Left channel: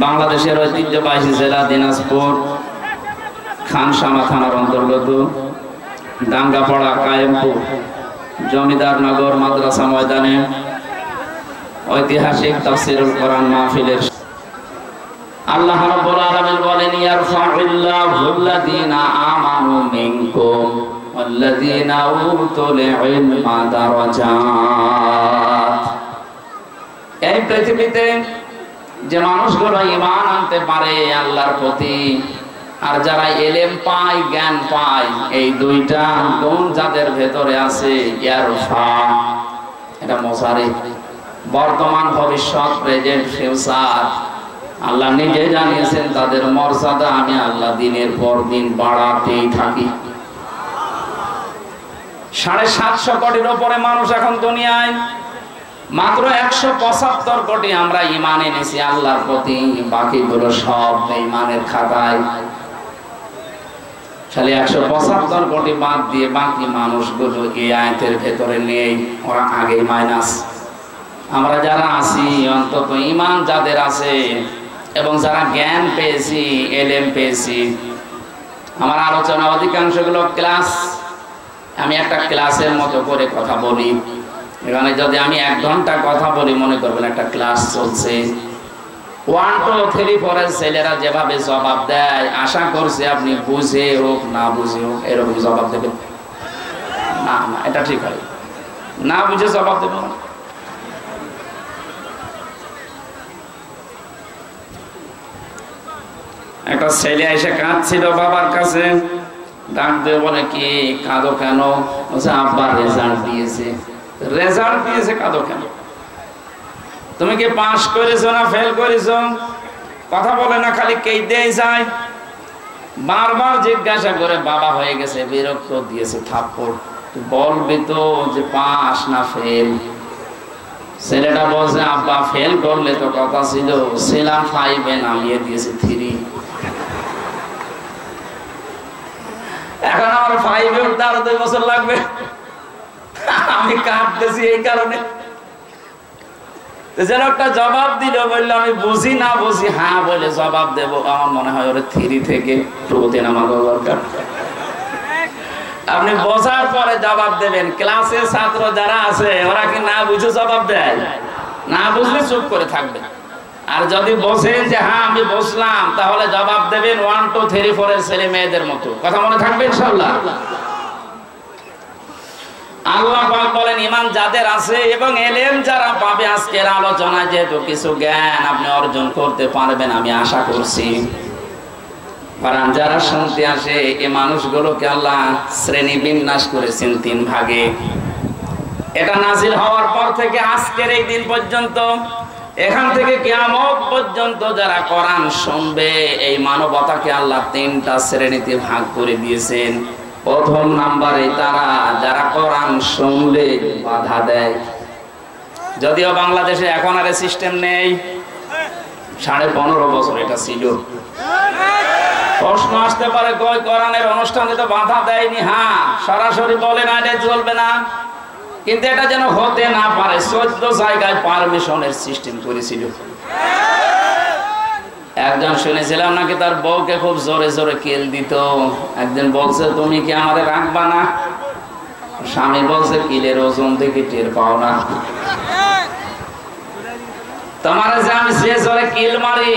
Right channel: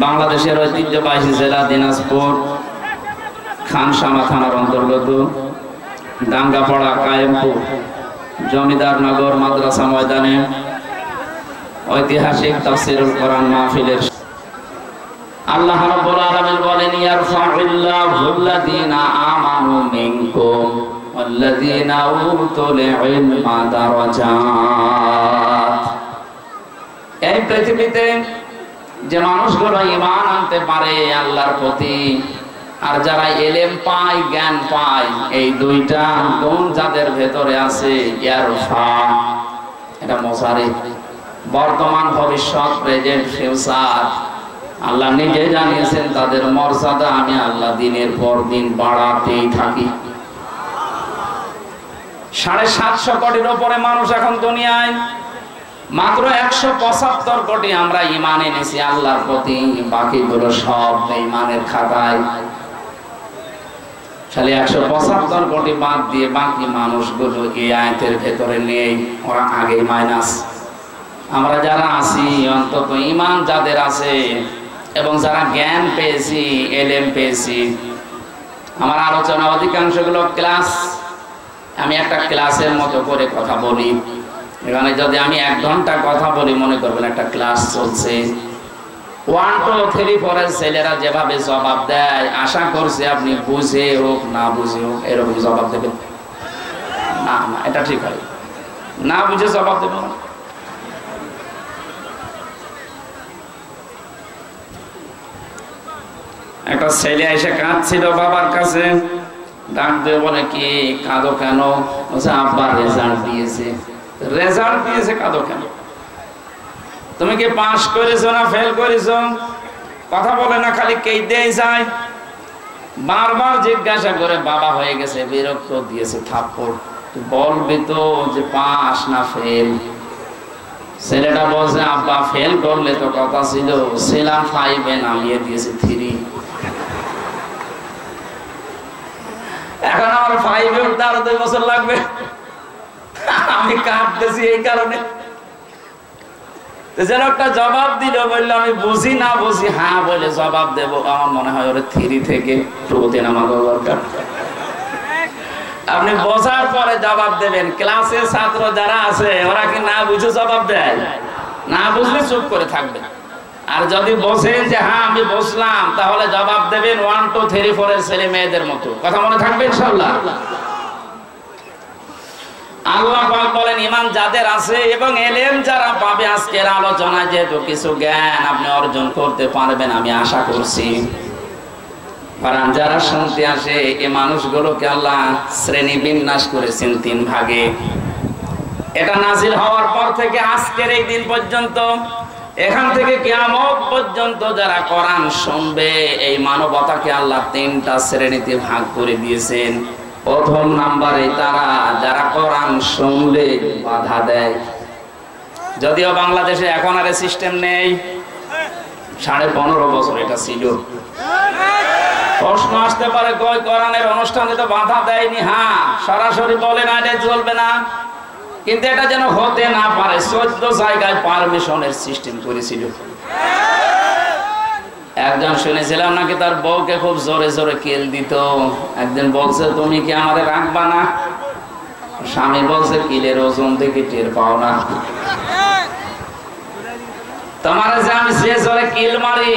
বাংলাদেশের ঐতিহ্যবাহী জেলা দিনাজপুর খানসামা থানার অন্তর্গত দাঙ্গাপাড়া কায়েমপুর জমিদারনগর মাদ্রাসা ময়দানে ঐতিহাসিক তাফসীরুল কোরআন মাহফিলের আল্লাহ রাব্বুল আলামিন বলেন ইয়ারফাউল্লাহুল্লাযীনা আমানু মিনকুম ওয়াল্লাযীনা উতুল ইলমা দারাজাত। এই পৃথিবীতে যে মানুষগুলো ঈমান আনতে পারে আল্লাহর প্রতি, আর যারা ইলম পায়, জ্ঞান পায়, এই দুইটা গুণ যাদের ভেতরে আছে, ইয়ারফা এটা মুসারি, বর্তমান ভবিষ্যৎ, প্রেজেন্ট ফিউচার, আল্লাহ নিজে জানিয়েছেন তাদের মর্যাদা আমি আল্লাহ দিনের পর দিন বাড়াতেই থাকি। 750 কোটির উপরে মানুষ এখন দুনিয়ায়, মাত্র 175 কোটি আমরা ঈমান এনেছি আল্লাহর প্রতি, বাকিগুলো সব বেঈমানের খাতায়। খালি 175 কোটি বাদ দিয়ে বাকি মানুষগুলো এই আয়াতের ভেতরে নেই, ওরা আগে মাইনাস। আমরা যারা আছি অন্তত ঈমান যাদের আছে এবং যারা জ্ঞান পেয়েছি, এলেম পেয়েছি, আমার আলোচনা অধিকাংশগুলো ক্লাস, আমি একটা ক্লাসের মতো করে কথা বলি। এখানে যদি আমি 1 ঘন্টা কথা বলি মনে করবেন একটা ক্লাস চলছে। 1 2 3 4 এর ছেলেরা যেভাবে জবাব দেয় আশা করছি আপনি বুঝে হোক না বুঝে হোক এরকম জবাব দেবেন না। না, এটা ঠিক হয় না, বুঝে জবাব দেবেন না। একটা ছেলে এসে কাঁদছিল বাবার কাছে, ডাক দিয়ে বলে কি কাঁদো কেন? আব্বা রেজাল্ট দিয়েছে। রেজাল্ট দিয়েছে, কাঁদো কেন? তুমি কি পাস করেছো না ফেল করেছো? কথা বলে না, খালি কেঁদেই যায়। বারবার জিজ্ঞাসা করে বাবা হয়ে গেছে, বিরক্ত দিয়েছে থাপ্পড়। বলবি তো যে পাস না ফেল? ছেলেটা বলছে আব্বা ফেল করলে তো কথা ছিল, ছিলাম 5 এ নামিয়ে দিয়েছে 3। এখন আমার 5 এ উঠতে আরো 2 বছর লাগবে। আমি কাঁদতেছি এই কারণে। যেন একটা জবাব দিল, বললো আমি বুঝি না বুঝি হ্যাঁ বলে জবাব দেবো। আমার মনে হয় ওরা 3 থেকে 2 নামানো দরকার। আপনি বোঝার পরে জবাব দেবেন। ক্লাসে ছাত্র যারা আছে ওরা কি না বুঝে জবাব দেয়? না বুঝলে চুপ করে থাকবেন। আর যদি বোঝেন যে হ্যাঁ আমি বুঝলাম, তাহলে জবাব দেবেন 1 2 3 4 এর ছেলে মেয়েদের মতো। কথা মনে থাকবে ইনশাআল্লাহ। আল্লাহ পাক বলেন ঈমান যাদের আছে এবং এলেম যারা পাবে, আজকের আলোচনায় যেহেতু কিছু জ্ঞান আপনি অর্জন করতে পারবেন আমি আশা করছি। কারণ যারা শুনতে আসে এই মানুষগুলোকে আল্লাহ শ্রেণী বিন্যাস করেছেন 3 ভাগে। এটা নাজিল হওয়ার পর থেকে আজকের এই দিন পর্যন্ত, এখান থেকে কিয়ামত পর্যন্ত যারা কোরআন শুনবে, এই মানবতাকে আল্লাহ 3টা শ্রেণীতে ভাগ করে দিয়েছেন। প্রথম নাম্বারে তারা যারা কোরআন শুনলে বাধা দেয়। যদিও বাংলাদেশে এখন আর সিস্টেম নেই, 15.5 বছর এটা ছিল। প্রশ্ন আসতে পারে কই কোরআনের অনুষ্ঠানে তো বাধা দেয়নি। হ্যাঁ, সরাসরি বলে না এটা চলবে না, কিন্তু এটা যেন হতে না পারে 14 জায়গায় পারমিশনের সিস্টেম করেছিল। একজন শুনেছিলাম নাকি তার বউকে খুব জোরে জোরে কেল দিত। একদিন বলছে তুমি কি আমারে রাখবা না? স্বামী বলছে কিলের ওজন দেখে টের পাও না? তোমারে যে আমি যে জোরে কিল মারি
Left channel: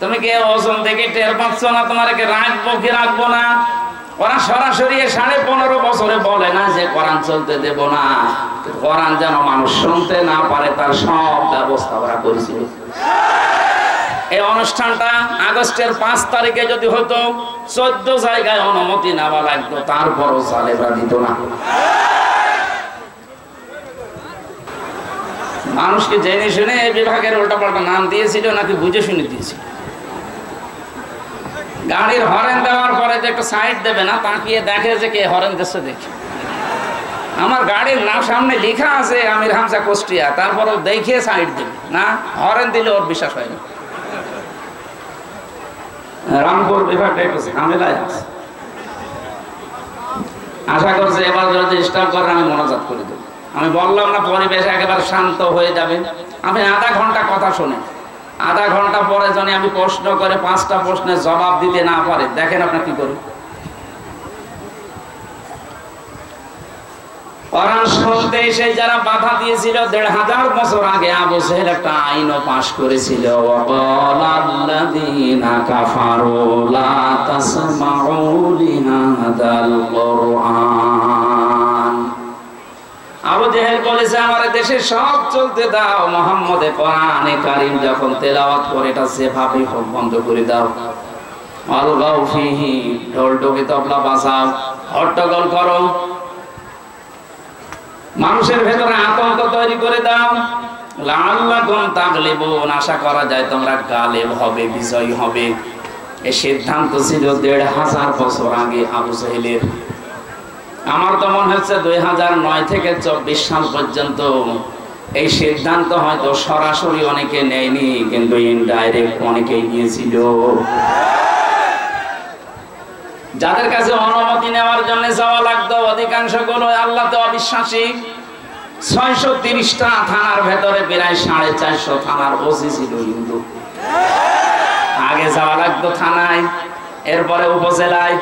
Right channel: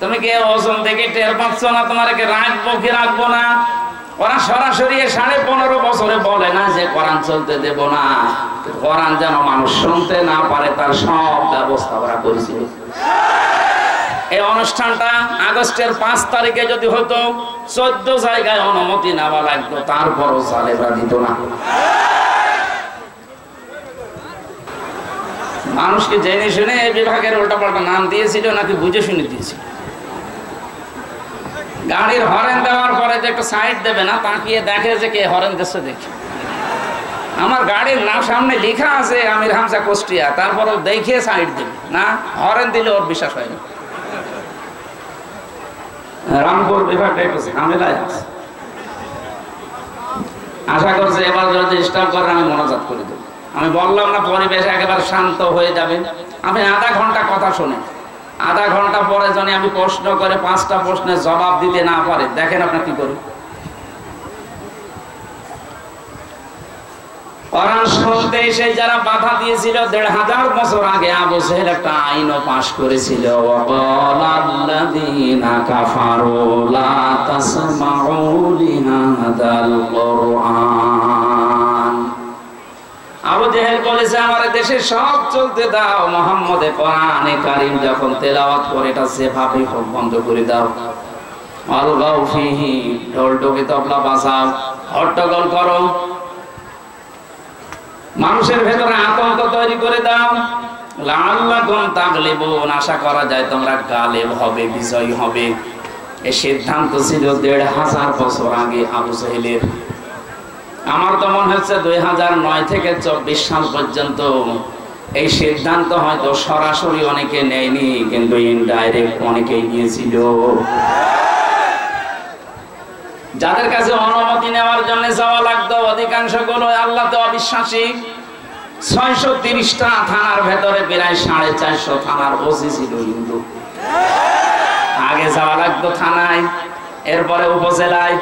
তুমি কি ওজন দেখে টের পাচ্ছ না? তোমারে কি রাখবো কি রাখবো না? ওরা সরাসরি 15.5 বছরে বলে না যে কোরআন চলতে দেব না। কোরআন যেন মানুষ শুনতে না পারে তার সব ব্যবস্থা ওরা করেছিল। এই অনুষ্ঠানটা আগস্টের 5 তারিখে যদি হতো 14 জায়গায় অনুমতি নেওয়া লাগতো, তারপরও জালেমরা দিত না। মানুষকে জেনে শুনে এই বিভাগের উল্টাপাল্টা নাম দিয়েছিল নাকি বুঝে শুনে দিয়েছিল? গাড়ির হরেন দেওয়ার পরে যে একটা সাইড দেবে না, তাকিয়ে দেখে যে কে হরেন দিচ্ছে। দেখে আমার গাড়ির নাম সামনে লেখা আছে আমির হামজা কুষ্টিয়া, তারপরও দেখে সাইড দেবে না, হরেন দিলে ওর বিশ্বাস হয় না। রামপুর বিভাগটা একটু ঝামেলায় আছে। আশা করছি এবার যদি স্টাফ করে আমি মনোজাত করে দেব। আমি বললাম না পরিবেশ একেবারে শান্ত হয়ে যাবে, আপনি আধা ঘন্টা কথা শোনেন, আধা ঘন্টা পরে যদি আমি প্রশ্ন করে 5টা প্রশ্নের জবাব দিতে না পারে, দেখেন আপনি কি করেন। কোরআন শুনতে এসে যারা বাধা দিয়েছিল 1500 বছর আগে, আবু জেহেল একটা আইনও পাশ করেছিল, ওয়াকালাল্লাযীনা কাফারু লা তাসমাউ লিহাদাল কুরআন। আবু জেহেল বলেছে আমার দেশে সব চলতে দাও, মুহাম্মদে কোরআনে কারীম যখন তেলাওয়াত করে এটা যেভাবে হোক বন্ধ করে দাও। আলগাউ ফিহি, ঢোল ঢোকে তবলা বাজাও, হট্টগোল করো, মানুষের ভেতরে আতঙ্ক তৈরি করে দাও। লাআল্লাকুম তাগলিবুন, আশা করা যায় তোমরা গালেব হবে, বিজয়ী হবে। এই সিদ্ধান্ত ছিল 1500 বছর আগে আবু জেহেলের। আমার তো মনে হচ্ছে 2009 থেকে 24 সাল পর্যন্ত এই সিদ্ধান্ত হয়তো সরাসরি অনেকে নেয়নি, কিন্তু ইনডাইরেক্ট অনেকেই নিয়েছিল। যাদের কাছে অনুমতি নেওয়ার জন্য যাওয়া লাগতো অধিকাংশ গুলো আল্লাহ তো অবিশ্বাসী। 630টা থানার ভেতরে প্রায় 450 থানার ওসি ছিল হিন্দু। আগে যাওয়া লাগতো থানায়, এরপরে উপজেলায়,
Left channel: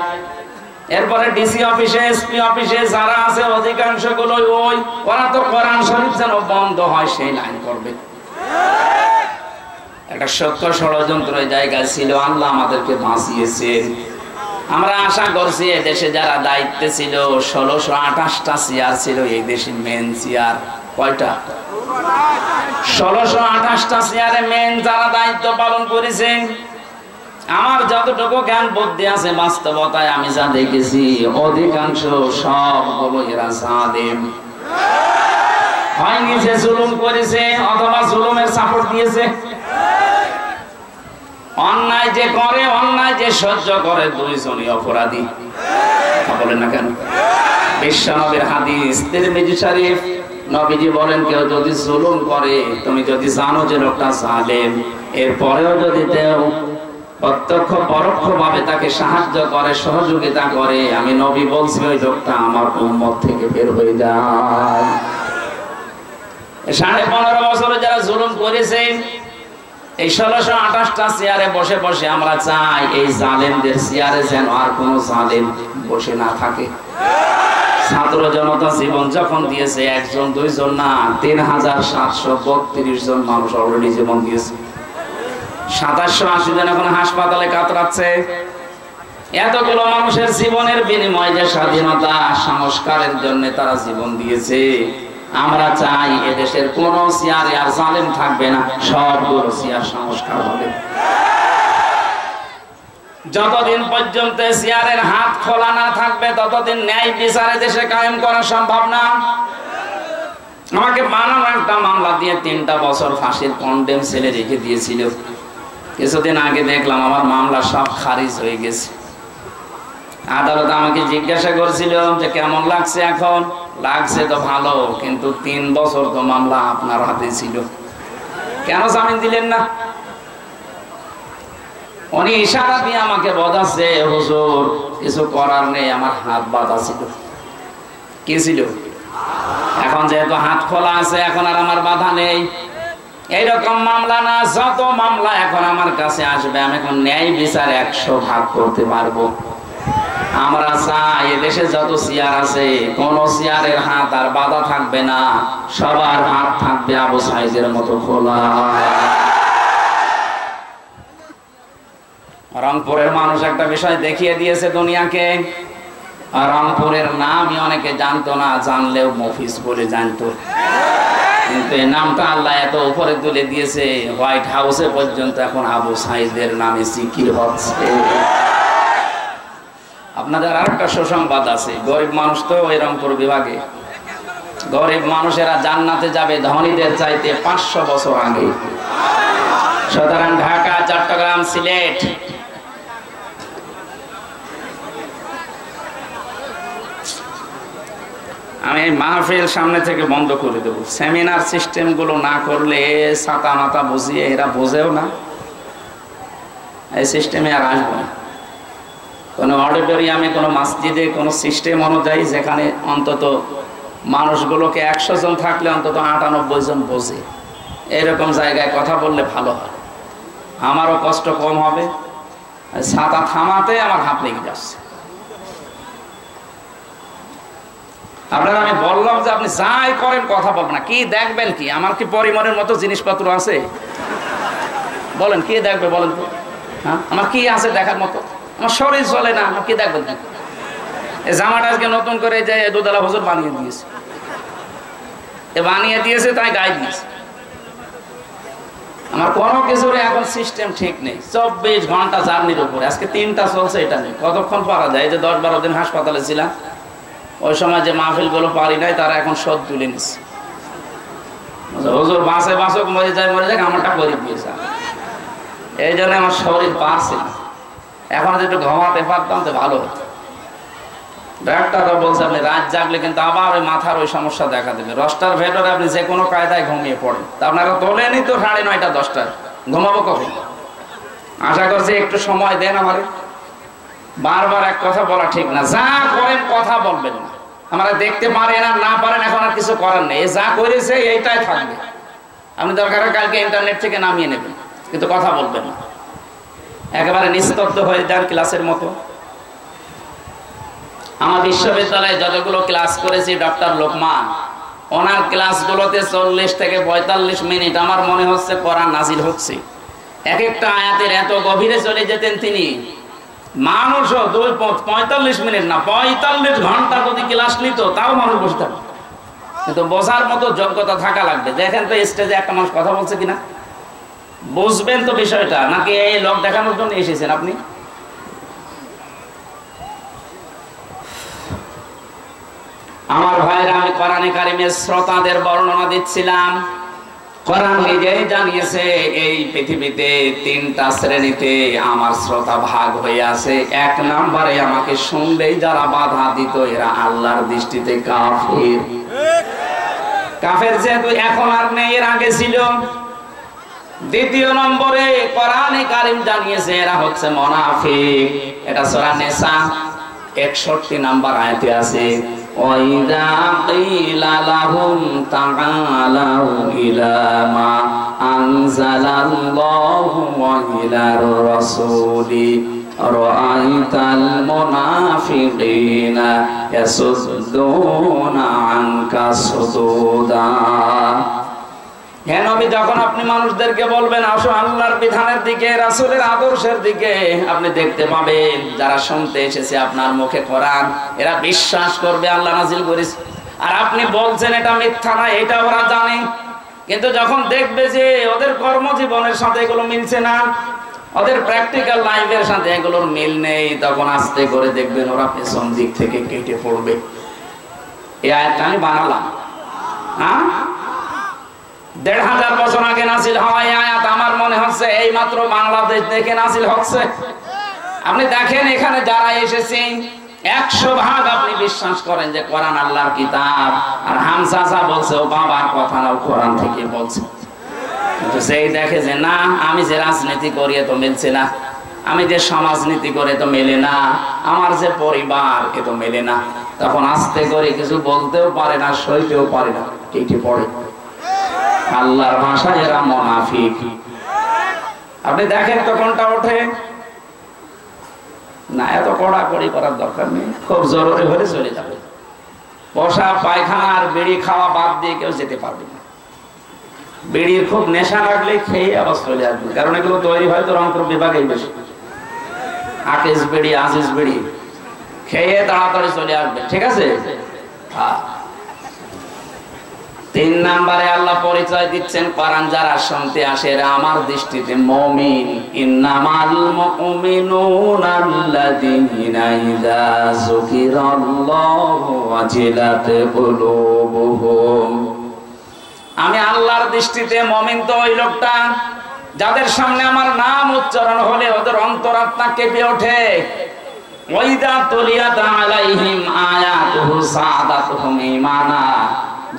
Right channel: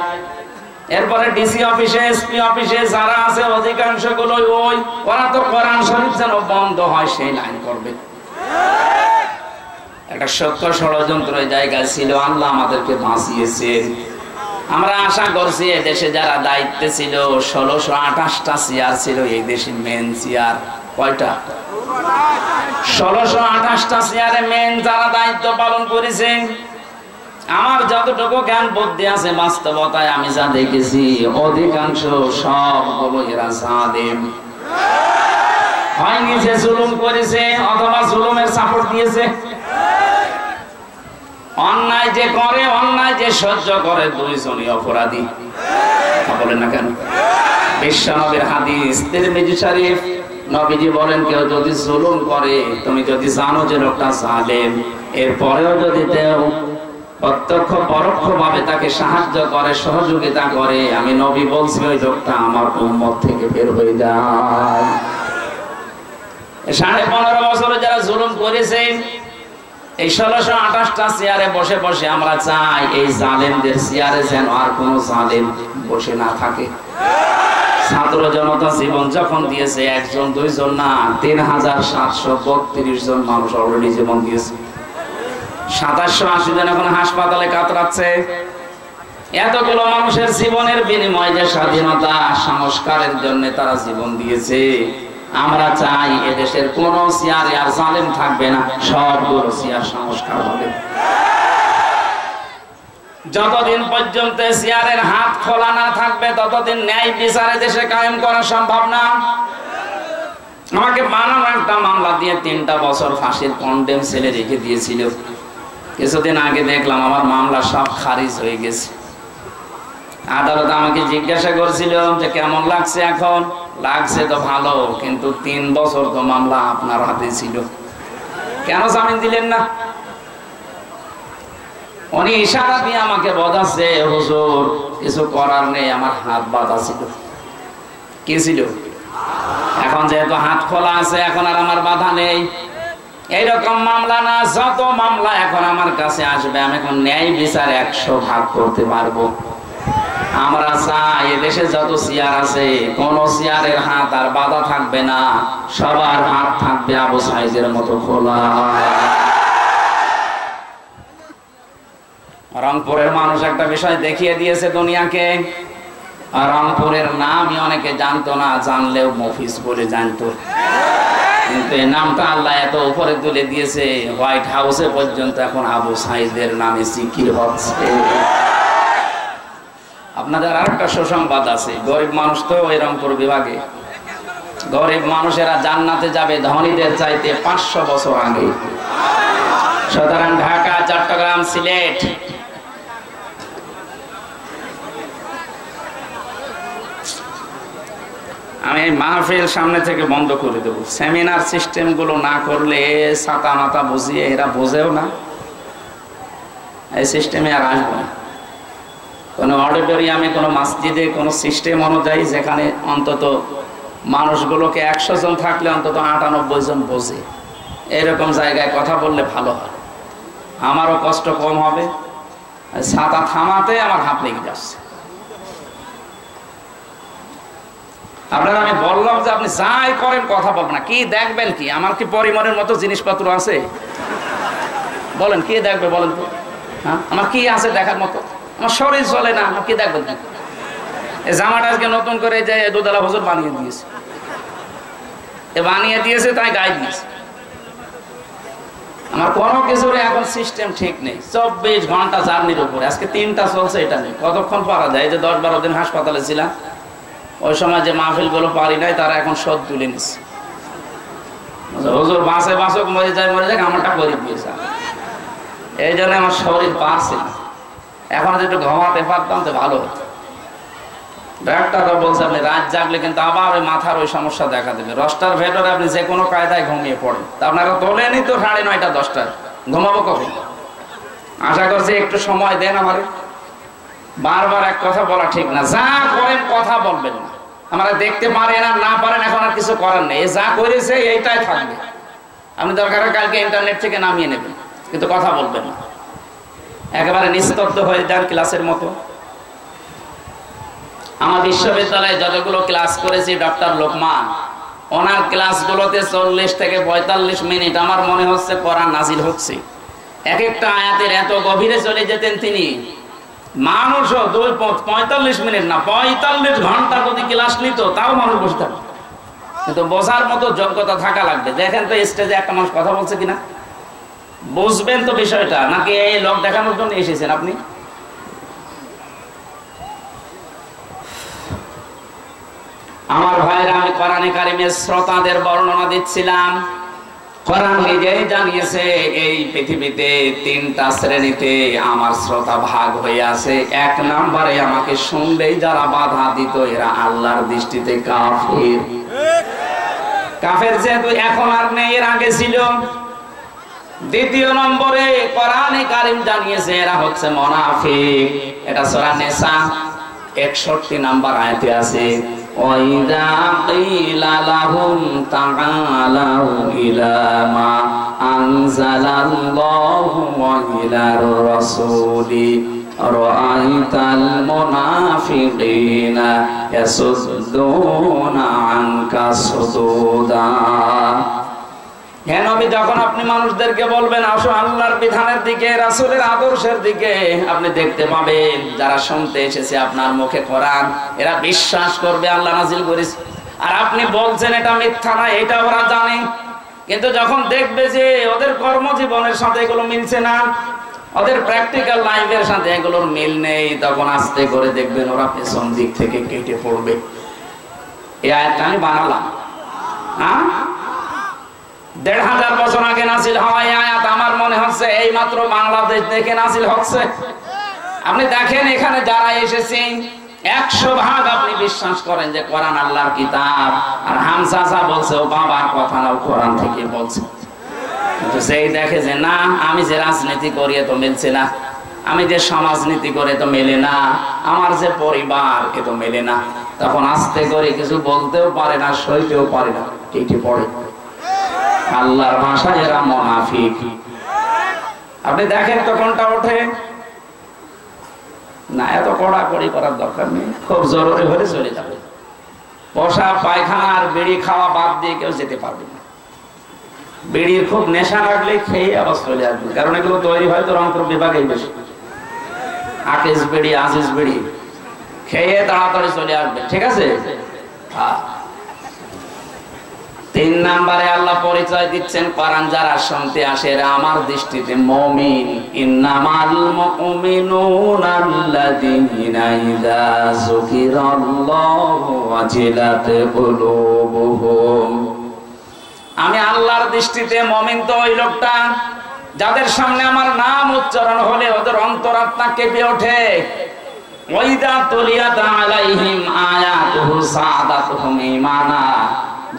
এরপরে ডিসি অফিসে, এসপি অফিসে। যারা আছে অধিকাংশ গুলো ওরা তো কোরআন শরীফ যেন বন্ধ হয় সেই লাইন করবে। একটা সত্য ষড়যন্ত্র জায়গায় ছিল, আল্লাহ আমাদেরকে বাঁচিয়েছেন। আমরা আশা করছি এই দেশে যারা দায়িত্বে ছিল 1628টা চেয়ার ছিল এই দেশে মেন চেয়ার। কয়টা? 1628টা চেয়ারে মেন যারা দায়িত্ব পালন করেছে, আমার যতটুকু জ্ঞান বুদ্ধি আছে বাস্তবতায় আমি যা দেখেছি অধিকাংশ সবগুলো এরা জালেম। হয় নিজে জুলুম করেছে অথবা জুলুমের সাপোর্ট দিয়েছে। অন্যায় যে করে, অন্যায় যে সহ্য করে, দুইজনই অপরাধী। বলেন না কেন? বিশ্ব নবীর হাদিস তিরমিজি শরীফ, নবীজি বলেন কেউ যদি জুলুম করে, তুমি যদি জানো যে লোকটা জালেম, এরপরেও যদি কেউ প্রত্যক্ষ পরোক্ষ ভাবে তাকে সাহায্য করে, সহযোগিতা করে, আমি নবী বলছি ওই লোকটা আমার উম্মত থেকে বের হয়ে যায়। 15.5 বছরে যারা জুলুম করেছে, এই 1628টা চেয়ারে বসে বসে আমরা চাই এই জালেমদের চেয়ারে যেন আর কোনো জালেম বসে না থাকে। ছাত্র জনতা জীবন যখন দিয়েছে, একজন দুইজন না, 3732 জন মানুষ অলরেডি জীবন দিয়েছে। 2780 জন এখন হাসপাতালে কাতরাচ্ছে। এতগুলো মানুষের জীবনের বিনিময়ে যে স্বাধীনতা সংস্কারের জন্য তারা জীবন দিয়েছে, আমরা চাই এদেশের কোন চেয়ারে আর জালেম থাকবে না, সবগুলো চেয়ার সংস্কার হবে। যতদিন পর্যন্ত চেয়ারের হাত খোলা না থাকবে ততদিন ন্যায় বিচারে দেশে কায়েম করা সম্ভব না। আমাকে বানানো একটা মামলা দিয়ে 3টা বছর ফাঁসির কন্ডেম সেলে রেখে দিয়েছিল। কিছুদিন আগে দেখলাম আমার মামলা সব খারিজ হয়ে গেছে। আদালত আমাকে জিজ্ঞাসা করছিল যে কেমন লাগছে এখন। লাগছে তো ভালো, কিন্তু 3 বছর তো মামলা আপনার হাতে ছিল, কেন জামিন দিলেন না? উনি ইশারা দিয়ে আমাকে বোঝাচ্ছে, হুজুর কিছু করার নেই, আমার হাত বাঁধা ছিল। কি ছিল? এখন যেহেতু হাত খোলা আছে, এখন আর আমার বাধা নেই। এইরকম মামলা না, যত মামলা এখন আমার কাছে আসবে আমি এখন ন্যায় বিচার 100 ভাগ করতে পারবো। আমরা চাই এদেশে যত চেয়ার আছে কোন চেয়ারের হাত আর বাধা থাকবে না, সবার হাত থাকবে আবু সাইদের মতো খোলা। রংপুরের মানুষ একটা বিষয় দেখিয়ে দিয়েছে দুনিয়াকে। রংপুরের নামই অনেকে জানতো না, জানলেও মফিজ বলে জানতো, কিন্তু এই নামটা আল্লাহ এত উপরে তুলে দিয়েছে, হোয়াইট হাউসে পর্যন্ত এখন আবু সাইদের নামে জিকির হচ্ছে। আপনাদের আরেকটা সুসংবাদ আছে, গরিব মানুষ তো ওই রংপুর বিভাগে, গরিব মানুষেরা জান্নাতে যাবে ধনীদের চাইতে 500 বছর আগে। সুতরাং ঢাকা, চট্টগ্রাম, সিলেট, আমি মাহফিল সামনে থেকে বন্ধ করে দেবো। সেমিনার সিস্টেম গুলো না করলে ছাতা মাথা বুঝিয়ে এরা বোঝেও না, এই সিস্টেমে আর আসবো না। কোনো অডিটোরিয়ামে, কোনো মসজিদে, কোনো সিস্টেম অনুযায়ী যেখানে অন্তত মানুষগুলোকে 100 জন থাকলে অন্তত 98 জন বোঝে, এরকম জায়গায় কথা বললে ভালো হয়। আমারও কষ্ট কম হবে। ছাতা থামাতে আমার হাত লেগে যাচ্ছে। আপনারা আমি বললাম যে আপনি যাই করেন কথা বলবেন না। কি দেখবেন? কি আমার কি পরিমাণের মতো জিনিসপত্র আছে? বলেন কি দেখবে বলেন তো? হ্যাঁ, আমার কি আছে দেখার মতো? আমার শরীর চলে না, কি দেখবেন? এই জামাটা আজকে নতুন করে যে দুধালা হুজুর বানিয়ে দিয়েছে, বানিয়ে দিয়েছে তাই গায়ে দিয়েছে। আমার কোনো কিছুর এখন সিস্টেম ঠিক নেই। 24 ঘন্টা জার্নির উপরে, আজকে 3টা চলছে, এটা নেই কতক্ষণ পারা যায়। এই যে 10-12 দিন হাসপাতালে ছিলাম, ওই সময় যে মাহফিল গুলো পারি নাই তারা এখন শোধ তুলে নিচ্ছে। হুজুর বাঁচে বাঁচক, মরে যায় মরে যাক, আমারটা করে দিয়েছে। এই জন্য আমার শরীর পারছে না। এখন যদি একটু ঘুমাতে পারতাম তো ভালো হতো। ডাক্তাররা বলছে আপনি রাত জাগলে কিন্তু আবার ওই মাথার ওই সমস্যা দেখা দেবে। 10টার ভেতরে আপনি যে কোনো কায়দায় ঘুমিয়ে পড়েন, তা আপনারা তোলেনি তো 9:30 10টায়, ঘুমাবো কখন? আশা করছি একটু সময় দেন আমারে। বারবার এক কথা বলা ঠিক না। যা করেন কথা বলবেন না। আমরা দেখতে পারেন আর না পারেন, এখন আর কিছু করার নেই। যা করেছে এইটাই থাকবে। আপনি দরকার কালকে ইন্টারনেট থেকে নামিয়ে নেবেন, কিন্তু কথা বলবেন না। একেবারে নিস্তব্ধ হয়ে যান ক্লাসের মতো। আমার বিশ্ববিদ্যালয়ে যতগুলো ক্লাস করেছি, ডক্টর লোকমান ওনার ক্লাসগুলোতে 40 থেকে 45 মিনিট আমার মনে হচ্ছে কোরআন নাজিল হচ্ছে। এক একটা আয়াতের এত গভীরে চলে যেতেন তিনি। মানুষও 45 মিনিট না, 45 ঘন্টা যদি ক্লাস নিত তাও মানুষ বসে থাকবে। কিন্তু বোঝার মতো যোগ্যতা থাকা লাগবে। দেখেন তো স্টেজে একটা মানুষ কথা বলছে কিনা, বুঝবেন তো বিষয়টা, নাকি এই লোক দেখানোর জন্য এসেছেন আপনি? আমার ভাইরা, আমি কোরআনে কারিমের শ্রোতাদের বর্ণনা দিচ্ছিলাম। কোরআন নিজেই জানিয়েছে এই পৃথিবীতে 3টা শ্রেণীতে আমার শ্রোতা ভাগ হয়ে আছে। 1 নম্বরে আমাকে শুনলেই যারা বাধা দিত, এরা আল্লাহর দৃষ্টিতে কাফের। কাফের যেহেতু এখন আর নেই, এর আগে ছিল। 2 নম্বরে কোরআনে কারিম জানিয়েছে এরা হচ্ছে মুনাফিক। এটা সূরা নিসা 61 নম্বর আয়াতে আছে। وَإِذَا قِيلَ لَهُمْ تَعَالَوْا إِلَى مَا أَنزَلَ اللَّهُ وَإِلَى الرَّسُولِ رَأَيْتَ الْمُنَافِقِينَ يَصُدُّونَ عَنكَ صُدُودًا। হ্যাঁ নবী, যখন আপনি মানুষদেরকে বলবেন আসো আল্লাহর বিধানের দিকে, রাসূলের আদর্শের দিকে, আপনি দেখতে পাবেন যারা শুনতে এসেছে আপনার মুখে কোরআন, এরা বিশ্বাস করবে আল্লাহ নাজিল করেছে। আর আপনি বলছেন এটা মিথ্যা না, এটা ওরা জানে। কিন্তু যখন দেখবে যে ওদের কর্মজীবনের সাথে এগুলো মিলছে না, ওদের প্র্যাকটিক্যাল লাইফের সাথে এগুলোর মিল নেই, তখন আস্তে করে দেখবেন ওরা পেছন দিক থেকে কেটে পড়বে। এই আয়াতটা আমি বানালাম, হ্যাঁ 1500 বছর আগে নাজিল হওয়া এই আয়াত আমার মনে হচ্ছে এই মাত্র বাংলাদেশ থেকে নাজিল হচ্ছে। আপনি দেখেন এখানে যারা এসেছেন 100% আপনি বিশ্বাস করেন যে কোরআন আল্লাহর কিতাব। আর হামজা বলছে ও বাবার কথা না, কোরআন থেকে বলছে। কিন্তু সেই দেখে যে না, আমি যে রাজনীতি করি তো মিলছে না, আমি যে সমাজনীতি করে তো মেলে না, আমার যে পরিবার এ তো মেলে না, তখন আস্তে করে কিছু বলতেও পারে না, সইতেও পারে না, কেটে পড়ে। আল্লাহর ভাষায় এরা মুনাফিক। আপনি দেখেন তো কোনটা ওঠে না। এত কড়াকড়ি করার দরকার নেই, খুব জরুরি হলে চলে যাবে। বসা পায়খানা আর বিড়ি খাওয়া বাদ দিয়ে কেউ যেতে পারবে না। বিড়ির খুব নেশা লাগলে খেয়ে আবার চলে আসবে, কারণ এগুলো তৈরি হয় তো রংপুর বিভাগেই বেশি। আকিস বিড়ি, আজিজ বিড়ি খেয়ে তাড়াতাড়ি চলে আসবে, ঠিক আছে। 3 নম্বরে আল্লাহ পরিচয় দিচ্ছেন কোরআন যারা শুনতে আসে এরা আমার দৃষ্টিতে মুমিন। ইন্নামাল মুমিনুনা আল্লাযীনা ইযা যুকিরাল্লাহু ওয়াজিলাত কুলুবুহুম। আমি আল্লাহর দৃষ্টিতে মুমিন তো ওই লোকটা যাদের সামনে আমার নাম উচ্চারণ হলে ওদের অন্তরাত্মা কেঁপে ওঠে। ওয়াইদা তুলিয়াত আলাইহিম আয়াতুহু সাদাতুহুম ঈমানা।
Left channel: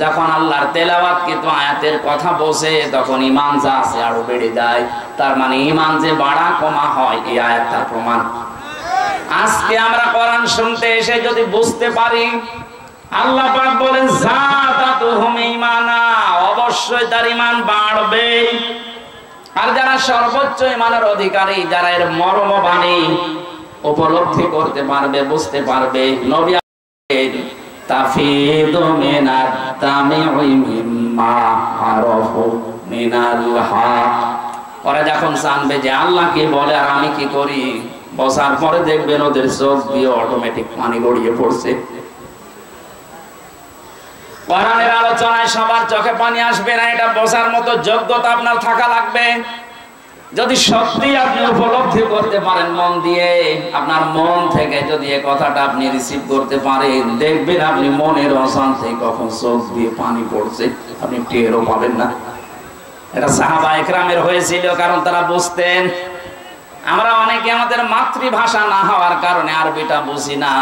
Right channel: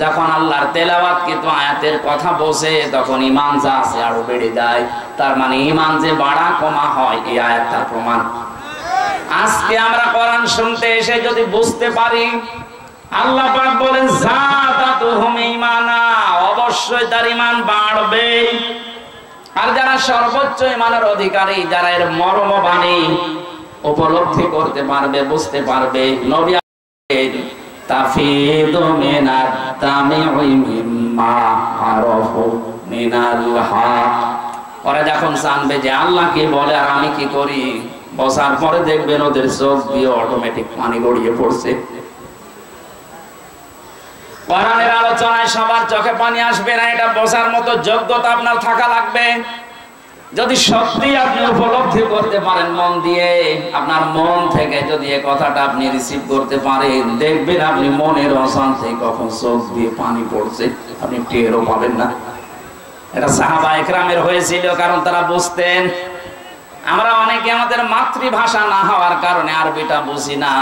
যখন আল্লাহর তেলাওয়াত কিন্তু আয়াতের কথা বসে তখন ঈমান যা আছে আরো বেড়ে যায়। তার মানে ঈমান যে বাড়া কমা হয় এই আয়াতটার প্রমাণ। আজকে আমরা কোরআন শুনতে এসে যদি বুঝতে পারি আল্লাহ পাক বলেন যাদাতুহুম ঈমানা, অবশ্যই তার ঈমান বাড়বে। আর যারা সর্বোচ্চ ঈমানের অধিকারী, যারা এর মর্মবাণী উপলব্ধি করতে পারবে, বুঝতে পারবে, নবী তাফিদু মিনাত তামিউই মিম্মা আরাফু মিনাল হক। ওরা যখন জানবে যে আল্লাহ কি বলে আর আমি কি করি, বসার পরে দেখবেন ওদের চোখ দিয়ে অটোমেটিক পানি গড়িয়ে পড়ছে। কোরআনের আলোচনায় সবার চোখে পানি আসবে না, এটা বোঝার মতো যোগ্যতা আপনার থাকা লাগবে। যদি সত্যি আপনি উপলব্ধি করতে পারেন মন দিয়ে, আপনার মন থেকে যদি এই কথাটা আপনি রিসিভ করতে পারেন, দেখবেন আপনি মনের অশান্তি কখন চোখ দিয়ে পানি পড়ছে আপনি টেরও পাবেন না। এটা সাহাবা ইকরামের হয়েছিল, কারণ তারা বুঝতেন। আমরা অনেকে আমাদের মাতৃভাষা না হওয়ার কারণে আরবিটা বুঝি না,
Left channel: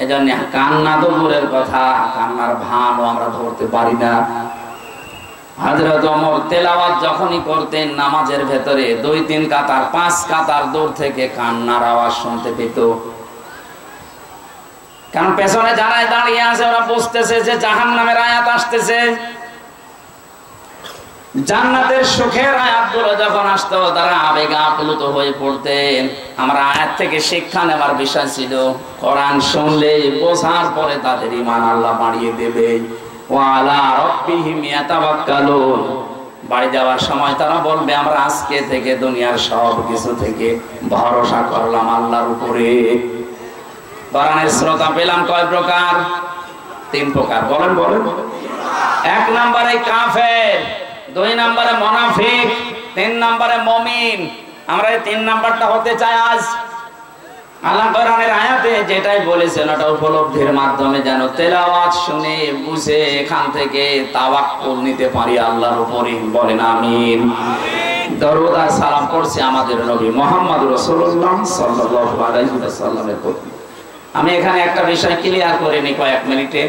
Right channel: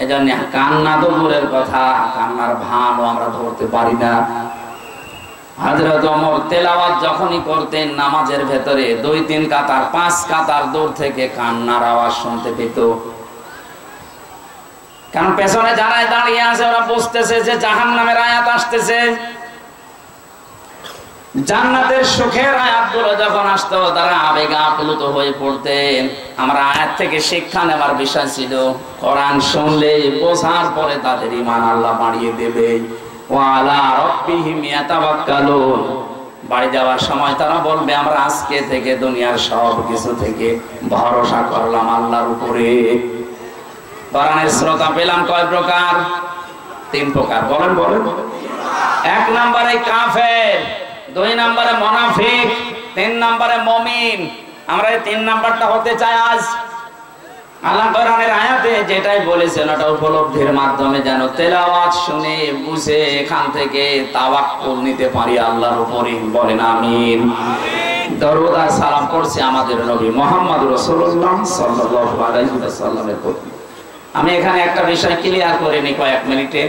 এই জন্য কান্না তো দূরের কথা, কান্নার ভানও আমরা ধরতে পারি না। হযরত ওমর তেলাওয়াত যখনই করতেন নামাজের ভেতরে 2-3 কাতার 5 কাতার দূর থেকে কান্নার আওয়াজ শুনতে পেত। কারণ পেছনে যারা দাঁড়িয়ে আছে ওরা বুঝতেছে যে জাহান্নামের আয়াত আসতেছে। জান্নাতের সুখের আয়াতগুলো যখন আসতো তারা আবেগে আপ্লুত হয়ে পড়তেন। আমরা আয়াত থেকে শিক্ষা নেবার বিষয় ছিল, কোরআন শুনলে বোঝার পরে তাদের ঈমান আল্লাহ বাড়িয়ে দেবে। ওয়া আলা রাব্বিহিম ইয়াতাওয়াক্কালুন। বাড়ি যাওয়ার সময় তারা বলবে আমরা আজকে থেকে দুনিয়ার সব কিছু থেকে ভরসা করলাম আল্লাহর উপরে। কোরআনের শ্রোতা পেলাম কয় প্রকার? 3 প্রকার। বলেন বলেন। 1 নম্বরে কাফের, 2 নম্বরে মুনাফিক, 3 নম্বরে মুমিন। আমরা এই 3 নাম্বারটা হতে চাই আজ। আল্লাহ কোরআনের আয়াতে যেটাই বলেছেন ওটা উপলব্ধির মাধ্যমে যেন তেলাওয়াত শুনে বুঝে এখান থেকে তাওয়াক্কুল নিতে পারি আল্লাহর উপরে। বলেন আমিন। দরুদ আর সালাম করছি আমাদের নবী মুহাম্মদ রাসূলুল্লাহ সাল্লাল্লাহু আলাইহি ওয়াসাল্লামের প্রতি। আমি এখানে একটা বিষয় ক্লিয়ার করে নিই কয়েক মিনিটে।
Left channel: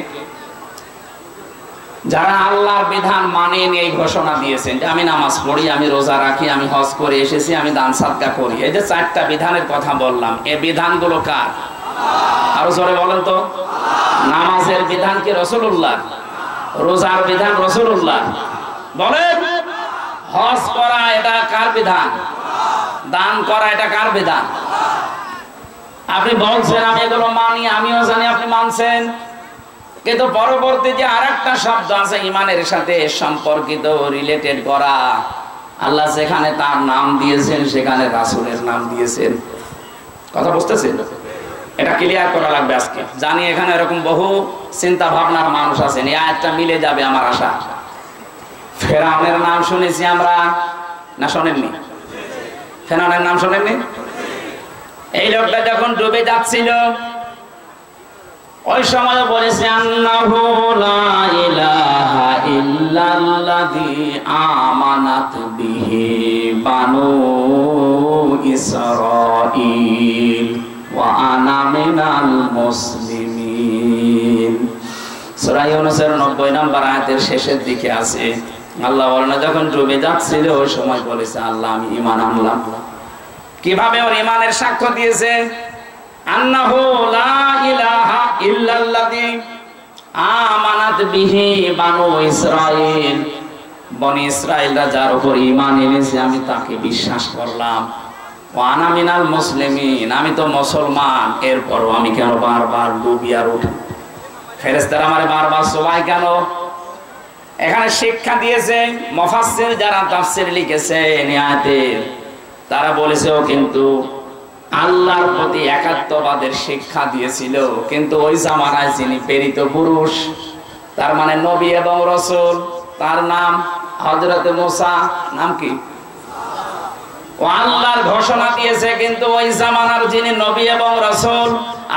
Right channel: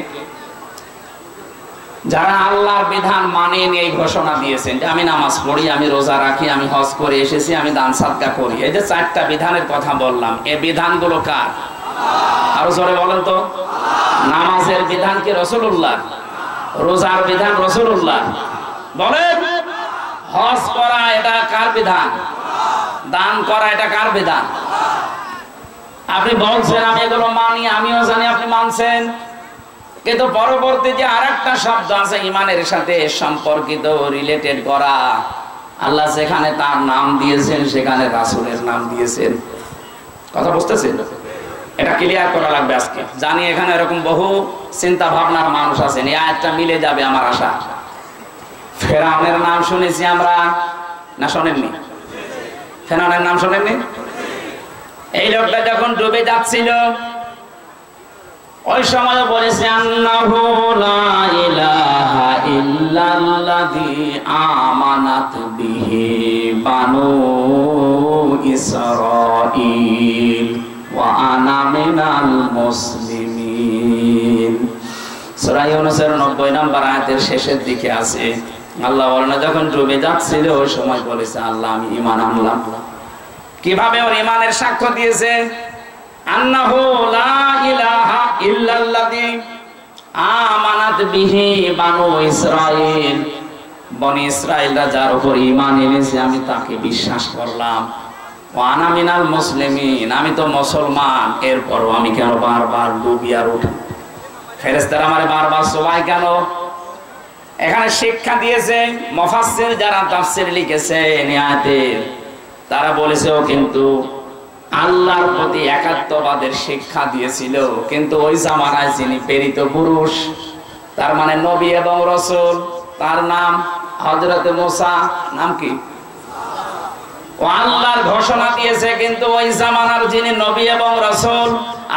যারা আল্লাহর বিধান মানেন এই ঘোষণা দিয়েছেন যে আমি নামাজ পড়ি, আমি রোজা রাখি, আমি হজ করে এসেছি, আমি দান সাদকা করি, এই যে 4টা বিধানের কথা বললাম, এই বিধানগুলো কার? আরো জোরে বলেন তো। নামাজের বিধান কি রাসূলুল্লাহ? রোজার বিধান রাসূলুল্লাহ? বলেন। হজ করা এটা কার বিধান? দান করা এটা কার বিধান? আপনি বলছেন আমি এগুলো মানি, আমিও জানি আপনি মানছেন, কিন্তু পরবর্তী যে আরেকটা শব্দ আছে ঈমানের সাথে সম্পর্কিত, রিলেটেড করা, আল্লাহ যেখানে তার নাম দিয়েছেন সেখানে রাসূলের নাম দিয়েছেন। কথা বুঝতেছেন? এটা ক্লিয়ার করা লাগবে আজকে। জানি এখানে এরকম বহু চিন্তা ভাবনার মানুষ আছেন, এই আয়াতটা মিলে যাবে আমার আশা। ফেরাউনের নাম শুনেছি আমরা, না শোনেননি? ফেরাউনের নাম শোনেননি? এই লোকটা যখন ডুবে যাচ্ছিল ওই সময় বলেছে আন্নাহু লা ইলাহা ইল্লাল্লাযী আমানাত বিহি বানু ইসরাঈল ওয়া আনা মিনাল মুসলিমিন। সূরা ইউনূসের 90 নম্বর আয়াতের শেষের দিকে আছে। আল্লাহ বলেন যখন ডুবে যাচ্ছিল ওই সময় বলেছে আল্লাহ আমি ঈমান আনলাম। কিভাবে ওর ঈমানের সাক্ষ্য দিয়েছে? আন্নাহু লা ইলাহা ইল্লাল্লাযী আমানাত বিহি বানু ইসরাঈল। বনি ইসরাঈলরা যার উপর ঈমান এনেছে আমি তাকে বিশ্বাস করলাম। ওয়া আনা মিনাল মুসলিমিন, আমি তো মুসলমান, এরপরও আমি কেন বারবার ডুবি আর উঠি? ফেরেশতারা আমারে বারবার সবাই কেন? এখানে শিক্ষা দিয়েছে মুফাসসির যারা তাফসীর লিখেছেন আয়াতের, তারা বলেছে ও কিন্তু আল্লাহর প্রতি একাত্মবাদের শিক্ষা দিয়েছিল, কিন্তু ওই জামানায় যিনি প্রেরিত পুরুষ, তার মানে নবী এবং রাসূল, তার নাম হযরত মুসা, নাম কি? ও আল্লাহর ঘোষণা দিয়েছে, কিন্তু ওই জামানার যিনি নবী এবং রাসূল,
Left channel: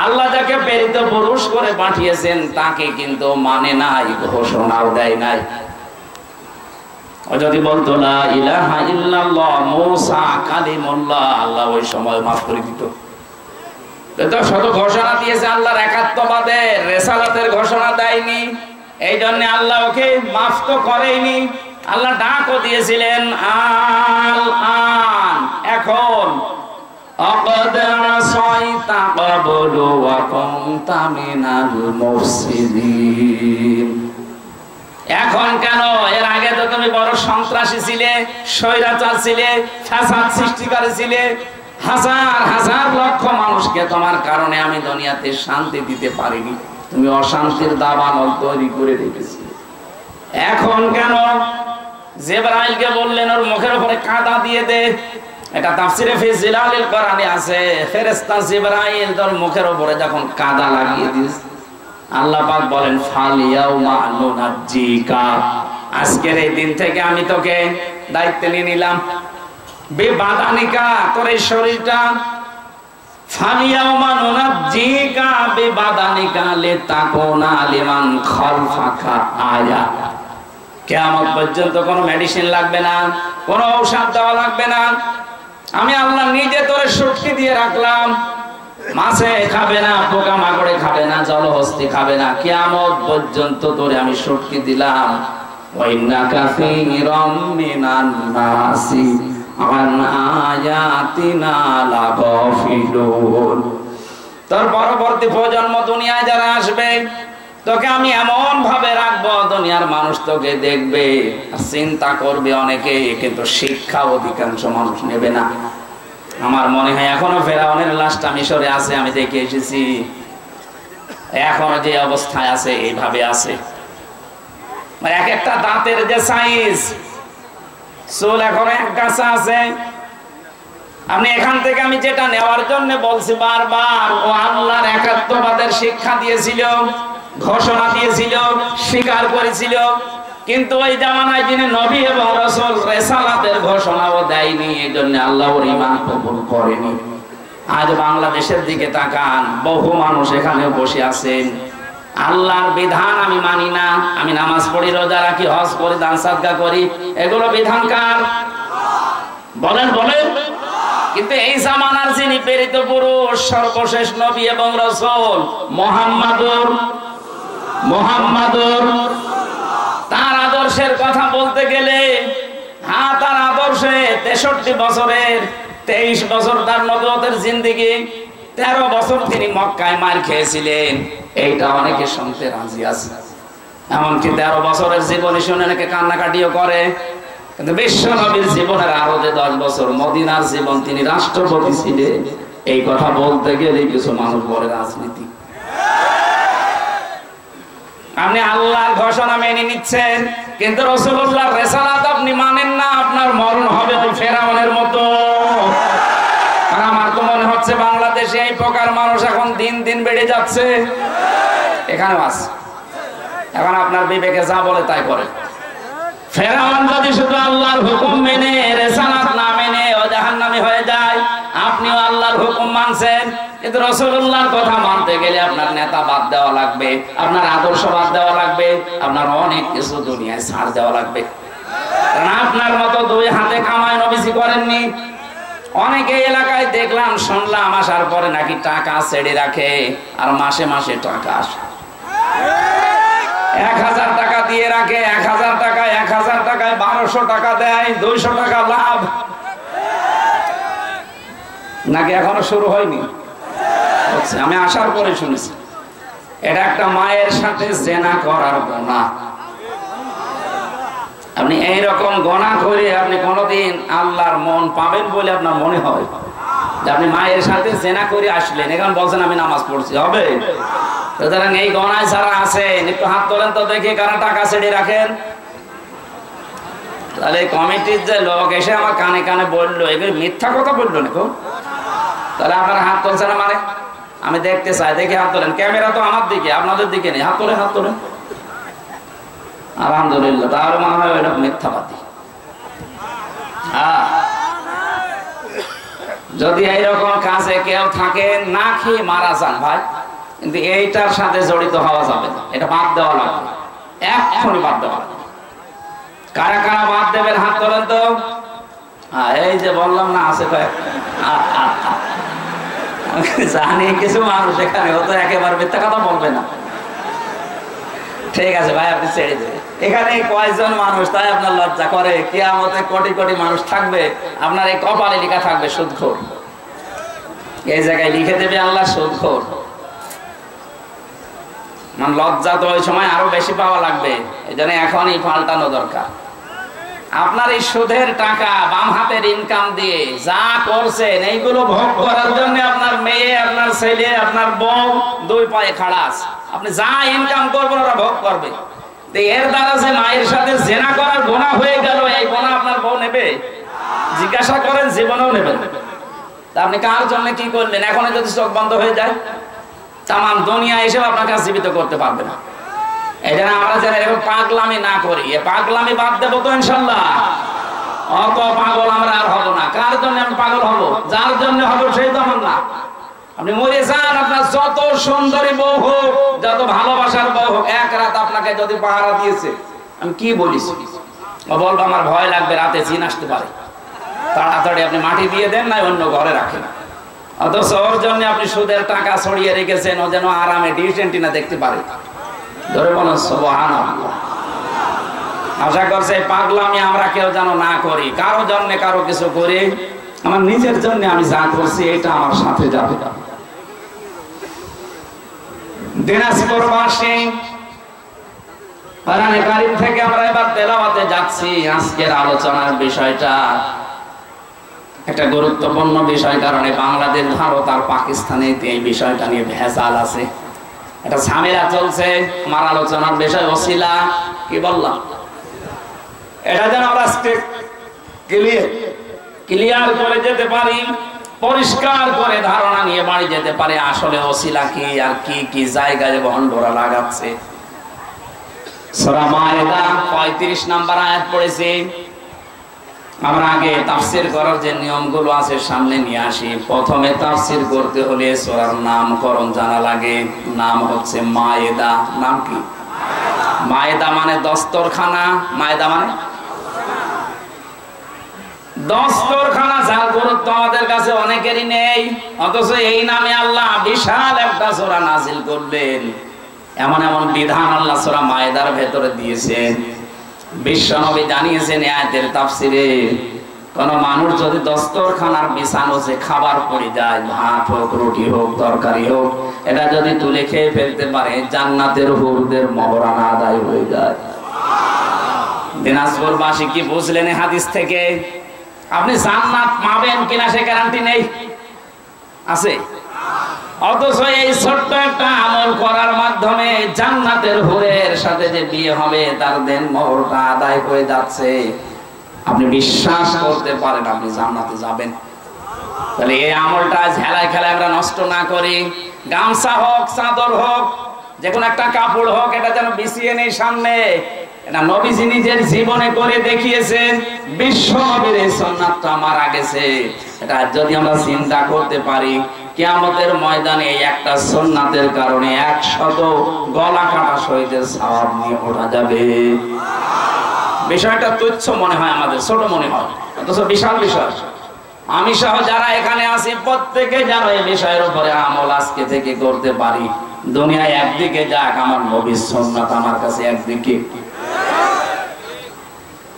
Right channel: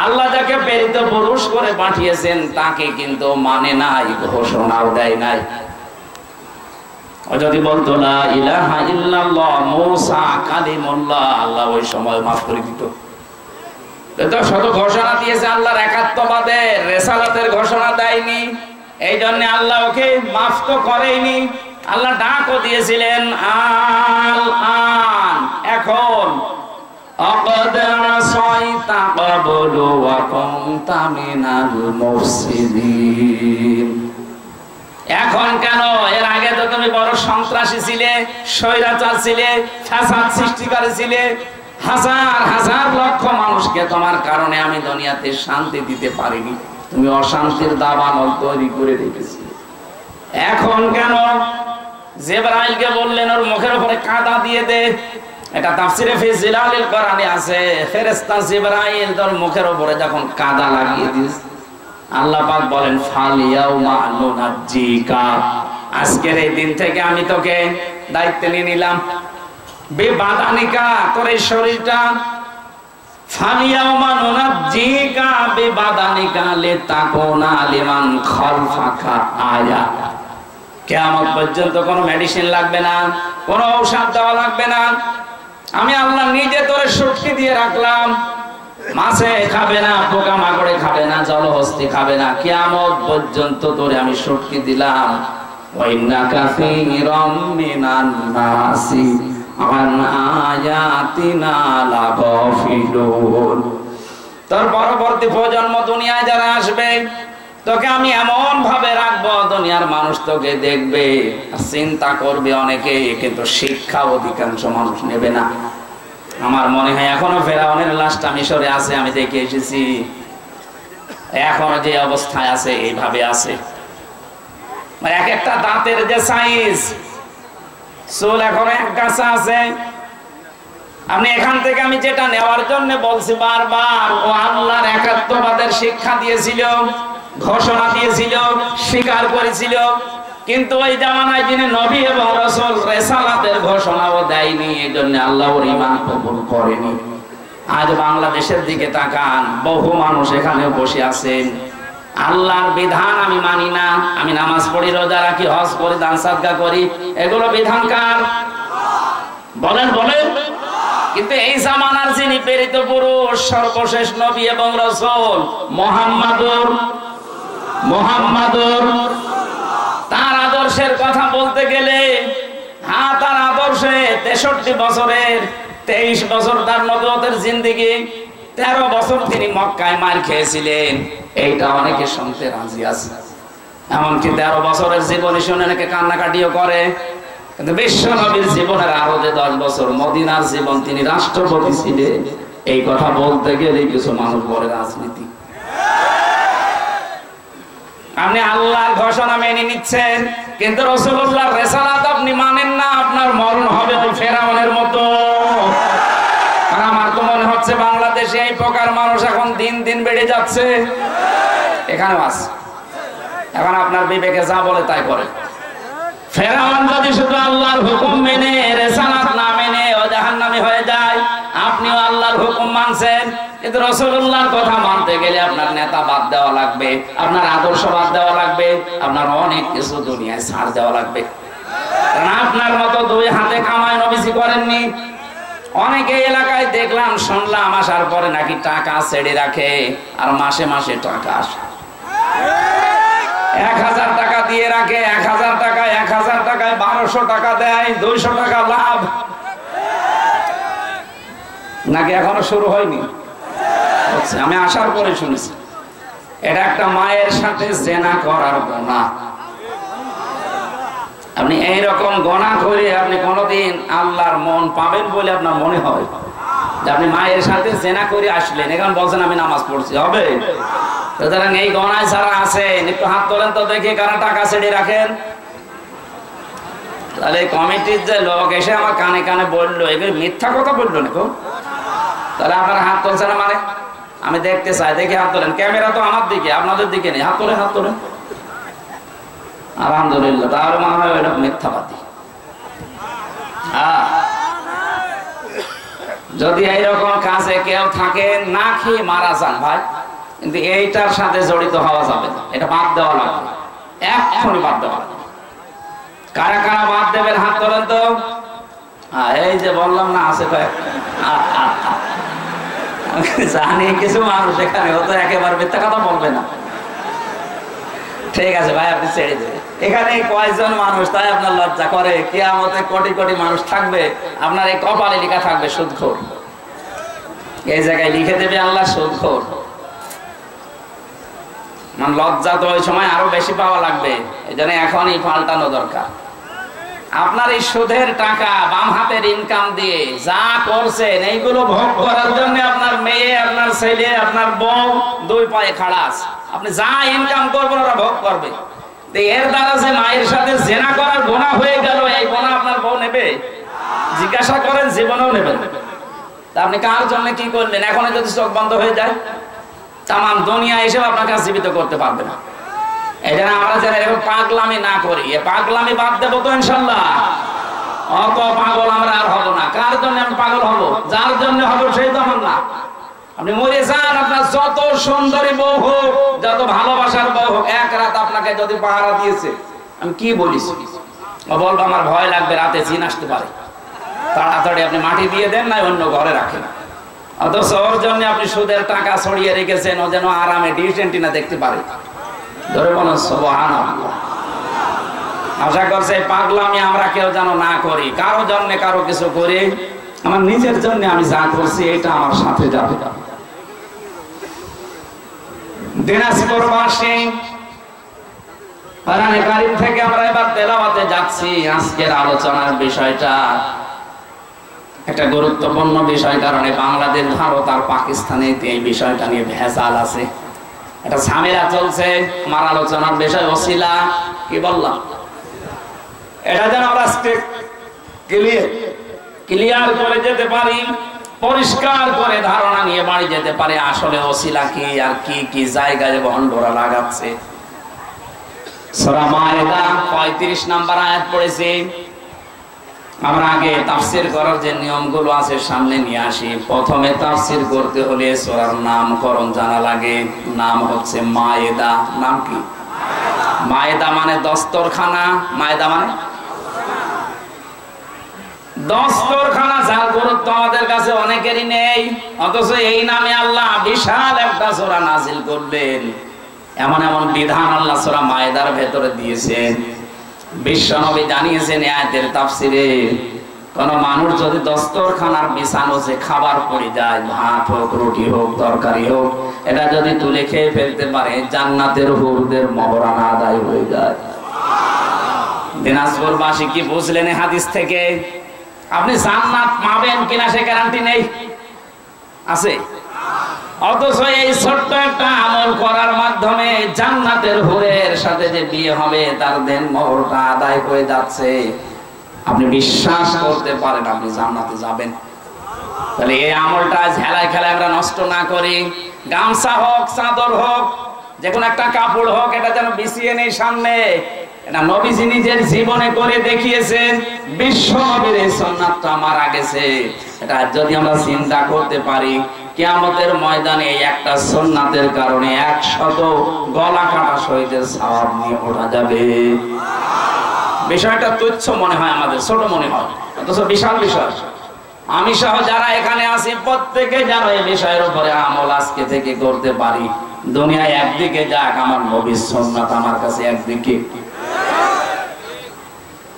আল্লাহ যাকে প্রেরিত পুরুষ করে পাঠিয়েছেন তাকে কিন্তু মানে নাই, ঘোষণাও দেয় নাই। ও যদি বলতো লা ইলাহা ইল্লাল্লাহ মুসা কালিমুল্লাহ, আল্লাহ ওই সময় মাফ করে দিত। তো শত ঘোষণা দিয়েছে আল্লাহর একাত্মবাদের, রিসালাতের ঘোষণা দেয়নি, এই জন্য আল্লাহ ওকে মাফ তো করেইনি। আল্লাহ ডাকও দিয়েছিলেন আল আন, এখন আকাদ আসাইতা ক্বাবলু ওয়া কুনতা মিনাল মুফসিদিন। এখন কেন? এর আগে তো তুমি বড় সন্ত্রাসী ছিলে, স্বৈরাচার ছিলে, ফ্যাসাদ সৃষ্টি করেছিলে। হাজার হাজার লক্ষ মানুষকে তোমার কারণে আমি দুনিয়াতে শান্তি দিতে পারিনি, তুমি অশান্তির দাবানল তৈরি করে রেখেছিলে। এখন কেন? জিবরাইলকে বললেন ওর মুখের উপরে কাদা দিয়ে দে। এটা তাফসিরে ফি জিলালিল কোরআনে আছে, ফেরেশতা জিবরাইল তোর মুখের উপরে যখন কাদা লাগিয়ে দিস, আল্লাহ পাক বলেন ফালিয়াউমা নুনাজ্জিকা, আজকের এই দিন থেকে আমি তোকে দায়িত্ব নিয়ে নিলাম। বেবাদানিকা, তোর এই শরীরটা, ফালিয়াউমা নুনাজ্জিকা বেবাদানিকা লিতাকুনা লিমান খালফাকা আয়া। কিয়ামত পর্যন্ত কোনো মেডিসিন লাগবে না, কোনো ঔষধ দেওয়া লাগবে না। আমি আল্লাহ নিজে তোরে শক্তি দিয়ে রাখলাম। মাছে খাবে না, পোকা মাকড়ে খাবে না, জলহস্তি খাবে না, কিয়ামত পর্যন্ত তোরে আমি শক্তি দিলাম। ওয়াইন্না কাসীরাম মিনান নাসি আন আয়াতিনা লাগাফিলুন। তোর পরবর্তী প্রজন্ম দুনিয়ায় যারা আসবে, তোকে আমি এমন ভাবে রাখবো, দুনিয়ার মানুষ তোকে দেখবে আর চিন্তা করবে অনেকে, কিন্তু শিক্ষা অধিকাংশ মানুষ নেবে না। আমার মনে হয় এখনো ফেরাউনের লাশটা মিশরে আছে, আমি দেখে এসেছি। এখনো যে অবস্থায় আছে এইভাবে আছে, মানে এক একটা দাঁতের যে সাইজ, চুল এখনো এক গাছা আছে। আপনি এখান থেকে আমি যেটা নেওয়ার জন্য বলছি বারবার, ও আল্লাহর একাত্মবাদের শিক্ষা দিয়েছিল, ঘোষণা দিয়েছিল, স্বীকার করেছিল, কিন্তু ওই জামানায় যিনি নবী এবং রাসূল রিসালাতের ঘোষণাও দেয়নি, এজন্য আল্লাহ ওর ঈমান কবুল করেনি। আজ বাংলাদেশের দিকে তাকান, বহু মানুষ এখানে বসে আছেন, আল্লাহর বিধান আমি মানি না, আমি নামাজ পড়ি, রোজা রাখি, হজ করি, দান সাদকা করি, এগুলো বিধান কার? বলেন বলেন। কিন্তু এই জামানার যিনি প্রেরিত পুরুষ, সর্বশেষ নবী এবং রাসূল মুহাম্মাদুর, তার আদর্শের কথা বলতে গেলে, হ্যাঁ তার আদর্শে 63 বছরের 23 বছর তার নবুয়তের জিন্দেগি, 13 বছর তিনি মক্কায় মার খেয়েছিলেন, এইটা অনেকে শুনতে রাজি আছে। এমনকি 13 বছরের জীবনী শুনে অনেকে কান্নাকাটিও করে। কিন্তু বিশ্ব নবীর জীবনের আরো যে 10 বছর মদিনার জীবন, তিনি রাষ্ট্রপতি ছিলেন, এই কথা বলতে গেলে কিছু মানুষ বলে রাজনীতি। আপনি আল্লাহর ঘোষণা মেনে নিচ্ছেন, কিন্তু রাসূলুল্লাহর রিসালাত আপনি মানেন না, আপনার মরণ হবে ওই ফেরাউনের মতো। আর আমার তো মনে হচ্ছে বাংলাদেশে এই প্রকার মানুষ এখন দিন দিন বেড়ে যাচ্ছে। এখানেও আছে, এখন আপনার বিবেকে যা বলে তাই করে। ফেরাউন যদি শুধু আল্লাহর হুকুম মেনে, রিসালাত না মেনে ও জাহান্নামী হয়ে যায়, আপনিও আল্লাহর হুকুম মানছেন, কিন্তু রাসূলুল্লাহর কথা মানতে গেলে আপনার নেতা বাদ দেওয়া লাগবে, আপনার আদর্শ বাদ দেওয়া লাগবে, আপনার অনেক কিছু দুনিয়ায় ছাড় দেওয়া লাগবে। কারণ আপনার মতো দুই হাতে কামাই নবীজি করেননি। অনেকে এলাকায় দেখলাম, শুনলাম, আসার পরে নাকি টাকা ছেড়ে রাখে, আর মাসে মাসে টাকা আসে। 1000 টাকা দিয়ে রাখে, 1000 টাকায় 1200 টাকা দেয়, 200 টাকা লাভ। নাকি এখনো শুরু হয়নি? আমি আসার পরে শুনেছি এটা একটা মায়ের সাথে জেনা করার গুনাহ। আপনি এইরকম গুনাহ করে আপনি কোনোদিন আল্লাহর মন পাবেন বলে আপনার মনে হয়? যে আপনি মায়ের সাথে জেনা করে আসলেন, এখন বলছেন আমি নামাজ পড়ছি, হবে? সুতরাং এই গুনাহ যারা আছেন, একটু হাত তোলেন তো দেখি কারা টাকা ছেড়ে রাখেন। তাহলে কমিটির যে লোক এসে আমার কানে কানে বললো, এগুলো মিথ্যা কথা বললো না, তাহলে আপনারা হাত তুলছে না মানে? আমি দেখতে চাই, দেখি হাত তোলেন। ক্যামেরা তো আমার দিকে, আপনাদের দিকে নেই। হাত তোলেন, হাত তোলেন। আলহামদুলিল্লাহ, তাহলে মনে হয় ওইটা মিথ্যাবাদী। যদি এইরকম কাজে কেউ থাকে, না খেয়ে মারা যান ভাই, কিন্তু এইটার সাথে জড়িত হওয়া যাবে না, এটা বাদ দেওয়া লাগবে, এক্ষুনি বাদ দেওয়া লাগবে। কারা কারা বাদ দেবেন হাত তোলেন তো। এই যে বললাম না, আছে জানি কিছু মানুষ এখানে হয়তো একেবারে মিথ্যা কথা বলবে না। ঠিক আছে ভাই, আপনি ছেড়ে দেবেন। এখানে কয়জন মানুষ, তাই আপনার লজ্জা করে? কিয়ামতে কোটি কোটি মানুষ থাকবে, আপনার এই কপালে লেখা থাকবে সুদখোর। এই জায়গায় লিখে দেবে আল্লাহ সুদখোর। মানে লজ্জা তো ওই সময় আরো বেশি পাওয়া লাগবে, এই জন্য এখনই পাল্টানো দরকার। আপনার এই সুদের টাকা বাম হাতের ইনকাম দিয়ে যা করছেন এইগুলো ভোগ করার জন্য আপনার মেয়ে, আপনার ছেলে, আপনার বউ দুই পায়ে খাড়া আছে। আপনি যা ইনকাম করবেন ওরা ভোগ করবে। এর দ্বারা যে মায়ের সাথে জেনা করার গুনাহ হয়ে গেল, এই গুনাহ আপনার বউ নেবে? জিজ্ঞাসা করেন, জীবনেও নেবেন। তা আপনি কার জন্য কি করলেন? এখন যদি চোখ বন্ধ হয়ে যায়, তামাম দুনিয়া এসে আপনাকে জীবিত করতে পারবে না। এই জন্য আমরা যেন এরকম পাগলামি না করি। এ পাগলামি বাদ দেবো তো ইনশাল্লাহ। অত পাগল আমরা আর হবো না। কার জন্য আমি পাগল হব? যার জন্য হবো সেই তো আমার না। আপনি মরে যান, আপনার যত সুন্দরী বউ হোক, যত ভালোবাসার বউ হোক, এক রাত আপনাকে যদি পাহারা দিয়েছে, আমি কি বলিস, ও বলবো আমার ভয় লাগবে, রাতে জিন আসতে পারে, তাড়াতাড়ি আপনি মাটি দিয়ে দেন, না অন্য ঘরে রাখেন। অথচ ওর জন্য আপনি সুদের টাকা ছড়িয়ে রেখেছেন, ও যেন আরামে ডিশ এন্টিনা দেখতে পারে। ধরে বলুন সুবহানাল্লাহ। আশা করছে পাগলামি আমরা কেউ যেন না করি। কারো জন্য কারো কিছু করি, আমার নিজের জন্য আমি যা করছি এটা আমার সাথে যাবে। দিনাজপুরবাসী কোরআনে কারীম থেকে আমরা এবার তেলাওয়াতে যাচ্ছি। আজকের আলোচনার বিষয়টা একটা গুরুত্বপূর্ণ বিষয়, কারণ বাংলাদেশ, ভারত আর পাকিস্তানে এই বিষয়টা নিয়ে ভেজাল আছে, এটা ঝামেলা চলছে। আমার আলোচনার বিষয় ওসিলা, কি বললাম, এটা যেন আমরা ক্লিয়ার করে যেতে পারি, পরিষ্কার করে ধারণা নিয়ে বাড়ি যেতে পারে আসলে ওসিলা কি আর কি কি জায়গায় ভন্ডরা লাগাচ্ছে। সূরা মায়েদা 35 নম্বর আয়াত পড়েছি। আমরা আগে তাফসীর করার যে নিয়মগুলো আছে সামনে নিয়ে আসি। প্রথমে তাফসীর করতে হলে সূরার নামকরণ জানা লাগে। নাম হচ্ছে মায়েদা। নাম কি? মায়েদা মানে দস্তরখানা। মায়েদা মানে দস্তরখানা, যার গুরুত্ব আমাদের কাছে অনেকেরই নেই, অথচ এই নামে আল্লাহ বিশাল একটা সূরা নাজিল করলেন। এমন এমন বিধান আল্লাহ সূরা মায়েদার ভেতরে দিয়েছেন। বিশ্বনবী জানিয়েছেন আয়াতের তাফসিরে, কোন মানুষ যদি দস্তরখানার বিছানো যে খাবার পড়ে যায়, ভাত হোক, রুটি হোক, তরকারি হোক, এটা যদি তুলে খেয়ে ফেলতে পারে, জান্নাতের হুরদের মহরানা আদায় হয়ে যায়। দিনাজপুরবাসী কি বুঝলেন এই হাদিস থেকে? আপনি জান্নাত পাবেন কিনা সে গ্যারান্টি নেই, আছে? অথচ এই ছোট্ট একটা আমল করার মাধ্যমে জান্নাতের হুরের সাথে যে বিয়ে হবে, তার দেন মোহরটা আদায় হয়ে যাচ্ছে। আপনি বিশ্বাস করতে পারেন আপনি জান্নাতে যাবেন। তাহলে এই আমলটা ঝেলায় খেলায় আমরা নষ্ট না করি। গামছা হোক, চাদর হোক, যে কোনো একটা কাপড় হোক, এটা যেন বিছিয়ে নেই সামনে। এটা নবীজি নিজের জীবনে করে দেখিয়েছেন। বিশ্ব নবীর এই সুন্নাতটা মারা গেছে। এটা যদি আমরা চিন্তা করতে পারি, কিয়ামতের ময়দানে এই একটা সুন্নাতের কারণে 100 গলা কাটা শহীদের সওয়াব নিয়ে ওঠা যাবে। বিষয়টা তুচ্ছ মনে হয়, আমাদের ছোট মনে হয়, অথচ বিশাল বিষয়। আমি সহ যারা এখানে আছি প্রত্যেকে যেন এই বিষয়ের উপরে আমল আজকে থেকে করতে পারি। দুনিয়ায় একদিকে যাক, আমার নবীর সুন্নাত আমার কাছে একদিকে।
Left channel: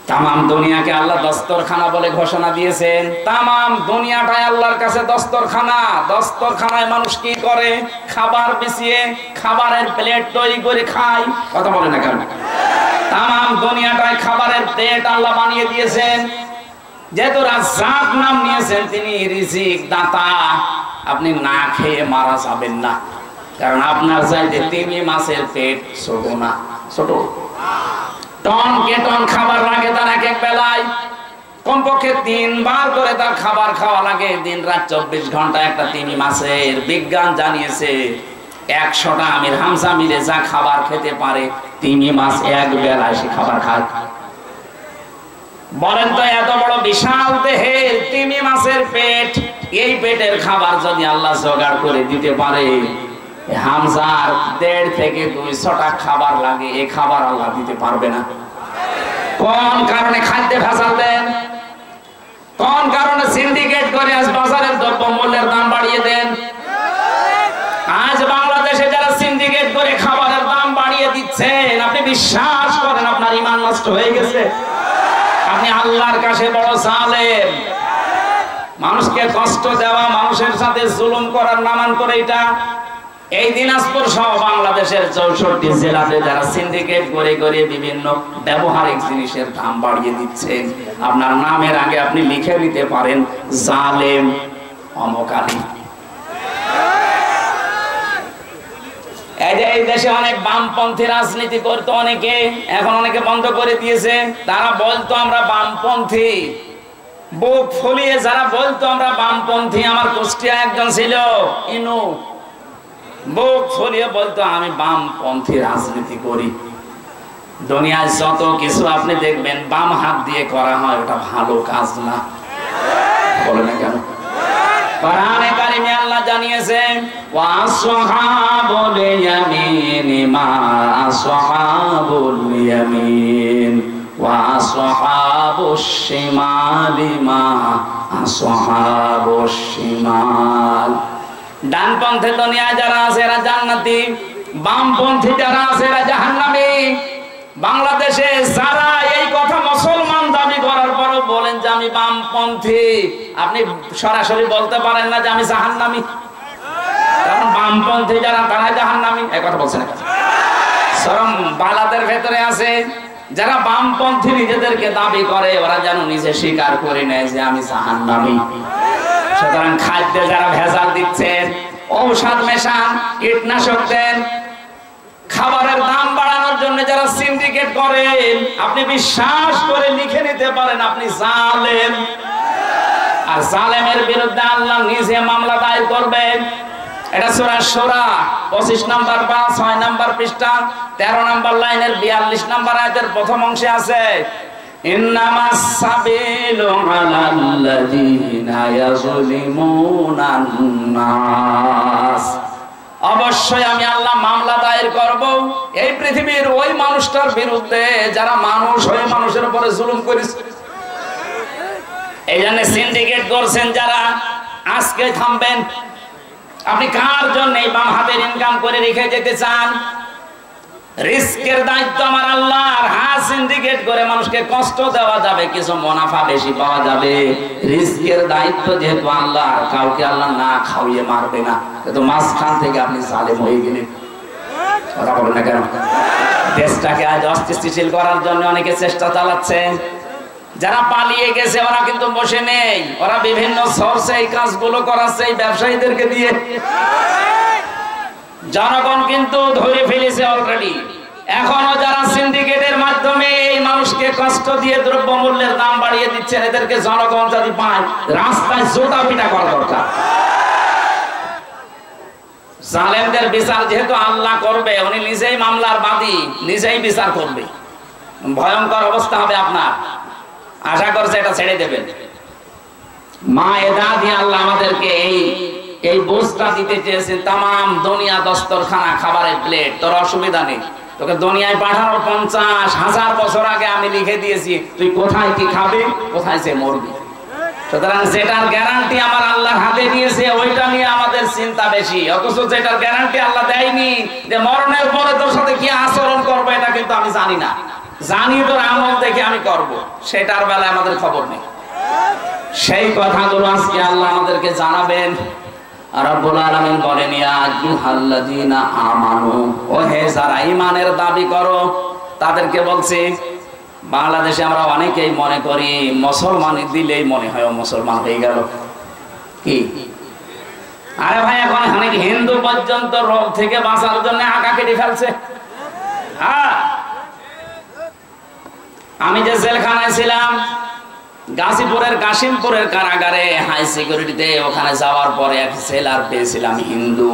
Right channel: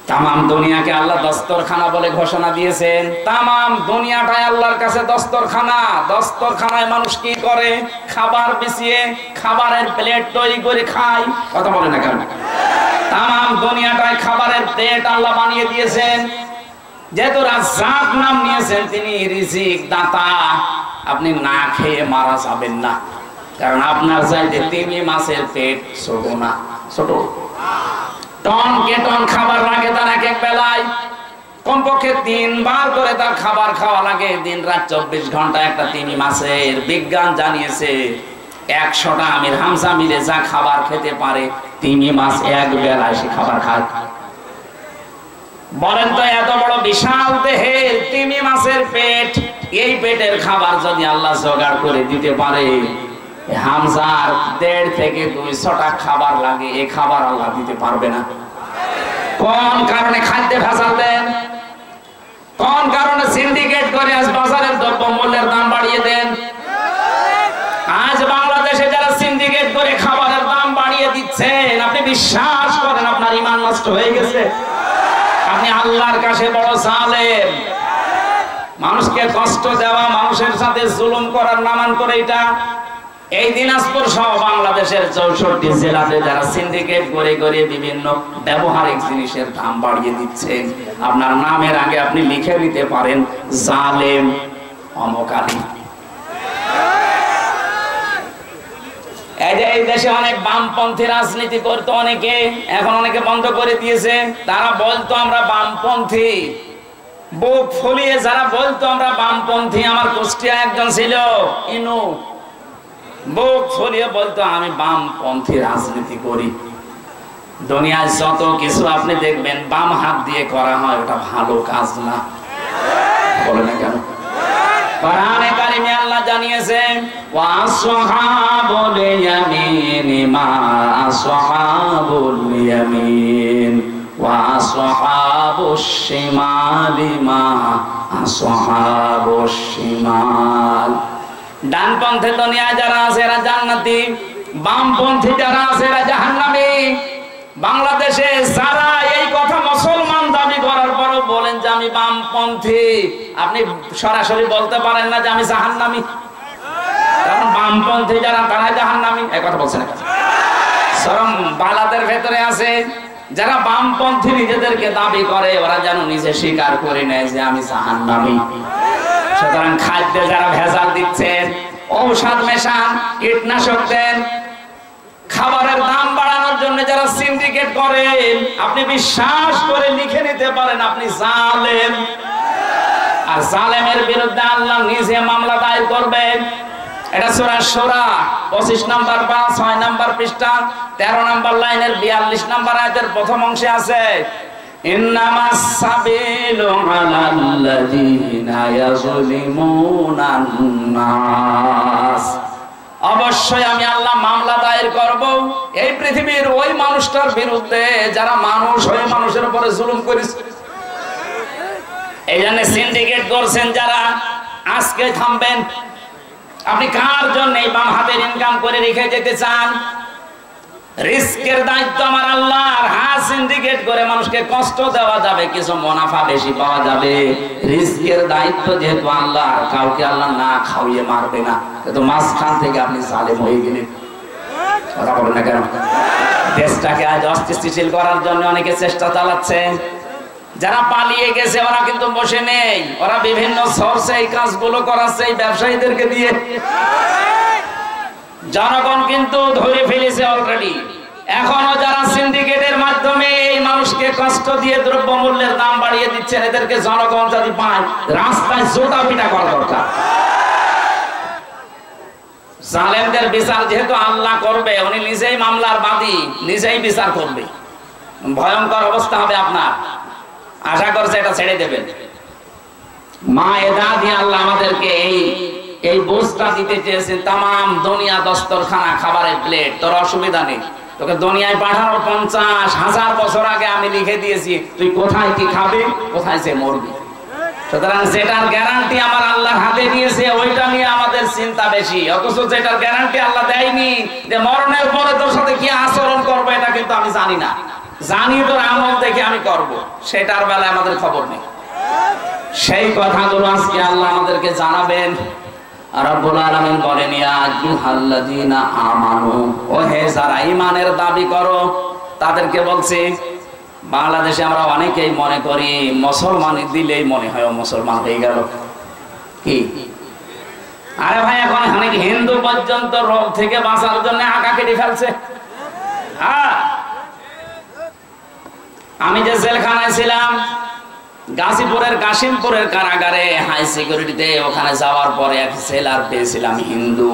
তামাম দুনিয়াকে আল্লাহ দস্তরখানা বলে ঘোষণা দিয়েছেন। তামাম দুনিয়াটাই আল্লাহর কাছে দস্তরখানা। দস্তরখানায় মানুষ কি করে? খাবার বিছিয়ে খাবারের প্লেট তৈরি করে খায়। কথা বলে না কেন? তামাম দুনিয়াটাই খাবারের প্লেট আল্লাহ বানিয়ে দিয়েছেন। যেহেতু রাজ্জাক নাম নিয়েছেন, তিনি রিজিক দাতা। আপনি না খেয়ে মারা যাবেন না, কারণ আপনার চাইতে তিমি মাছের পেট ছোট না, ছোট টন কে টন খাবার লাগে তার এক এক বেলায়। কমপক্ষে 3 বার করে তার খাবার খাওয়া লাগে, দিন রাত 24 ঘন্টা একটা তিমি মাছের। বিজ্ঞান জানিয়েছে 100টা আমির হামজা মিলে যা খাবার খেতে পারে, তিমি মাছ এক বেলায় সে খাবার খায়। বলেন তো, এত বড় বিশাল দেহের তিমি মাছের পেট, এই পেটের খাবার যদি আল্লাহ জোগাড় করে দিতে পারে, হামজার 1.5 থেকে 200টা খাবার লাগে, এই খাবার আল্লাহ দিতে পারবে না। কোন কারণে খাদ্যে ভেজাল দেন? কোন কারণে সিন্ডিকেট করে আজ বাজারের দ্রব্য মূল্যের দাম বাড়িয়ে দেন? আজ বাংলাদেশে যারা সিন্ডিকেট করে খাবারের দাম বাড়িয়ে দিচ্ছেন, আপনি বিশ্বাস করেন আপনার ঈমান নষ্ট হয়ে গেছে? আপনি আল্লাহর কাছে বড় জালেম। মানুষকে কষ্ট দেওয়া, মানুষের সাথে জুলুম করার নামান করে এটা এই দিনাজপুর সহ বাংলাদেশের 64 জেলাতে যারা সিন্ডিকেট করে করে বিভিন্ন ব্যবহারিক জিনিসের দাম বাড়িয়ে দিচ্ছেন, আপনার নামের আগে আপনি লিখে নিতে পারেন জালেম অমকালী। এই দেশে অনেক বামপন্থী রাজনীতি করতো অনেকে, এখন অনেকে বন্ধ করে দিয়েছে। তারা বলতো আমরা বামপন্থী, বুক ফুলিয়ে যারা বলতো আমরা বামপন্থী। আমার কুষ্টিয়া একজন ছিল ইনু, বুক ফুলিয়ে বলতো আমি বামপন্থী রাজনীতি করি। দুনিয়ায় যত কিছু আপনি দেখবেন বাম হাত দিয়ে করা হয়, ওটা ভালো কাজ না। বলে না কেন? কোরআনে কারিমে আল্লাহ জানিয়েছেন ওয়াসহাবুল ইয়ামিন মা আসহাবুল ইয়ামিন ওয়াসহাবুশ শিমালি মা আসহাবুশ শিমাল। ডানপন্থী দুনিয়ায় যারা আছে এরা জান্নাতি, বামপন্থী যারা আছে এরা জাহান্নামী। বাংলাদেশে যারা এই কথা মুসলমান দাবি করার পরও বলেন যে আমি বামপন্থী, আপনি সরাসরি বলতে পারেন না যে আমি জাহান্নামী। কারণ বামপন্থী যারা তারা জাহান্নামী, এই কথা বলছেন না। সরম বালাদের ভেতরে আছে যারা বামপন্থী নিজেদেরকে দাবি করে, ওরা যেন নিজে স্বীকার করে নেয় যে আমি জাহান্নামী। সুতরাং খাদ্যে যারা ভেজাল দিচ্ছেন, ঔষধ মেশান, কীটনাশক দেন, খাবারের দাম বাড়ানোর জন্য যারা সিন্ডিকেট করেন, আপনি বিশ্বাস করে লিখে নিতে পারেন আপনি জালেম। আর জালেমের বিরুদ্ধে আল্লাহ নিজে মামলা দায়ের করবেন। এটা সূরা শূরা 25 নম্বর বা 6 নম্বর পৃষ্ঠা 13 নম্বর লাইনের 42 নম্বর আয়াতের প্রথম অংশে আছে ইন্নামাস সাবিলু আলাল্লাযীনা ইয়াযলিমুনান নাস। অবশ্যই আমি আল্লাহ মামলা দায়ের করব এই পৃথিবীর ওই মানুষটার বিরুদ্ধে যারা মানুষ হয়ে মানুষের উপরে জুলুম করেছে। এই জন্য সিন্ডিকেট করছেন যারা, আজকে থামবেন। আপনি কার জন্য এই বাম হাতের ইনকাম করে রেখে যেতে চান? রিস্কের দায়িত্ব আমার আল্লাহর। হ্যাঁ, সিন্ডিকেট করে মানুষকে কষ্ট দেওয়া যাবে, কিছু মুনাফা বেশি পাওয়া যাবে। রিস্কের দায়িত্ব যেহেতু আল্লাহর, কাউকে আল্লাহ না খাওয়িয়ে মারবে না। কিন্তু মাঝখান থেকে আপনি জালেম হয়ে গেলেন। কথা বলেন না কেন? দেশটাকে আজ অস্থিতিশীল করার জন্য অনেকে চেষ্টা চালাচ্ছে। যারা পালিয়ে গেছে ওরা কিন্তু বসে নেই, ওরা বিভিন্ন সোর্সে এই কাজগুলো করাচ্ছে এই ব্যবসায়ীদেরকে দিয়ে। জনগণ কিন্তু ধরে ফেলেছে অলরেডি। এখনো যারা সিন্ডিকেটের মাধ্যমে এই মানুষকে কষ্ট দিয়ে দ্রব্যমূল্যের দাম বাড়িয়ে দিচ্ছেন, এদেরকে জনগণ যদি পায় রাস্তায় জোতা পিটা করা দরকার। জালেমদের বিচার যেহেতু আল্লাহ করবে, উনি নিজেই মামলার বাদী, নিজেই বিচার করবে। ভয়ঙ্কর অবস্থা হবে আপনার। আশা করছে এটা ছেড়ে দেবেন। মায়েদা দিয়ে আল্লাহ আমাদেরকে এই বোঝটা দিতে চেয়েছেন। তামাম দুনিয়া দস্তরখানা, খাবারের প্লেট, তোর অসুবিধা নেই, তোকে দুনিয়ায় পাঠানোর 50,000 বছর আগে আমি লিখে দিয়েছি, তুই কোথায় কি খাবি, কোথায় সে মরবি। সুতরাং যেটার গ্যারান্টি আমার আল্লাহর হাতে দিয়েছে ওইটা নিয়ে আমাদের চিন্তা বেশি। অথচ যেটার গ্যারান্টি আল্লাহ দেয়নি, যে মরণের পরে তোর সাথে কি আচরণ করবো এটা কিন্তু আমি জানি না। জানি তোর আমল দেখে আমি করব, সেটার বেলায় আমাদের খবর নেই। সেই কথাগুলো আজকে আল্লাহ আমাদেরকে জানাবেন। রব্বুল আলামিন বলেন ইয়া আইয়ুহাল্লাযীনা আমানু, ও হে যারা ঈমানের দাবি করো, তাদেরকে বলছি। বাংলাদেশে আমরা অনেকেই মনে করি মুসলমানি দিলেই মনে হয় ও মুসলমান হয়ে গেল। কি আরে ভাই, এখন অনেক হিন্দু পর্যন্ত রোগ থেকে বাঁচার জন্য আঁকা কেটে ফেলছে। হ্যাঁ, আমি যে জেলখানায় ছিলাম গাজীপুরের কাশিমপুরের কারাগারে হাই সিকিউরিটিতে, ওখানে যাওয়ার পরে এক সেলার পেয়েছিলাম হিন্দু।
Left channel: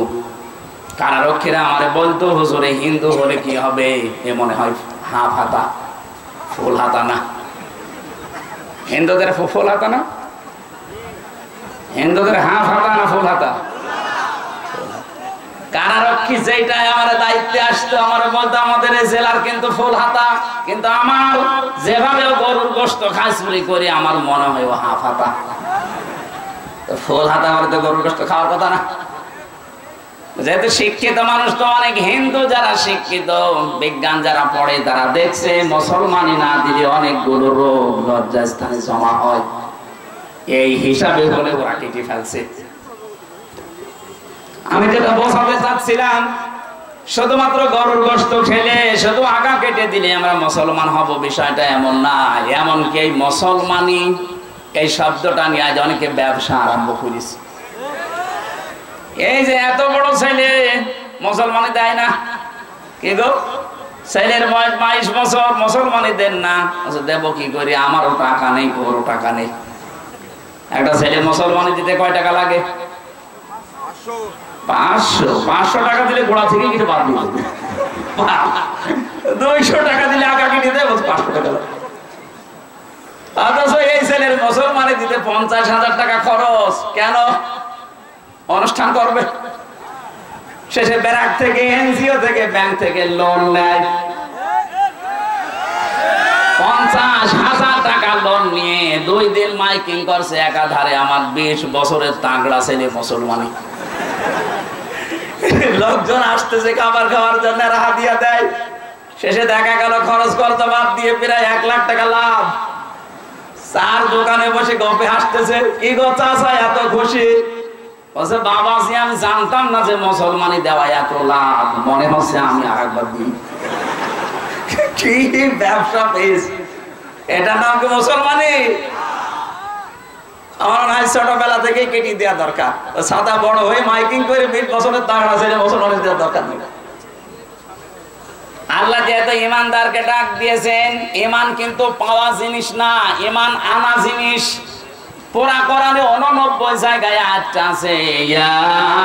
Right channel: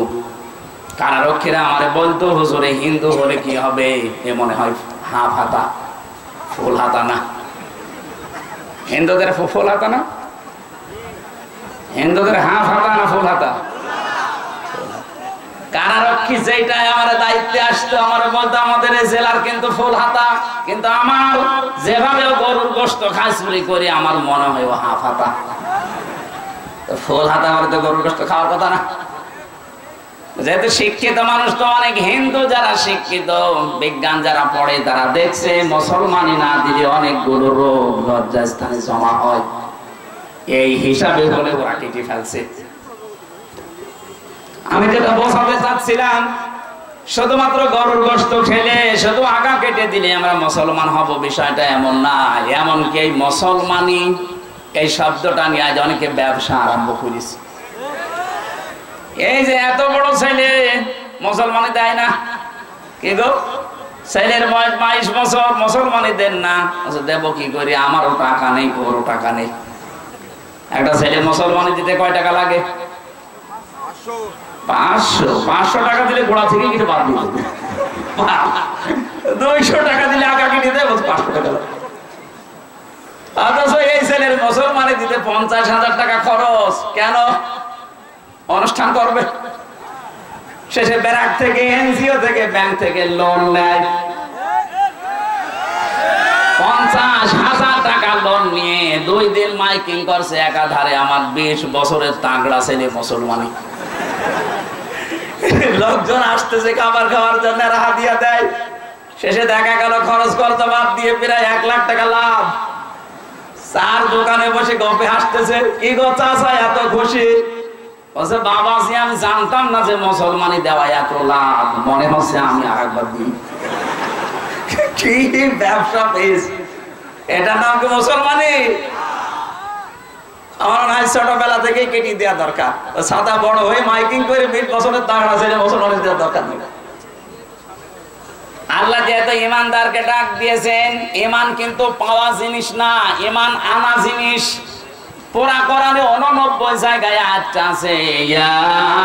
কারারক্ষীরা আমারে বলতো হুজুরে হিন্দু হলে কি হবে, এ মনে হয় হাফ হাতা ফুল হাতা না। হিন্দুদের ফুল হাতা না, হিন্দুদের হাফ হাতা না ফুল হাতা। কারারক্ষী যেটাই আমার দায়িত্বে আসতো আমার বলতো আমাদের এই জেলার কিন্তু ফুল হাতা, কিন্তু আমার যেভাবে গরুর গোশত খাই চুরি করি আমার মনে হয় ও হাফ হাতা। ফুল হাতা আমার তো গরুর গোশত খাওয়ার কথা না। যেহেতু শিক্ষিত মানুষ তো অনেক হিন্দু যারা শিক্ষিত, বিজ্ঞান যারা পড়ে তারা দেখছে মুসলমানি না দিলে অনেকগুলো রোগ লজ্জাস্থানে জমা হয়। এই হিসাবে বলে ওরা কেটে ফেলছে। আমি যেটা বোঝাতে চাচ্ছিলাম, শুধুমাত্র গরুর গোশত খেলে শুধু আগা কেটে দিলে আমরা মুসলমান হব, বিষয়টা এমন না। এমনকি এই মুসলমানি এই শব্দটা নিয়ে আজ অনেকে ব্যবসা আরম্ভ করেছে। এই যে এত বড় ছেলে মুসলমানি দেয় না, কি গো ছেলের বয়স 22 বছর, মুসলমানি দেন না। দেব কি করি, আমারও টাকা নেই, ওরও টাকা নেই। একটা ছেলে মুসলমানি দিতে কয় টাকা লাগে? 500 টাকা দিলে গোড়া থেকে কিছু বাদ দিতে, 200 টাকা দিলে আগা কিনে দেয় 500 টাকা। অথচ এই ছেলের মুসলমানি দিতে 50,000 টাকা খরচ। কেন? অনুষ্ঠান করবে, শেষে ব্যারাক থেকে, এনজিও থেকে, ব্যাংক থেকে লোন নেয়। 50,000 টাকা লোন নিয়ে 2 দিন মাইকিং করছে একাধারে, আমার 20 বছরের তাগড়া ছেলে মুসলমানি। লোকজন আসতেছে খাবার খাওয়ার জন্য, হাদিয়া দেয়। শেষে দেখা গেল খরচ করতে বাদ দিয়ে প্রায় 1 লাখ টাকা লাভ। 4 দোকানে বসে গপে হাসতেছে, কি গো চাচা এত খুশি? বলছে বাবাজি আমি জানতাম না যে মুসলমানি দেওয়া এত লাভ, মনে হচ্ছে আমি আরেকবার দিই। কি ব্যবসা পেয়েছি, এটা নাম কি মুসলমানি? আমার নাই ছোটবেলা থেকে কেটে দেওয়া দরকার। সাদা বড় হয়ে মাইকিং করে 20 বছরের তাগড়া ছেলে মুসলমানি দেওয়ার দরকার নেই। আল্লাহ যেহেতু ইমানদারকে ডাক দিয়েছেন, ইমান কিন্তু পাওয়া জিনিস না, ইমান আনা জিনিস। পুরা কোরআনে 89 জায়গায় আয়াতটা আছে, ইয়া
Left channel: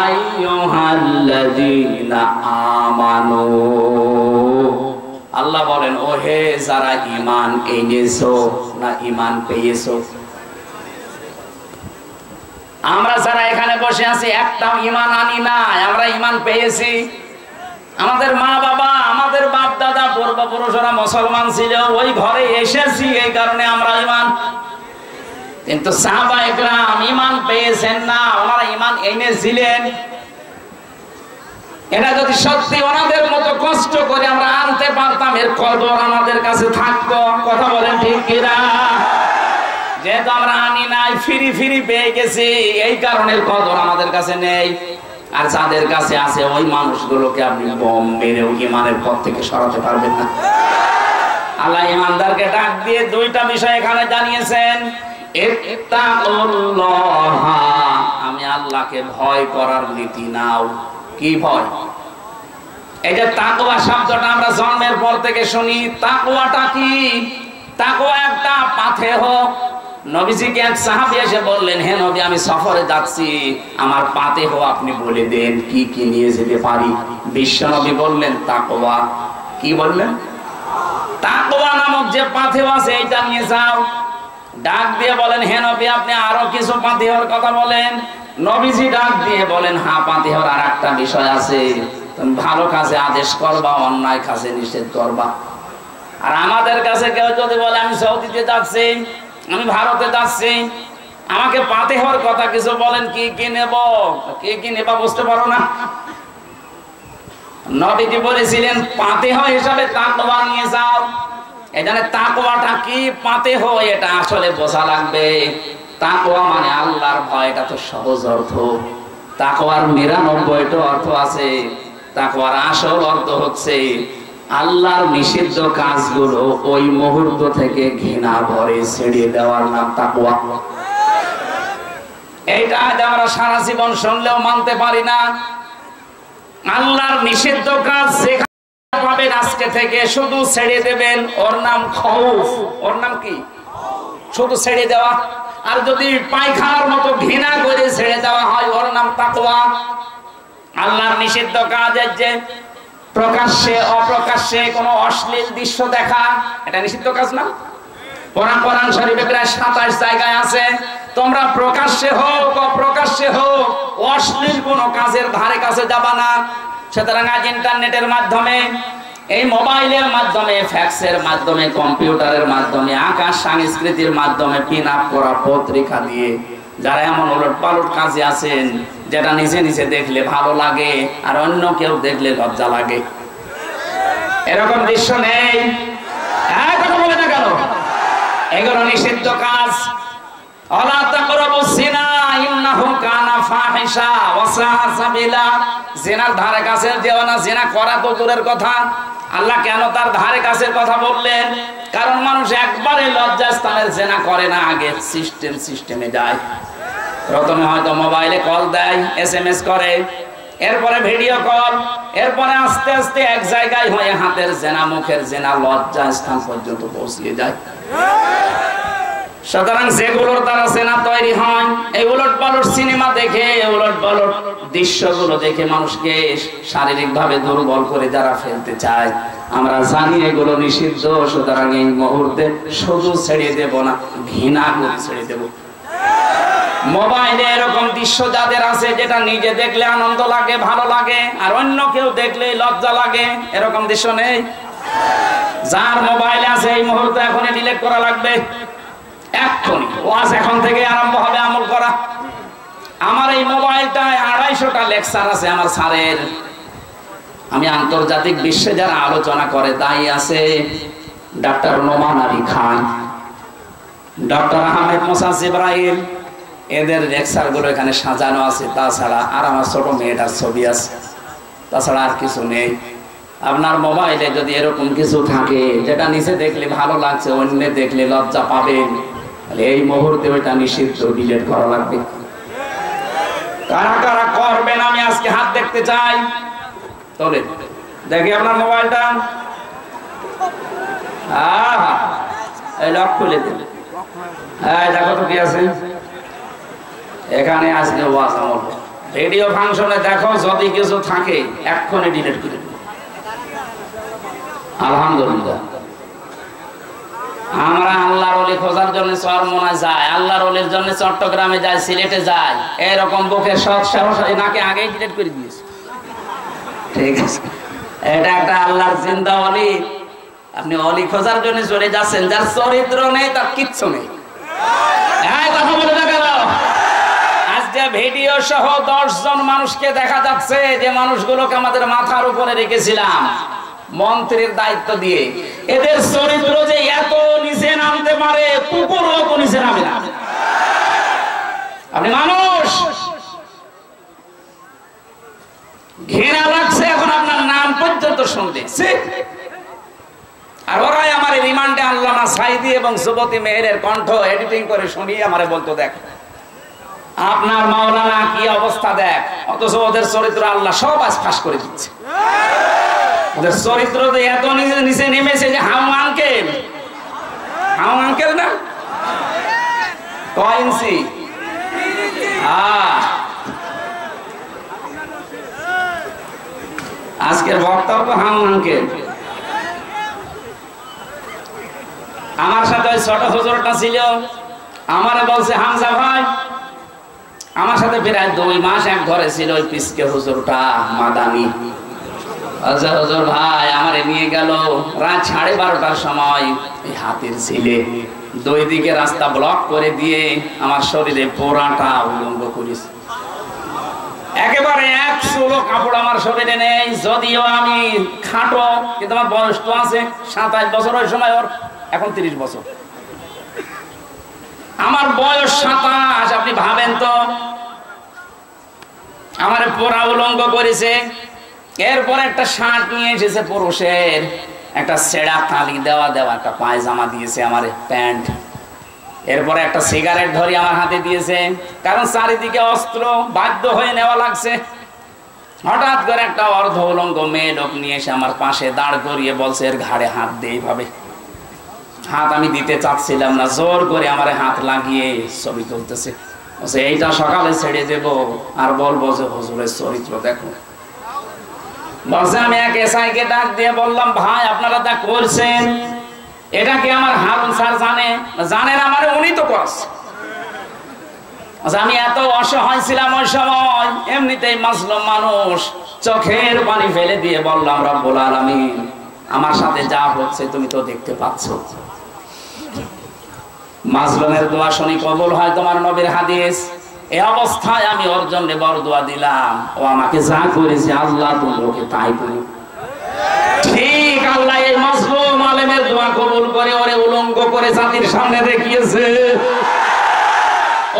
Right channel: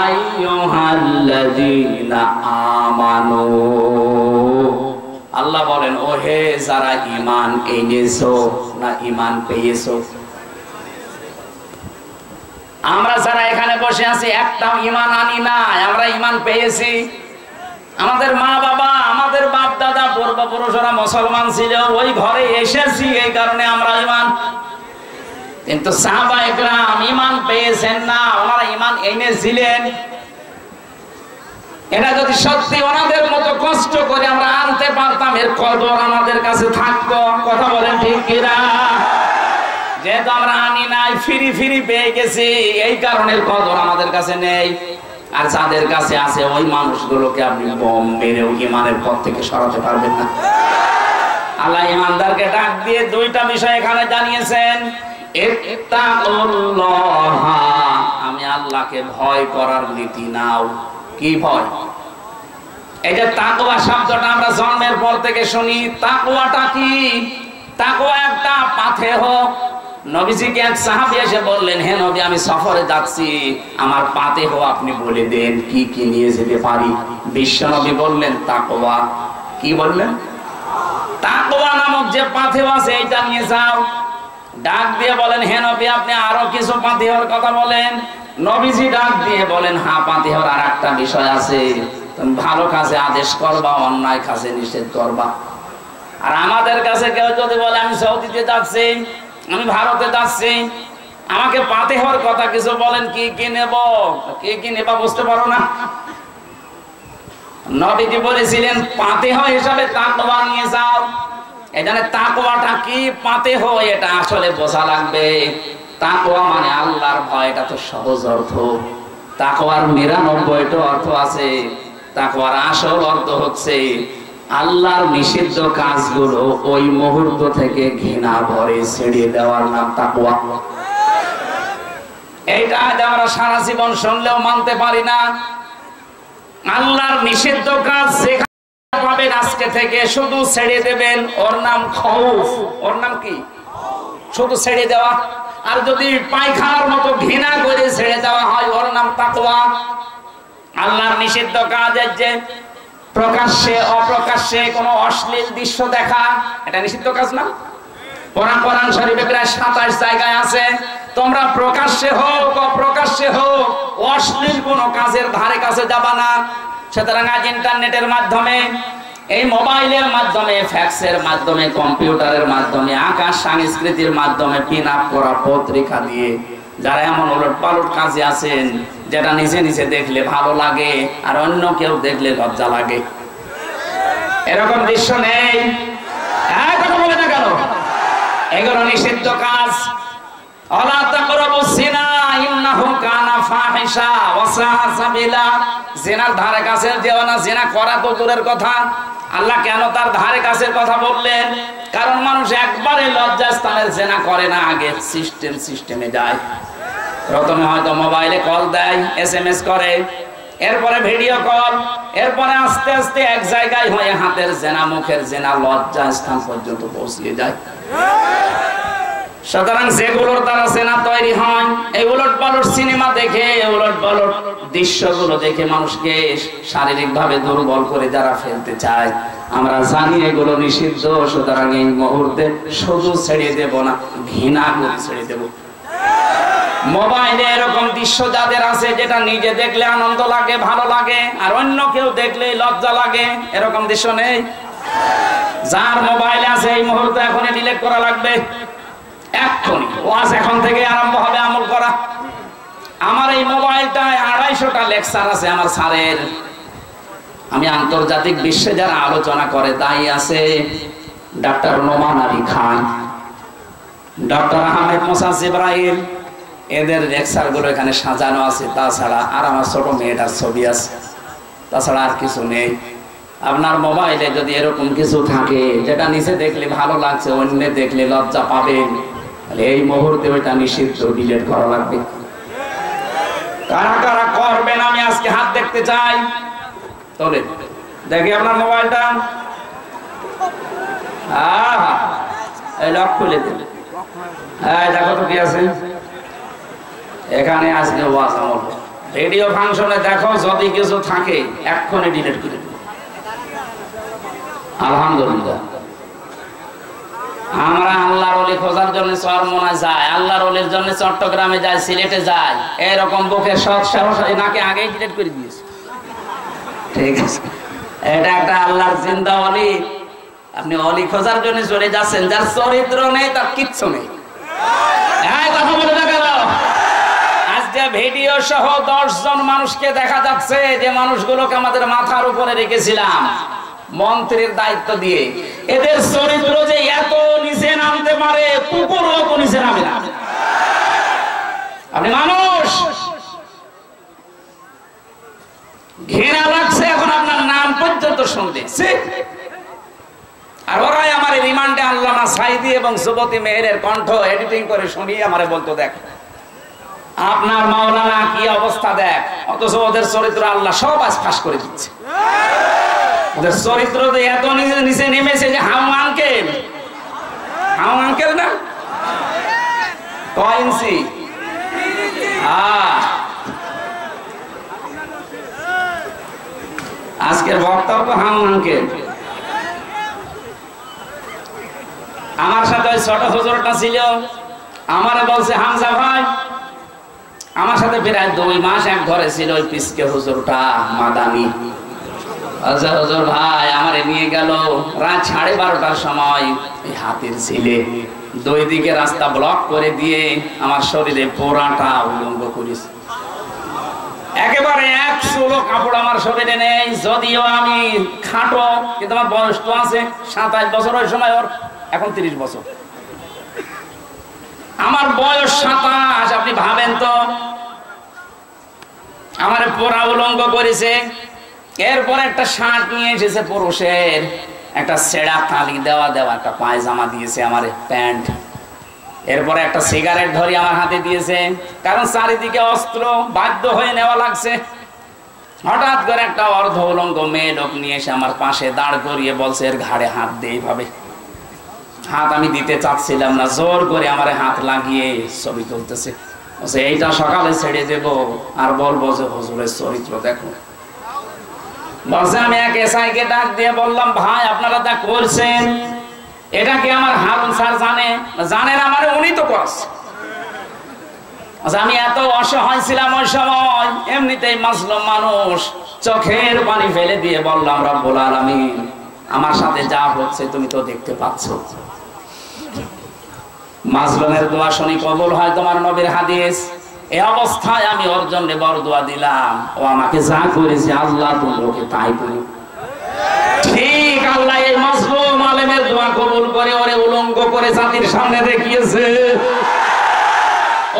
আইয়ুহাল্লাযীনা আমানু। আল্লাহ বলেন, ও হে যারা ঈমান এনেছো না ঈমান পেয়েছো। আমরা যারা এখানে বসে আছি একটাও ঈমান আনি না, আমরা ঈমান পেয়েছি। আমাদের মা বাবা, আমাদের বাপ দাদা, পূর্বপুরুষরা মুসলমান ছিল, ওই ঘরে এসেছি, এই কারণে আমরা ঈমান। কিন্তু সাহাবায়ে কেরাম ঈমান পেয়েছেন না, ওনারা ঈমান এনেছিলেন। এটা যদি সত্যি ওনাদের মতো কষ্ট করে আমরা আনতে পারতাম, এর কদর আমাদের কাছে থাকতো। কথা বলেন ঠিক কিনা? যেহেতু আমরা আনি নাই, ফিরি ফিরি পেয়ে গেছি, এই কারণে কদর আমাদের কাছে নেই। আর যাদের কাছে আছে ওই মানুষগুলোকে আপনি বম মেরেও ঈমানের পথ থেকে সরাতে পারবেন না। আল্লাহ ঈমানদারকে ডাক দিয়ে 2টা বিষয় এখানে জানিয়েছেন। ইত্তাকুল্লাহ, আমি আল্লাহকে ভয় করার নীতি নাও। কি ভয়? এই যে তাকওয়া শব্দটা আমরা জন্মের পর থেকে শুনি, তাকওয়াটা কি? তাকওয়া একটা পাথেহ। নবীজিকে এক সাহাবী এসে বললেন, হে নবী আমি সফরে যাচ্ছি, আমার পাথেহ আপনি বলে দেন কি কি নিয়ে যেতে পারি। বিশ্ব নবী বললেন তাকওয়া। কি বললেন? তাকওয়া নামক যে পাথেহ আছে এটা নিয়ে যাও। ডাক দিয়ে বলেন, হে নবী আপনি আরো কিছু পাথেহর কথা বলেন। নবীজি ডাক দিয়ে বলেন, হ্যাঁ পাথেহর আর একটা বিষয় আছে, তুমি ভালো কাজে আদেশ করবা, অন্যায় কাজে নিষেধ করবা। আর আমাদের কাছে কেউ যদি বলে আমি সৌদিতে যাচ্ছি, আমি ভারতে যাচ্ছি, আমাকে পাথেহর কথা কিছু বলেন, কি কি নেব, কি কি নেবা বুঝতে পারো না। নবীজি বলেছিলেন পাথেহ হিসাবে তাকওয়া নিয়ে যাও। এখানে তাকওয়াটা কি, পাথেহ এটা আসলে বোঝা লাগবে। তাকওয়া মানে আল্লাহর ভয়, এটা তো সহজ অর্থ। তাকওয়ার 99টা অর্থ আছে। তাকওয়ার আসল অর্থ হচ্ছে আল্লাহর নিষিদ্ধ কাজগুলো ওই মুহূর্ত থেকে ঘৃণা ভরে ছেড়ে দেওয়ার নাম তাকওয়া। এইটা আমরা সারা জীবন শুনলেও মানতে পারি না। আল্লাহর নিষিদ্ধ কাজ যেখানে পাবেন আজকে থেকে শুধু ছেড়ে দেবেন, ওর নাম খৌফ। ওর নাম কি? শুধু ছেড়ে দেওয়া। আর যদি পায়খানার মতো ঘৃণা করে ছেড়ে দেওয়া হয়, ওর নাম তাকওয়া। আল্লাহর নিষিদ্ধ কাজের যে প্রকাশ্যে অপ্রকাশ্যে কোনো অশ্লীল দৃশ্য দেখা, এটা নিষিদ্ধ কাজ না? কোরআন শরীফে প্রায় 27 জায়গায় আছে, তোমরা প্রকাশ্যে হোক অপ্রকাশ্যে হোক অশ্লীল কোনো কাজের ধারে কাছে যাবা না। সুতরাং আজ ইন্টারনেটের মাধ্যমে, এই মোবাইলের মাধ্যমে, ফ্যাক্সের মাধ্যমে, কম্পিউটারের মাধ্যমে, আকাশ সংস্কৃতির মাধ্যমে পিন আপ করা পত্রিকা দিয়ে যারা এমন ওলট পালট কাজে আছেন, যেটা নিজে নিজে দেখলে ভালো লাগে আর অন্য কেউ দেখলে লজ্জা লাগে, এরকম দৃশ্য নেই? কথা বলে না কেন? এগুলো নিষিদ্ধ কাজ। ওয়ালা তাকরাবুস জিনা ইন্নাহু কানা ফাহিশা ওয়া সাআ সাবিলা। জিনার ধারে কাছে যেও না, জিনা করা তো দূরের কথা, আল্লাহ কেন তার ধারে কাছের কথা বললেন? কারণ মানুষ একবারে লজ্জাস্থানের জিনা করে না, আগে সিস্টেমে যায়। প্রথমে হয়তো মোবাইলে কল দেয়, SMS করে, এরপরে ভিডিও কল, এরপরে আস্তে আস্তে এক জায়গায় হয়ে হাতের জেনা, মুখের জেনা, লজ্জা স্থান পর্যন্ত পৌঁছিয়ে যায়। সুতরাং যেগুলোর দ্বারা জেনা তৈরি হয়, এই উলট পালট সিনেমা দেখে, উলট পালট দৃশ্যগুলো দেখে মানুষকে শারীরিক ভাবে দুর্বল করে যারা ফেলতে চায়, আমরা জানি এগুলো নিষিদ্ধ। সুতরাং এই মুহূর্তে শুধু ছেড়ে দেব না, ঘৃণা করে ছেড়ে দেব। মোবাইলে এরকম দৃশ্য যাদের আছে, যেটা নিজে দেখলে আনন্দ লাগে, ভালো লাগে, আর অন্য কেউ দেখলে লজ্জা লাগে, এরকম দৃশ্য নেই? যার মোবাইল আছে এই মুহূর্তে এখনই ডিলিট করা লাগবে, এক্ষুনি। ওয়াজ এখন থেকে আরম্ভ হবে আমল করা। আমার এই মোবাইলটায় 250টা লেকচার আছে আমার স্যারের। আমি আন্তর্জাতিক বিশ্বে যারা আলোচনা করে তাই আছে ডক্টর নোমান আলী খান, ডক্টর আহমেদ মোসা জিব্রাইল, এদের লেকচার গুলো এখানে সাজানো আছে। তাছাড়া আর আমার ছোট মেয়েটার ছবি আছে, তাছাড়া আর কিছু নেই। আপনার মোবাইলে যদি এরকম কিছু থাকে যেটা নিচে দেখলে ভালো লাগছে, অন্য দেখলে লজ্জা পাবেন, তাহলে এই মুহূর্তে ওইটা নিষিদ্ধ, ডিলিট করা লাগবে। কারা কারা করবেন আমি আজকে হাত দেখতে চাই। তবে দেখি আপনার মোবাইলটা, এই লক খুলে দিন। হ্যাঁ দেখো তো কি আছে এখানে। আজকে ওয়াজ আমল রেডিও ফাংশনে দেখো, যদি কিছু থাকে এক্ষুনি ডিলিট করে দিন। আলহামদুলিল্লাহ, আমরা আল্লাহর ওলি খোঁজার জন্য চরমোনায় যাই, আল্লাহর ওলির জন্য চট্টগ্রামে যাই, সিলেটে যাই, এরকম বুকের সৎ সাহস নাকি আগেই ডিলিট করে দিয়েছে। ঠিক আছে, এটা একটা আল্লাহর জিন্দা ওলি। আপনি ওলি খোঁজার জন্য চলে যাচ্ছেন, যার চরিত্র নেই, তার কিচ্ছু নেই। কথা বলে দেখা গেল আজকে ভিডিও সহ 10 জন মানুষকে দেখা যাচ্ছে, যে মানুষগুলোকে আমাদের মাথার উপরে রেখেছিলাম মন্ত্রীর দায়িত্ব দিয়ে। এদের চরিত্র যে এত নিচে নামতে পারে, কুকুর অত নিচে নামে না। আপনি মানুষ, ঘৃণা লাগছে এখন আপনার নাম পর্যন্ত শুনতে। আর ওরাই আমার রিমান্ডে আল্লামা সাইদি এবং যুবতী মেহেরের কণ্ঠ এডিটিং করে শুনিয়ে আমারে বলতো, দেখ আপনার মাওলানা কি অবস্থা দেখ, অথচ ওদের চরিত্র আল্লাহ সব আজ ফাঁস করে দিচ্ছে। ওদের চরিত্র এত নিচে নেমেছে যে হাউ আঙ্কেল না কয়েন্সি। আজকের বক্তাও তো হাউ আঙ্কেল। আমার সাথে ওই ছোট হুজুরটা ছিল, আমারে বলছে হামজা ভাই, আমার সাথে প্রায় 2 মাস এক ঘরে ছিল ওই পিসকে হুজুরটা মাদানি। হুজুর ভাই আমারে নিয়ে গেল রাত 12:30টার সময়, এই হাতের ছিলে 2 দিকে রাস্তা ব্লক করে দিয়ে আমার শরীরে পোড়াটা উলঙ্গ করেছে। একেবারে 1 চুলো কাপড় আমার শরীরে নেই, যদিও আমি খাটো, কিন্তু আমার বয়স তো আছে 27 বছর। ওই সময় ওর এখন 30 বছর। আমার বয়স 27, আপনি ভাবেন তো। আমার পোড়া উলঙ্গ করেছে। এরপর একটা শার্ট নিয়ে এসেছে পুরুষের, একটা ছেঁড়া তালি দেওয়া একটা পায়জামা দিয়েছে, আমার প্যান্ট। এরপরে একটা সিগারেট ধরে আমার হাতে দিয়েছে, কারণ চারিদিকে অস্ত্র, বাধ্য হয়ে নেওয়া লাগছে। হঠাৎ করে একটা অর্ধ উলঙ্গ মেয়ে লোক নিয়ে এসে আমার পাশে দাঁড় করিয়ে বলছে, এর ঘাড়ে হাত দে। এইভাবে হাত আমি দিতে চাচ্ছিলাম না, জোর করে আমার হাত লাগিয়ে ছবি তুলতেছে। এইটা সকালে ছেড়ে দেব আর বলবো যে হুজুরের চরিত্র দেখো। বলছে, আমি এক এসআইকে ডাক দিয়ে বললাম, ভাই আপনারা যা করছেন এটা কি আমার হারুন স্যার জানেন? আমার উনি তো করছে। আমি এত অসহায় ছিলাম ওই সময়, এমনিতেই মাজলুম মানুষ, চোখের পানি ফেলে দিয়ে বললাম, রব্বুল আলামিন আমার সাথে যা হচ্ছে তুমি তো দেখতে পাচ্ছ। মাজলুমের দোয়া শুনি কবুল হয় তোমার নবীর হাদিস। এই অবস্থায় আমি ওর জন্য বড় দোয়া দিলাম, ও আমাকে যা করেছে আল্লাহ তুমি ওকে তাই করি। ঠিক আল্লাহ এই মাজলুম আলেমের দোয়া কবুল করে ওরে উলঙ্গ করে জাতির সামনে দেখিয়েছে।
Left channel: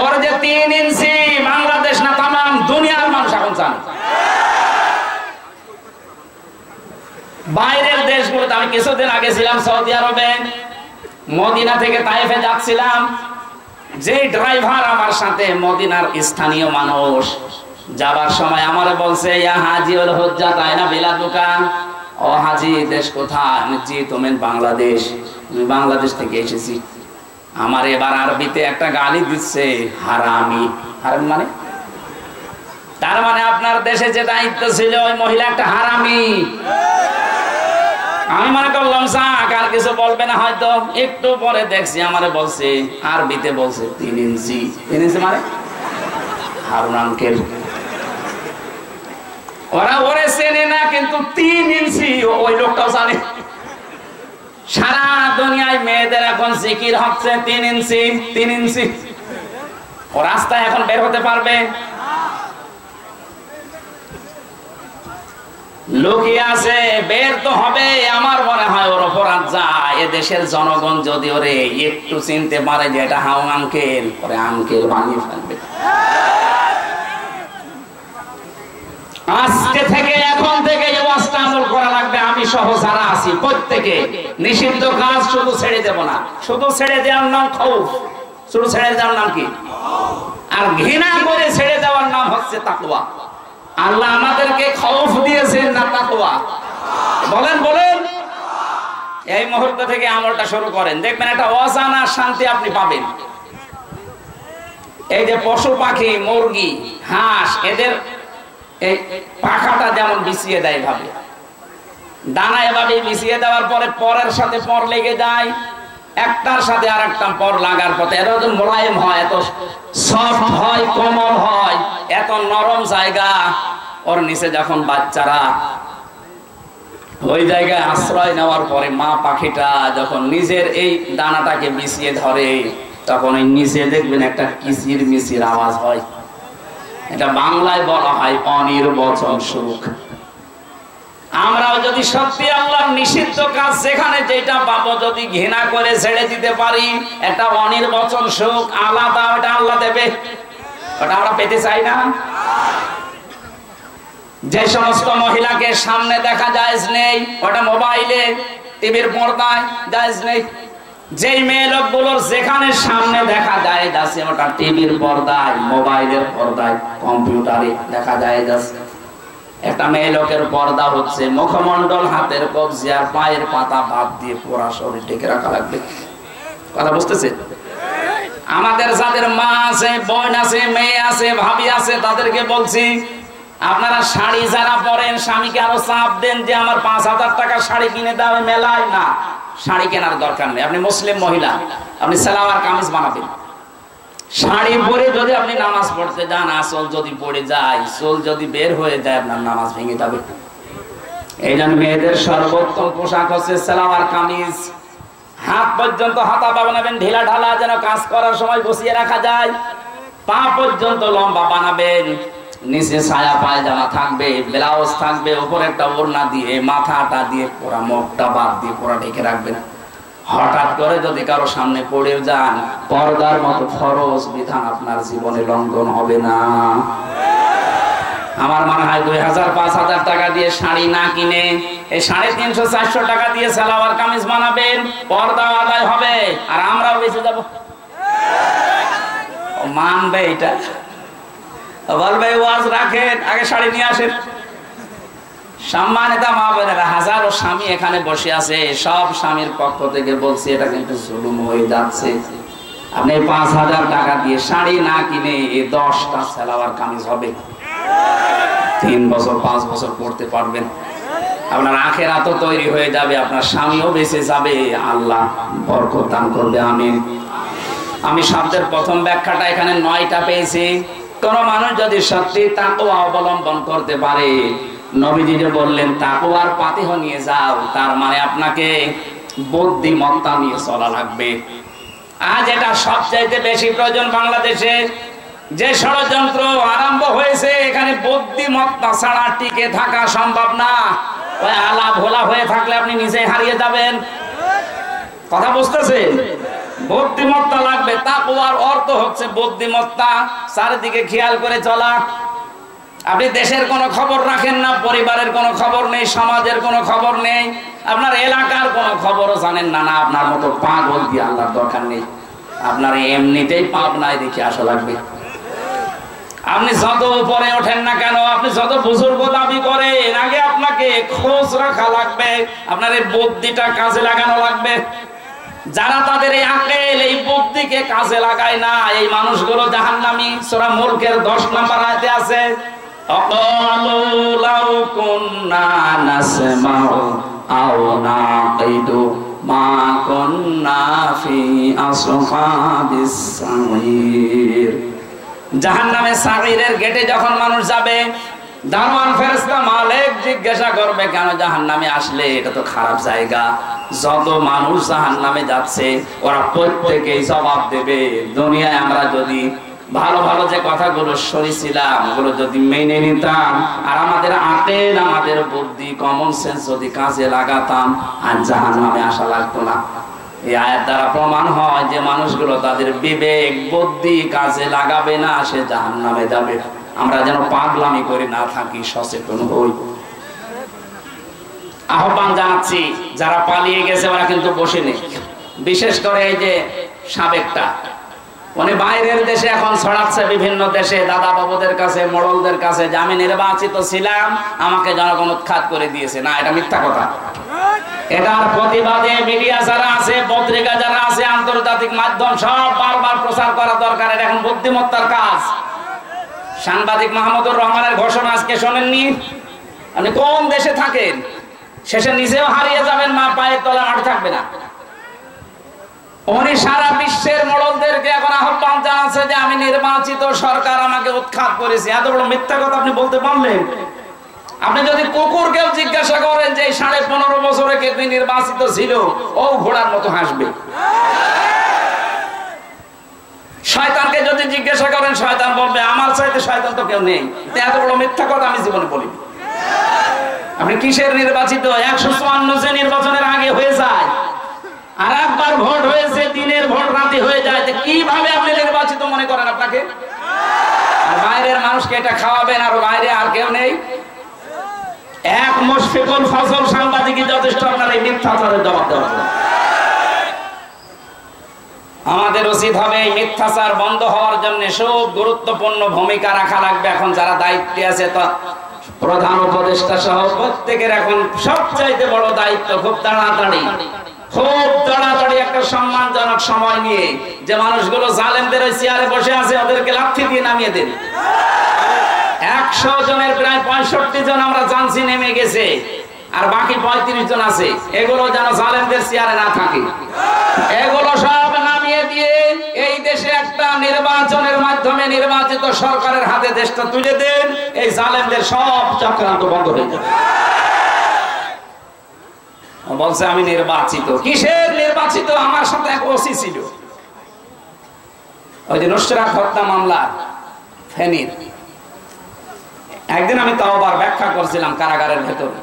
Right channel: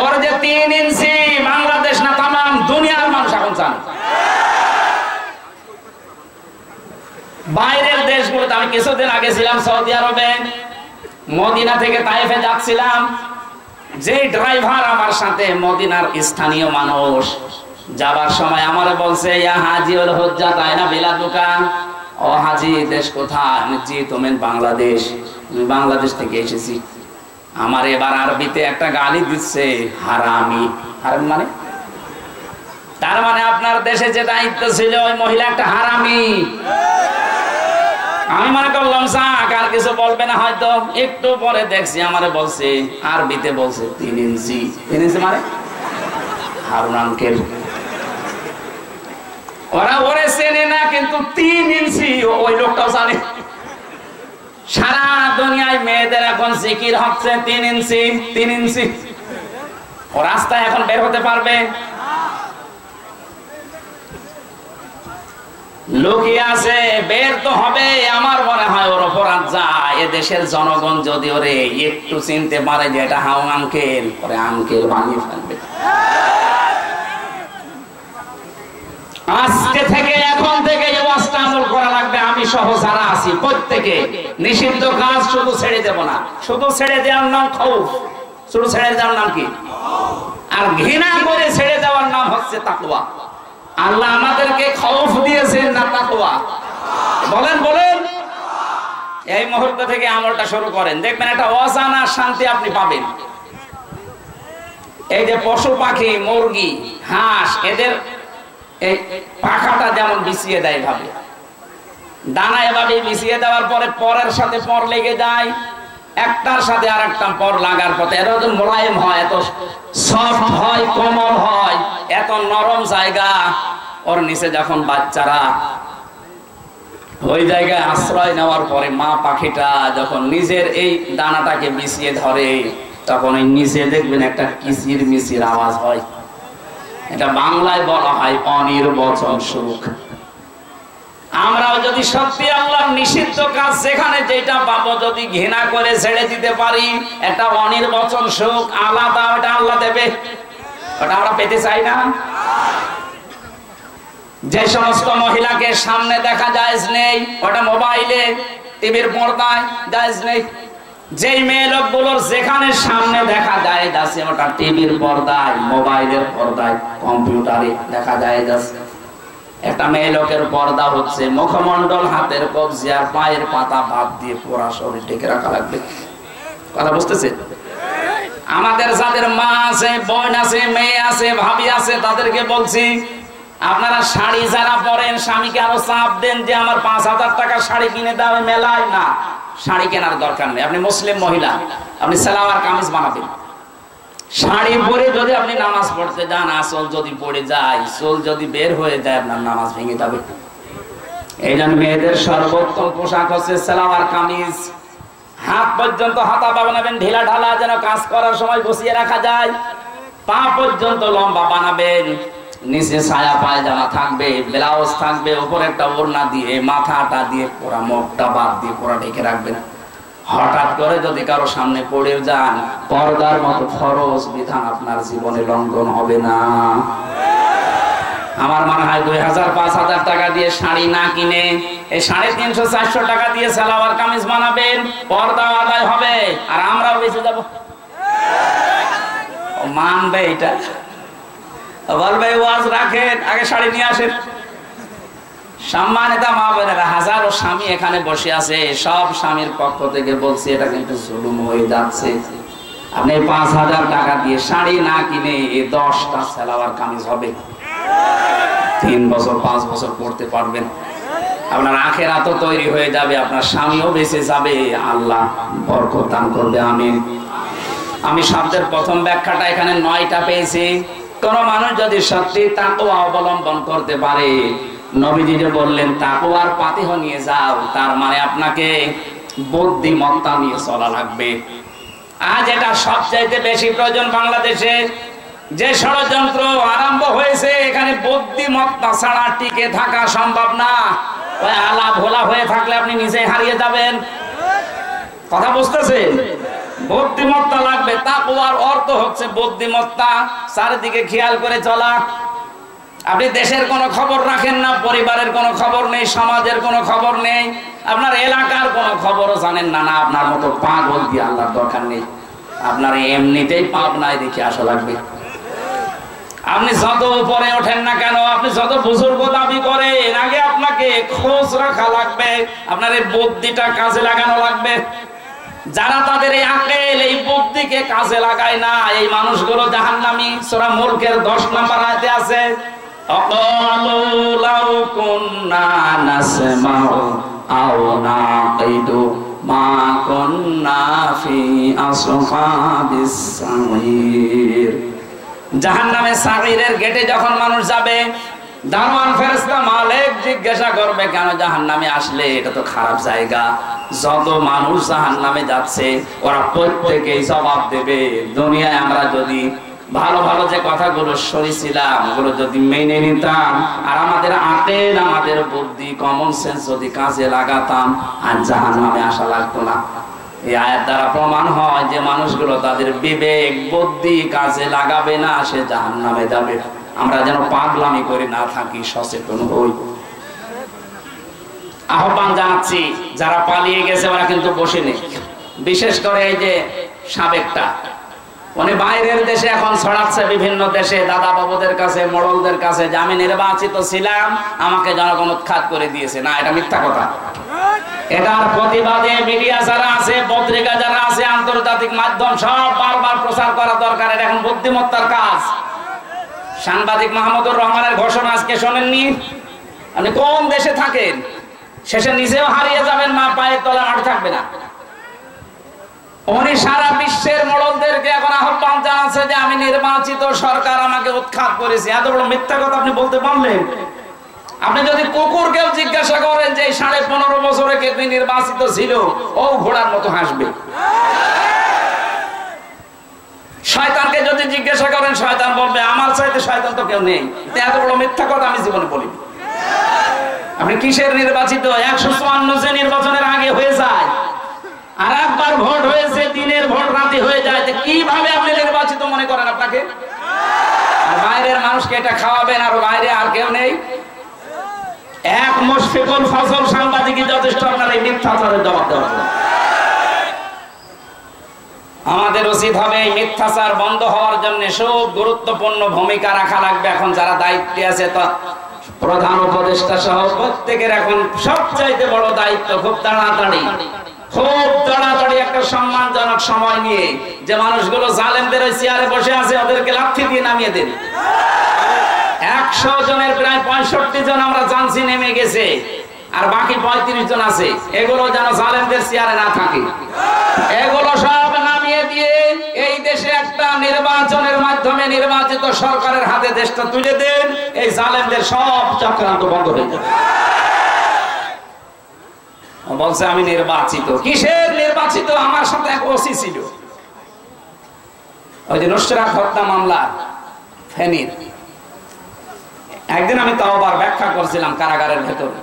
ওর যে 3 ইঞ্চি বাংলাদেশ না তামাম দুনিয়ার মানুষ এখন চান। বাইরের দেশগুলোতে আমি কিছুদিন আগে ছিলাম সৌদি আরবে, মদিনা থেকে তায়েফে যাচ্ছিলাম, যে ড্রাইভার আমার সাথে মদিনার স্থানীয় মানুষ, যাবার সময় আমারে বলছে ইয়া হাজি ওল হুজ্জাত আয়না বিলাদুকা, ও হাজি দেশ কোথায়? আমি জি তুমি বাংলাদেশ। আমি বাংলাদেশ থেকে এসেছি। আমার এবার আরবিতে একটা গালি দিচ্ছে, হারামি। হারামি মানে? তার মানে আপনার দেশে যে দায়িত্ব ছিল ওই মহিলা একটা হারামি। আমি মনে করলাম যাক আর কিছু বলবে না হয়তো, একটু পরে দেখছি আমারে বলছে আরবিতে বলছে 3 ইঞ্চি। 3 ইঞ্চি মানে হারুন আঙ্কেল। ওরা ওরে চেনে না, কিন্তু 3 ইঞ্চি ওই লোকটাও জানে। সারা দুনিয়ায় মেয়েদের এখন জিকির হচ্ছে 3 ইঞ্চি 3 ইঞ্চি। ও রাস্তায় এখন বের হতে পারবে? লুকিয়ে আছে, বের তো হবে। আমার মনে হয় ওর অপরাধ যায়। এ দেশের জনগণ যদি ওরে একটু চিনতে পারে যে এটা হাউন আঙ্কেল, ওরে আঙ্কেল বানিয়ে ফেলবে। আজকে থেকে এখন থেকে এই ওয়াজটা আমল করা লাগবে। আমি সহ যারা আছি প্রত্যেকে নিষিদ্ধ কাজ শুধু ছেড়ে দেব না। শুধু ছেড়ে দেওয়ার নাম খৌফ, শুধু ছেড়ে দেওয়ার নাম কি? আর ঘৃণা করে ছেড়ে দেওয়ার নাম হচ্ছে তাকওয়া। আল্লাহ আমাদেরকে খৌফ দিয়েছেন না তাকওয়া? বলেন বলেন। এই মুহূর্ত থেকে আমলটা শুরু করেন, দেখবেন একটা অজানা শান্তি আপনি পাবেন। এই যে পশু পাখি, মুরগি, হাঁস, এদের এই পাখাটা যেমন বিছিয়ে দেয় ভাবে, দানা এভাবে বিছিয়ে দেওয়ার পরে পরের সাথে পর লেগে যায়, একটার সাথে আর একটা পর লাগার পথে এত মোলায়েম হয়, এত সফট হয়, কোমল হয়, এত নরম জায়গা। ওর নিচে যখন বাচ্চারা ওই জায়গায় আশ্রয় নেওয়ার পরে মা পাখিটা যখন নিজের এই দানাটাকে বিছিয়ে ধরে, তখন ওই নিচে দেখবেন একটা কিচির মিচির আওয়াজ হয়। এটা বাংলায় বলা হয় অনির্বচন সুখ। আমরাও যদি সত্যি আল্লাহর নিষিদ্ধ কাজ যেখানে যেটা পাবো যদি ঘৃণা করে ছেড়ে দিতে পারি, একটা অনির্বচন সুখ আলাদা, ওটা আল্লাহ দেবে। ওটা আমরা পেতে চাই না। যে সমস্ত মহিলাকে সামনে দেখা জায়েজ নেই, ওটা মোবাইলে টিভির পর্দায় জায়েজ নেই। যেই মেয়ে লোকগুলোর যেখানে সামনে দেখা যায় যাচ্ছে, ওটা টিভির পর্দায়, মোবাইলের পর্দায়, কম্পিউটারে দেখা যায় যাচ্ছে। একটা মেয়ে লোকের পর্দা হচ্ছে মুখমণ্ডল, হাতের কবজি আর পায়ের পাতা বাদ দিয়ে পুরা শরীর ঢেকে রাখা লাগবে। কথা বুঝতেছে? আমাদের যাদের মা আছে, বোন আছে, মেয়ে আছে, ভাবি আছে, তাদেরকে বলছি আপনারা শাড়ি যারা পরেন, স্বামীকে আরো চাপ দেন যে আমার 5000 টাকা শাড়ি কিনে দাও মেলায়। না, শাড়ি কেনার দরকার নেই। আপনি মুসলিম মহিলা, আপনি সালোয়ার কামিজ বানাবেন। শাড়ি পরে যদি আপনি নামাজ পড়তে যান, আসল যদি পড়ে যায়, চুল যদি বের হয়ে যায়, আপনার নামাজ ভেঙে যাবে। এই জন্য মেয়েদের সর্বোত্তম পোশাক হচ্ছে সালোয়ার কামিজ। হাত পর্যন্ত হাতা বানাবেন ঢিলা ঢালা, যেন কাজ করার সময় বসিয়ে রাখা যায়। পা পর্যন্ত লম্বা বানাবেন, নিচে ছায়া পায়জামা থাকবে, ব্লাউজ থাকবে, উপরে একটা ওড়না দিয়ে মাথাটা দিয়ে পুরা মুখটা বাদ দিয়ে পুরা ঢেকে রাখবেন। হঠাৎ করে যদি কারো সামনে পড়ে যান, পর্দার মতো ফরজ বিধান আপনার জীবনে লঙ্ঘন হবে না। আমার মনে হয় 2000-5000 টাকা দিয়ে শাড়ি না কিনে এই 350-400 টাকা দিয়ে সালোয়ার কামিজ বানাবেন, পর্দা আদায় হবে, আর আমরাও বেঁচে যাব। মানবে এটা? বলবে ওয়াজ রাখেন, আগে শাড়ি নিয়ে আসেন। সম্মানিত মা বোনেরা, হাজারো স্বামী এখানে বসে আছে, সব স্বামীর পক্ষ থেকে বলছি এটা কিন্তু জুলুম হয়ে যাচ্ছে। আপনি 5000 টাকা দিয়ে শাড়ি না কিনে 10টা সালোয়ার কামিজ হবে, 3 বছর 5 বছর পড়তে পারবেন। আপনার আখিরাত তৈরি হয়ে যাবে, আপনার স্বামীও বেঁচে যাবে, আল্লাহ বরকত দান করবে। আমিন। আমি শব্দের প্রথম ব্যাখ্যাটা এখানে 9টা পেয়েছি। কোন মানুষ যদি সত্যি তাকওয়া অবলম্বন করতে পারে, নবীজি যে বললেন তাকওয়ার পাতিহ নিয়ে যাও, তার মানে আপনাকে বুদ্ধিমত্তা নিয়ে চলা লাগবে। আজ এটা সবচাইতে বেশি প্রয়োজন বাংলাদেশে। যে ষড়যন্ত্র আরম্ভ হয়েছে, এখানে বুদ্ধিমত্তা ছাড়া টিকে থাকা সম্ভব না। ওই আলা ভোলা হয়ে থাকলে আপনি নিজে হারিয়ে যাবেন। কথা বুঝতেছেন? বুদ্ধিমত্তা লাগবে। তাকওয়ার অর্থ হচ্ছে বুদ্ধিমত্তা, চারিদিকে খেয়াল করে চলা। আপনি দেশের কোনো খবর রাখেন না, পরিবারের কোনো খবর নেই, সমাজের কোনো খবর নেই, আপনার এলাকার কোনো খবরও জানেন না, না আপনার মতো পাগল দিয়ে আল্লাহর দরকার নেই। আপনার এমনিতেই পাপ নাই দেখে আসা লাগবে। আপনি যত উপরে ওঠেন না কেন, আপনি যত বুজুর্গ দাবি করেন, আগে আপনাকে খোঁজ রাখা লাগবে, আপনার এই বুদ্ধিটা কাজে লাগানো লাগবে। যারা তাদের এই আকল, এই বুদ্ধিকে কাজে লাগায় না, এই মানুষগুলো জাহান্নামী। সূরা মুলকের 10 নম্বর আয়াতে আছে, আকালু লাউ কুননা নাসমাউ আও নাকিদু মা কুননা ফি আসহাবিস সাঈর। জাহান্নামে সাঈরের গেটে যখন মানুষ যাবে, দারওয়ান ফেরেশতা মালিক জিজ্ঞাসা করবে, কেন জাহান্নামে আসলে? এটা তো খারাপ জায়গা। যত মানুষ জাহান্নামে যাচ্ছে ওরা প্রত্যেকেই জবাব দেবে, দুনিয়ায় আমরা যদি ভালো ভালো যে কথাগুলো শুনেছিলাম ওগুলো যদি মেনে নিতাম, আর আমাদের আকল, আমাদের বুদ্ধি, কমন সেন্স যদি কাজে লাগাতাম, আর জাহান্নামে আসা লাগতো না। এই আয়াত দ্বারা প্রমাণ হয় যে মানুষগুলো তাদের বিবেক, বুদ্ধি কাজে লাগাবে না, সে জাহান্নামে যাবে। আমরা যেন পাগলামি করে না থাকি, সচেতন হই। আহ্বান জানাচ্ছি, যারা পালিয়ে গেছে ওরা কিন্তু বসে নেই। বিশেষ করে এই যে সাবেকটা, উনি বাইরের দেশে এখন ছড়াচ্ছে, বিভিন্ন দেশে দাদা বাবুদের কাছে, মোড়লদের কাছে, যে আমি নির্বাচিত ছিলাম, আমাকে জনগণ উৎখাত করে দিয়েছে। না, এটা মিথ্যা কথা। এটার প্রতিবাদে মিডিয়া যারা আছে, পত্রিকা যারা আছে, আন্তর্জাতিক মাধ্যম সব বারবার প্রচার করা দরকার। এটা এখন বুদ্ধিমত্তার কাজ। সাংবাদিক মাহমুদুর রহমানের ঘোষণা আজকে শোনেননি? আপনি কোন দেশে থাকেন, শেষে নিজেও হারিয়ে যাবেন, মা পায়ের তলা মাটি থাকবে না। উনি সারা বিশ্বের মোড়লদেরকে এখন আহ্বান জানাচ্ছে যে আমি নির্বাচিত, সরকার আমাকে উৎখাত করেছে। এত বড় মিথ্যা কথা আপনি বলতে পারলেন? আপনি যদি কুকুরকেও জিজ্ঞাসা করেন যে 15.5 বছরে কে নির্বাচিত ছিল, ও ঘোড়ার মতো হাসবে। শয়তানকে যদি জিজ্ঞাসা করেন, শয়তান বলবে আমার চাইতে শয়তান তো কেউ নেই। এত বড় মিথ্যা কথা আমি জীবনে বলিনি। আপনি কিসের নির্বাচিত? 154 যে নির্বাচনের আগে হয়ে যায়, আর একবার ভোট হয়েছে, দিনের ভোট রাতে হয়ে যায়, কিভাবে আপনি নির্বাচিত মনে করেন আপনাকে? আর বাইরের মানুষকে এটা খাওয়াবেন, আর বাইরে আর কেউ নেই। এক মুশফিকুল ফজল সাংবাদিকই যথেষ্ট আপনার এই মিথ্যাচারের জবাব দেওয়ার জন্য। আমাদের উচিত হবে এই মিথ্যাচার বন্ধ হওয়ার জন্য সব গুরুত্বপূর্ণ ভূমিকা রাখা লাগবে। এখন যারা দায়িত্বে আছে, তা প্রধান উপদেষ্টা সহ প্রত্যেকের এখন সবচাইতে বড় দায়িত্ব, খুব তাড়াতাড়ি একটা সম্মানজনক সময় নিয়ে যে মানুষগুলো জালেমদের ওই চেয়ারে বসে আছে ওদেরকে লাথি দিয়ে নামিয়ে দেন। 100 জনের প্রায় 65 জন আমরা জানছি নেমে গেছে, আর বাকি 35 জন আছে। এগুলো যেন জালেমদের চেয়ারে না থাকে, এগুলো সব নামিয়ে দিয়ে এই দেশে একটা নির্বাচনের মাধ্যমে নির্বাচিত সরকারের হাতে দেশটা তুলে দেন। এই জালেমদের সব চক্রান্ত বন্ধ হয়ে যাবে। বলছে আমি নির্বাচিত। কিসের নির্বাচিত? আমার সাথে এক ওসি ছিল, ওই যে নুসরাত হত্যা মামলা ফেনীর। একদিন আমি তওবার ব্যাখ্যা করছিলাম কারাগারের ভেতরে।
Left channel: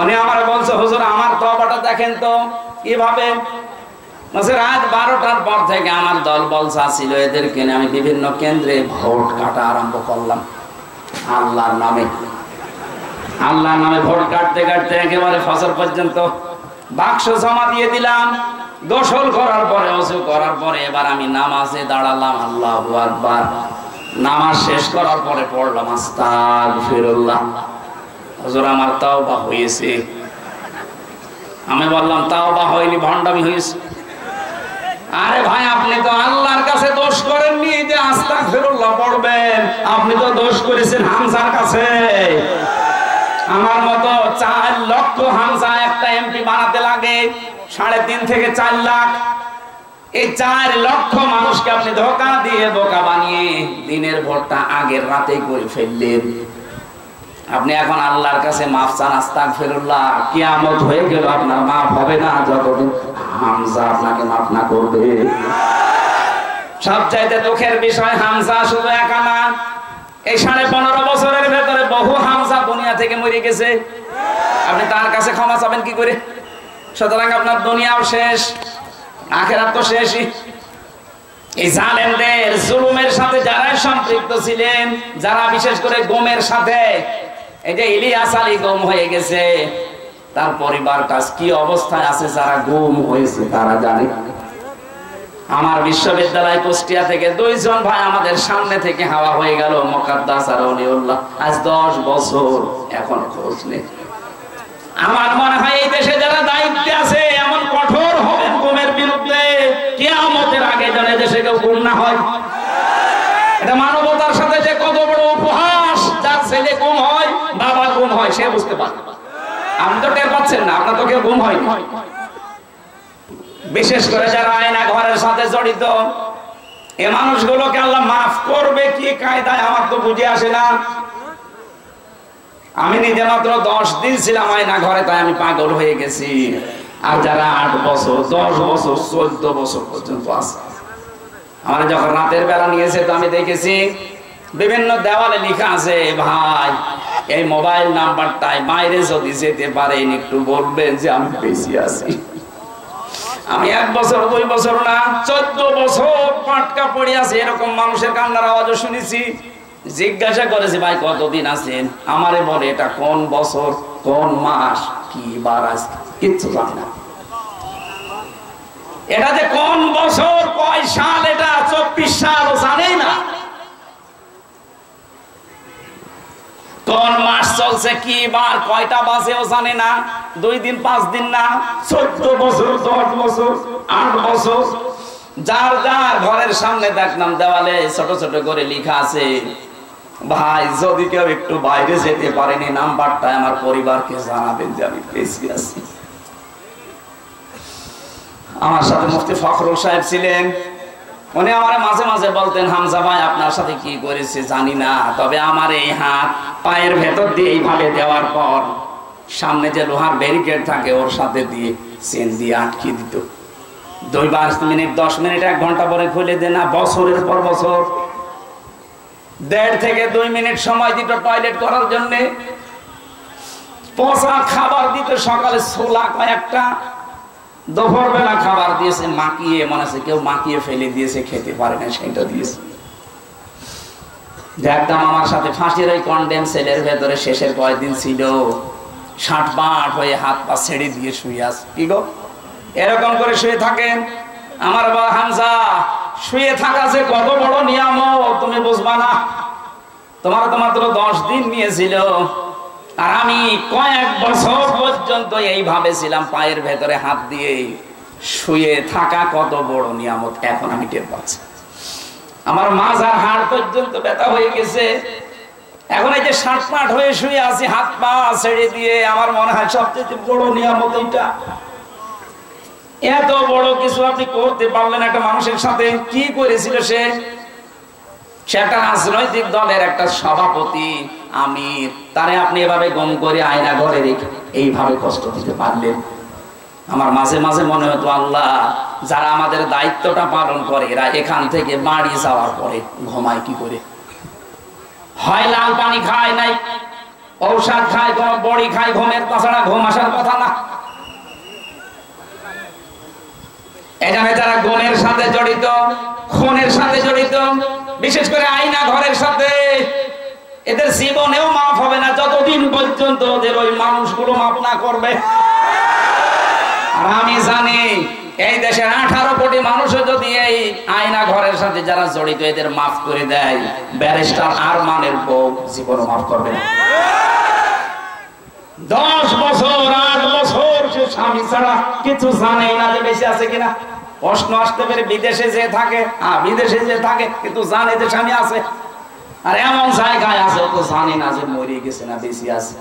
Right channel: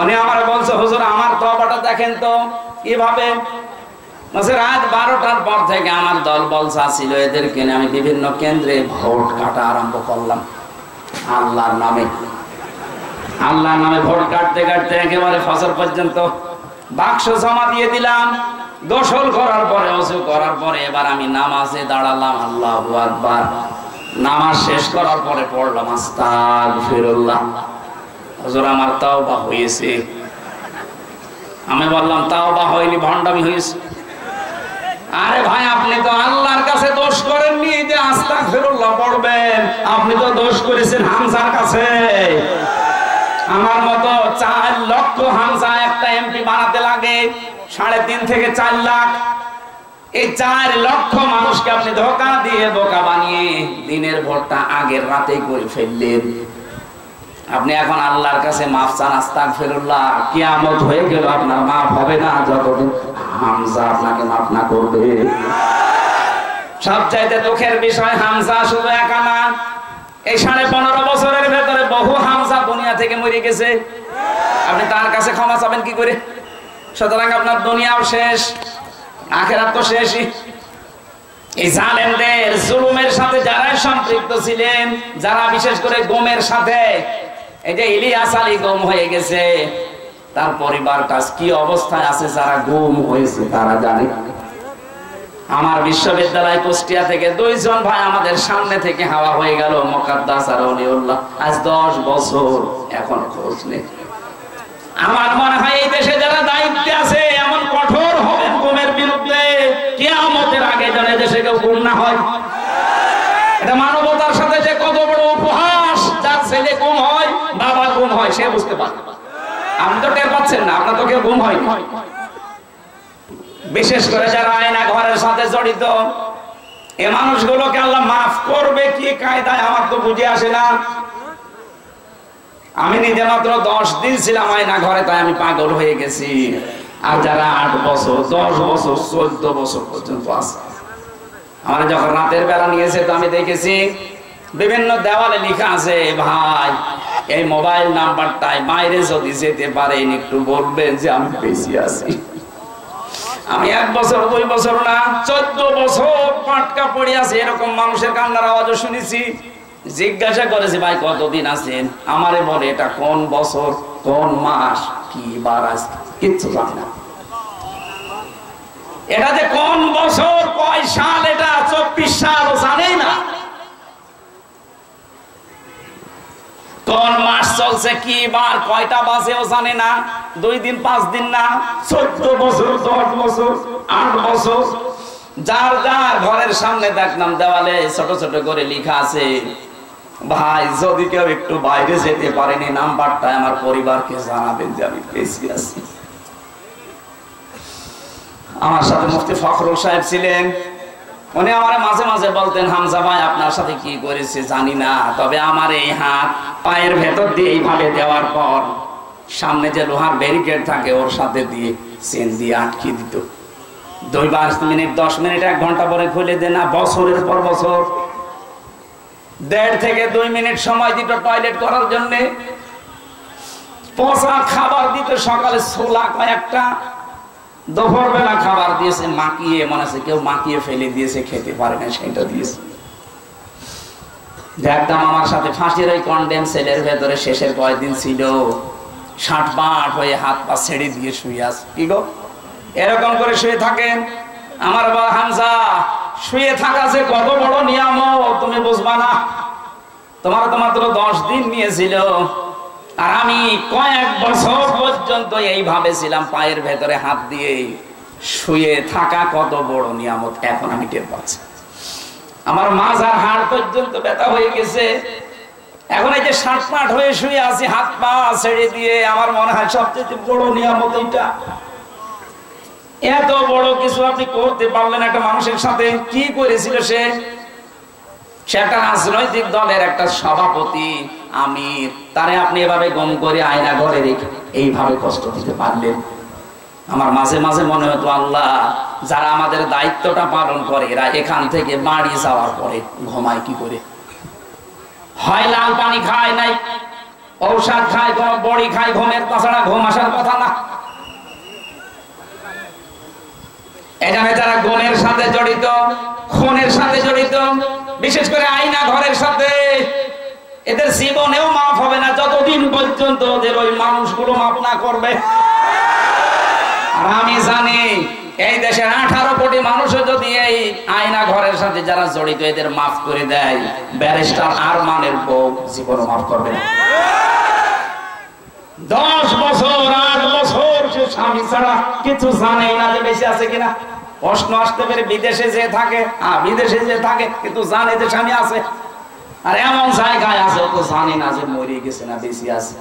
উনি আমার বলছে, হুজুর আমার তওবাটা দেখেন তো কিভাবে। রাত 12টার পর থেকে আমার দল বলসা ছিল, এদেরকে নিয়ে আমি বিভিন্ন কেন্দ্রে ভোট কাটা আরম্ভ করলাম। আল্লাহর নামে ভোট কাটতে কাটতে একেবারে ফজর পর্যন্ত বাক্স জমা দিয়ে দিলাম। গোসল করার পরে, ওযু করার পরে এবার আমি নামাজে দাঁড়ালাম। আল্লাহু আকবার। নামাজ শেষ করার পরে পড়লাম আস্তাগফিরুল্লাহ। হুজুর আমার তাওবা হয়েছে। আমি বললাম তাওবা হয়নি, ভণ্ডামি হয়েছে। আরে ভাই, আপনি তো আল্লাহর কাছে দোষ করেননি যে আস্তাগফিরুল্লাহ পড়বেন, আপনি তো দোষ করেছেন হামজার কাছে। আমার মতো 4 লক্ষ হামজা একটা এমপি বানাতে লাগে 3.5 থেকে 4 লাখ। এই 4 লক্ষ মানুষকে আপনি ধোঁকা দিয়ে বোকা বানিয়ে দিনের ভোটটা আগের রাতেই করে ফেললেন। আপনি এখন আল্লাহর কাছে মাফ চান, আস্তাগফিরুল্লাহ। কিয়ামত হয়ে গেল, আপনার মাফ হবে না যতদিন হামজা আপনাকে মাফ না করবে। সবচাইতে দুঃখের বিষয়, হামজা শুধু একা না, এই 15.5 বছরের ভেতরে বহু হামজা দুনিয়া থেকে মরে গেছে। আপনি তার কাছে ক্ষমা চাবেন কি করে? সুতরাং আপনার দুনিয়াও শেষ, আখিরাত তো শেষই। এই জালেমদের জুলুমের সাথে যারা সম্পৃক্ত ছিলেন, যারা বিশেষ করে গমের সাথে, এই যে ইলিয়াস আলী গুম হয়ে গেছে, তার পরিবারটা কি অবস্থায় আছে যারা গুম হয়েছে তারা জানে। আমার বিশ্ববিদ্যালয় কুষ্টিয়া থেকে 2 জন ভাই আমাদের সামনে থেকে হাওয়া হয়ে গেল, মুকাদ্দাস আর ওলিউল্লাহ। আজ 10 বছর এখন খোঁজ নেই। আমার মনে হয় এই দেশে যারা দায়িত্বে আছে এমন কঠোর হবেন গুমের বিরুদ্ধে, কিয়ামতের আগে যেন দেশে কেউ গুম না হয়। এটা মানবতার সাথে যে কত বড় উপহাস। যার ছেলে গুম হয়, বাবা গুম হয়, সে বুঝতে পারে। আপনি তো টের পাচ্ছেন না, আপনার তো কেউ গুম হয়। বিশেষ করে যারা আয়না ঘরের সাথে জড়িত, এ মানুষগুলোকে আল্লাহ মাফ করবে কি কায়দায় আমার তো বুঝে আসে না। আমি নিজে মাত্র 10 দিন ছিলাম আয়না ঘরে, তাই আমি পাগল হয়ে গেছি। আর যারা 8 বছর, 10 বছর, 14 বছর পর্যন্ত আছে, আমার যখন রাতের বেলা নিয়েছে তো আমি দেখেছি বিভিন্ন দেওয়ালে লেখা আছে, ভাই এই মোবাইল নাম্বারটাই বাইরে যদি যেতে পারেন একটু বলবেন যে আমি বেশি আছি। আমি 1 বছর 2 বছর না 14 বছর পাটকা পড়ে আছে। এরকম মানুষের কান্নার আওয়াজও শুনেছি। জিজ্ঞাসা করেছি ভাই কতদিন আছেন, আমারে বলে এটা কোন বছর, কোন মাস, কি বার আজ কিচ্ছু জানি না। এটা যে কোন বছর, কয় সাল, এটা 24 সাল জানেই না। কোন মাস চলছে, কি বার, কয়টা বাজেও জানে না। 2 দিন 5 দিন না, 14 বছর, 10 বছর, 8 বছর। যার যার ঘরের সামনে দেখলাম দেওয়ালে ছোট ছোট করে লেখা আছে, ভাই যদি কেউ একটু বাইরে যেতে পারেনি নাম্বারটা আমার পরিবারকে জানাবেন যে আমি বেঁচে আছি। আমার সাথে মুফতি ফখরুল সাহেব ছিলেন, উনি আমার মাঝে মাঝে বলতেন, হামজা ভাই আপনার সাথে কি করেছে জানি না, তবে আমার এই হাত পায়ের ভেতর দিয়ে এইভাবে দেওয়ার পর সামনে যে লোহার ব্যারিকেড থাকে ওর সাথে দিয়ে চেন দিয়ে আটকে দিত। 2 মিনিট 10 মিনিট 1 ঘন্টা পরে খুলে দেন না। বছরের পর বছর 1.5 থেকে 2 মিনিট সময় দিত টয়লেট করার জন্য। পচা খাবার দিত, সকালে ছোলা কয়েকটা, দুপুর বেলা খাবার দিয়েছে মাখিয়ে, মনে আছে কেউ মাখিয়ে ফেলে দিয়েছে, খেতে পারে না সেটা দিয়েছে। একদম আমার সাথে ফাঁসির ওই কন্ডেম সেলের ভেতরে শেষের কয়েকদিন ছিল, 60 হয়ে হাত পা ছেড়ে দিয়ে শুয়ে আছে। কি গো এরকম করে শুয়ে থাকেন? আমার বাবা হামজা, শুয়ে থাকা যে কত বড় নিয়ামত তুমি বুঝবা না। তোমার তো মাত্র 10 দিন নিয়েছিল, আর আমি কয়েক বছর পর্যন্ত এইভাবে ছিলাম, পায়ের ভেতরে হাত দিয়ে শুয়ে থাকা কত বড় নিয়ামত এখন আমি টের পাচ্ছি। আমার মাজার হাড় পর্যন্ত ব্যথা হয়ে গেছে। এখন এই যে 60 হয়ে শুয়ে আছি হাত পা ছেড়ে দিয়ে, আমার মনে হয় সবচেয়ে বড় নিয়ামত এইটা। এত বড় কিছু আপনি করতে পারলেন একটা মানুষের সাথে। কি করেছিল সে? সেটা রাজনৈতিক দলের একটা সভাপতি, আমির, তারে আপনি এভাবে গম করে আয়না ঘরে রেখে এইভাবে কষ্ট দিতে পারলেন। আমার মাঝে মাঝে মনে হতো, আল্লাহ যারা আমাদের দায়িত্বটা পালন করে এরা এখান থেকে বাড়ি যাওয়ার পরে ঘুমায় কি করে? হয় লাল পানি খায় নাই, ঔষধ খায়, কোন বড়ি খায়, ঘুমের তাছাড়া ঘুম আসার কথা না। এখানে যারা গুণের সাথে জড়িত, খুনের সাথে জড়িত, বিশেষ করে আয়না ঘরের সাথে, এদের জীবনেও মাফ হবে না যতদিন পর্যন্ত ওদের ওই মানুষগুলো মাফ না করবে। আর আমি জানি এই দেশের 18 কোটি মানুষও যদি এই আয়না ঘরের সাথে যারা জড়িত এদের মাফ করে দেয়, ব্যারিস্টার আরমানের বউ জীবনও মাফ করবে না। 10 বছর 8 বছর সে স্বামী ছাড়া কিছু জানে না যে বেঁচে আছে কিনা। প্রশ্ন আসতে পারে বিদেশে যে থাকে, বিদেশে যে থাকে কিন্তু জানে যে স্বামী আছে, আর এমন জায়গায় আছে তো জানি না যে মরে গেছে না বেঁচে আছে।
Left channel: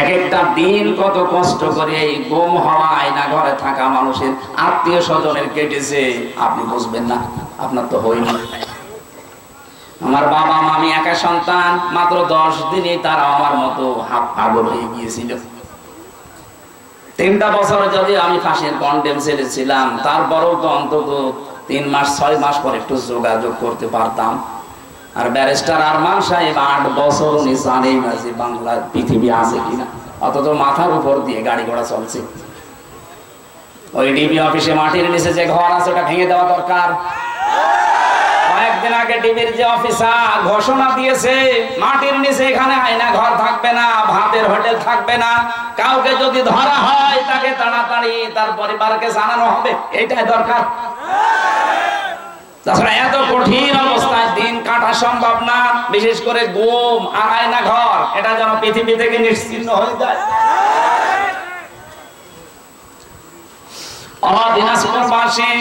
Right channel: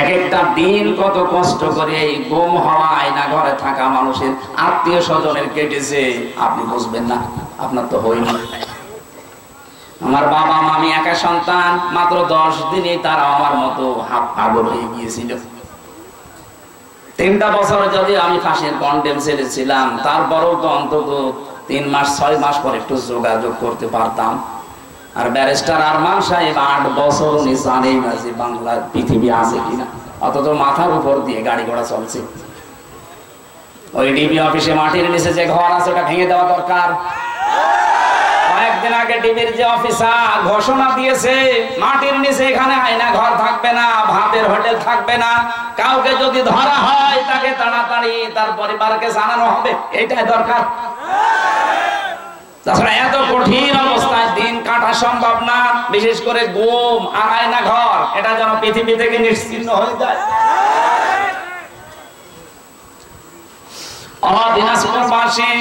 এক একটা দিন কত কষ্ট করে এই গুম হওয়া আয়না ঘরে থাকা মানুষের আত্মীয় স্বজনের কেটেছে, আপনি বুঝবেন না, আপনার তো হয়নি। আমার বাবা মামি একা সন্তান, মাত্র 10 দিনে তারা আমার মতো হাফ পাগল হয়ে গিয়েছিল। 3টা বছর যদি আমি ফাঁসির কন্ডেম সেলে ছিলাম, তারপরেও তো অন্তত 3 মাস 6 মাস পর একটু যোগাযোগ করতে পারতাম। আর ব্যারিস্টার আরমান সাহেব 8 বছর উনি জানেই না যে বাংলার পৃথিবী আছে কিনা, অথচ মাথার উপর দিয়ে গাড়ি ঘোড়া চলছে। ওই ডিবি অফিসে মাটির নিচে যে ঘর আছে ওটা ভেঙে দেওয়া দরকার। কয়েকদিন আগে ডিবির যে অফিসার ঘোষণা দিয়েছে মাটির নিচে এখানে আয়না ঘর থাকবে না, ভাতের হোটেল থাকবে না, কাউকে যদি ধরা হয় তাকে তাড়াতাড়ি তার পরিবারকে জানানো হবে, এইটাই দরকার। তাছাড়া এত কঠিন অবস্থায় দিন কাটা সম্ভব না, বিশেষ করে গুম আর আয়না ঘর, এটা যেন পৃথিবী থেকে নিশ্চিহ্ন হয়ে যায়। দিনাজপুরবাসী,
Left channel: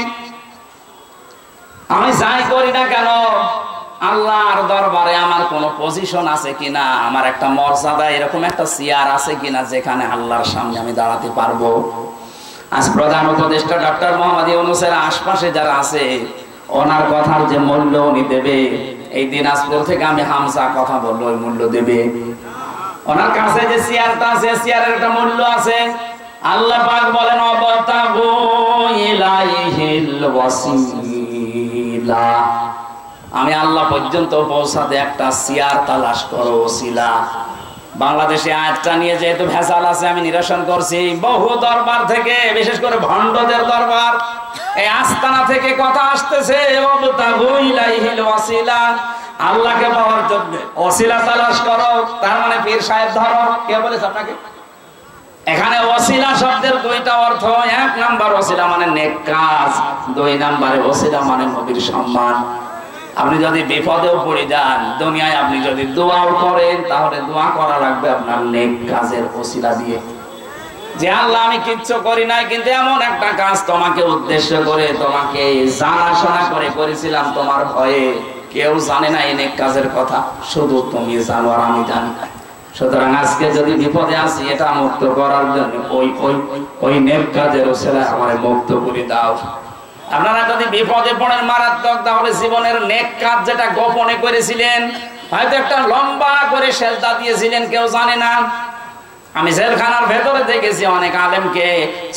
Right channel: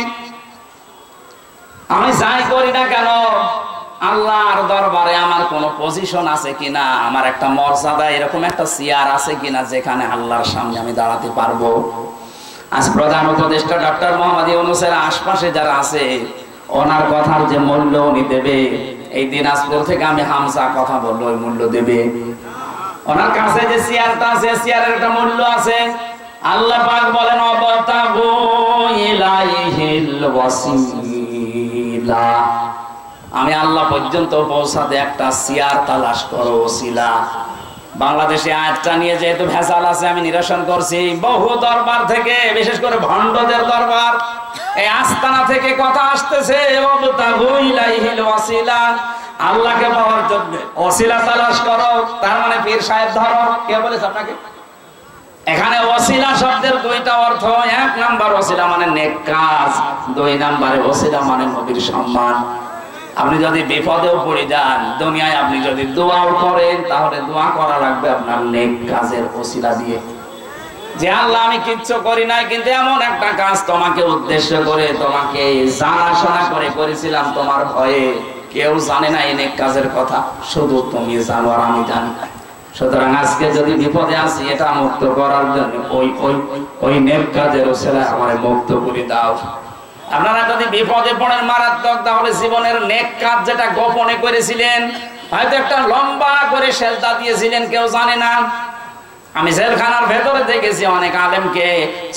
আমি যাই করি না কেন আল্লাহর দরবারে আমার কোনো পজিশন আছে কিনা, আমার একটা মর্যাদা এরকম একটা চেয়ার আছে কিনা যেখানে আল্লাহর সামনে আমি দাঁড়াতে পারবো। আজ প্রধান উপদেষ্টা ডক্টর মোহাম্মদ ইউনূসের আশপাশে যারা আছে ওনার কথার যে মূল্য উনি দেবে, এই দিনাজপুর থেকে আমি হামজা কথা বললো ওই মূল্য দেবে। ওনার কাছে যে চেয়ারটা আছে চেয়ারের একটা মূল্য আছে। আল্লাহ পাক বলেন অবতাগু ইলাইহিল ওয়াসিলা, আমি আল্লাহ পর্যন্ত পৌঁছাতে একটা চেয়ার তালাশ করো, ওসিলা। বাংলাদেশে আয়াতটা নিয়ে যেহেতু ভেজাল আছে আমি নিরসন করছি। বহু দরবার থেকে, বিশেষ করে ভণ্ডদের দরবার, এই আস্তানা থেকে কথা আসতেছে অবতাগু ইলাইহিল ওয়াসিলা, আল্লাহকে পাওয়ার জন্য ওসিলা তালাশ করো, তার মানে পীর সাহেব ধরো। কে বলেছে আপনাকে? এখানে ওসিলা শব্দের দুইটা অর্থ। এক নাম্বার ওসিলা মানে নেক কাজ, দুই নাম্বারে ওসিলা মানে নবীর সম্মান। আপনি যদি বিপদেও পড়ে যান দুনিয়ায়, আপনি যদি দোয়াও করেন তাহলে দোয়া করা লাগবে আপনার নেক কাজের ওসিলা দিয়ে, যে আল্লাহ আমি কিচ্ছু করি নাই কিন্তু এমন একটা কাজ তোমাকে উদ্দেশ্য করে, তোমাকে জানাশোনা করে করেছিলাম তোমার ভয়ে, কেউ জানে না এই নেক কাজের কথা, শুধু তুমি জানো আর আমি জানি। সুতরাং আজকে যদি বিপদে আসি এটা মুক্ত করার জন্য ওই নেক কাজের ওসিলা আমারে মুক্ত করে দাও। আপনারা যদি বিপদে পড়েন মারাত্মক, তাহলে জীবনের নেক কাজ যেটা গোপনে করেছিলেন, হয়তো একটা লম্বা করে সেজদা দিয়েছিলেন কেউ জানে না। আমি জেলখানার ভেতরে দেখেছি অনেক আলেমকে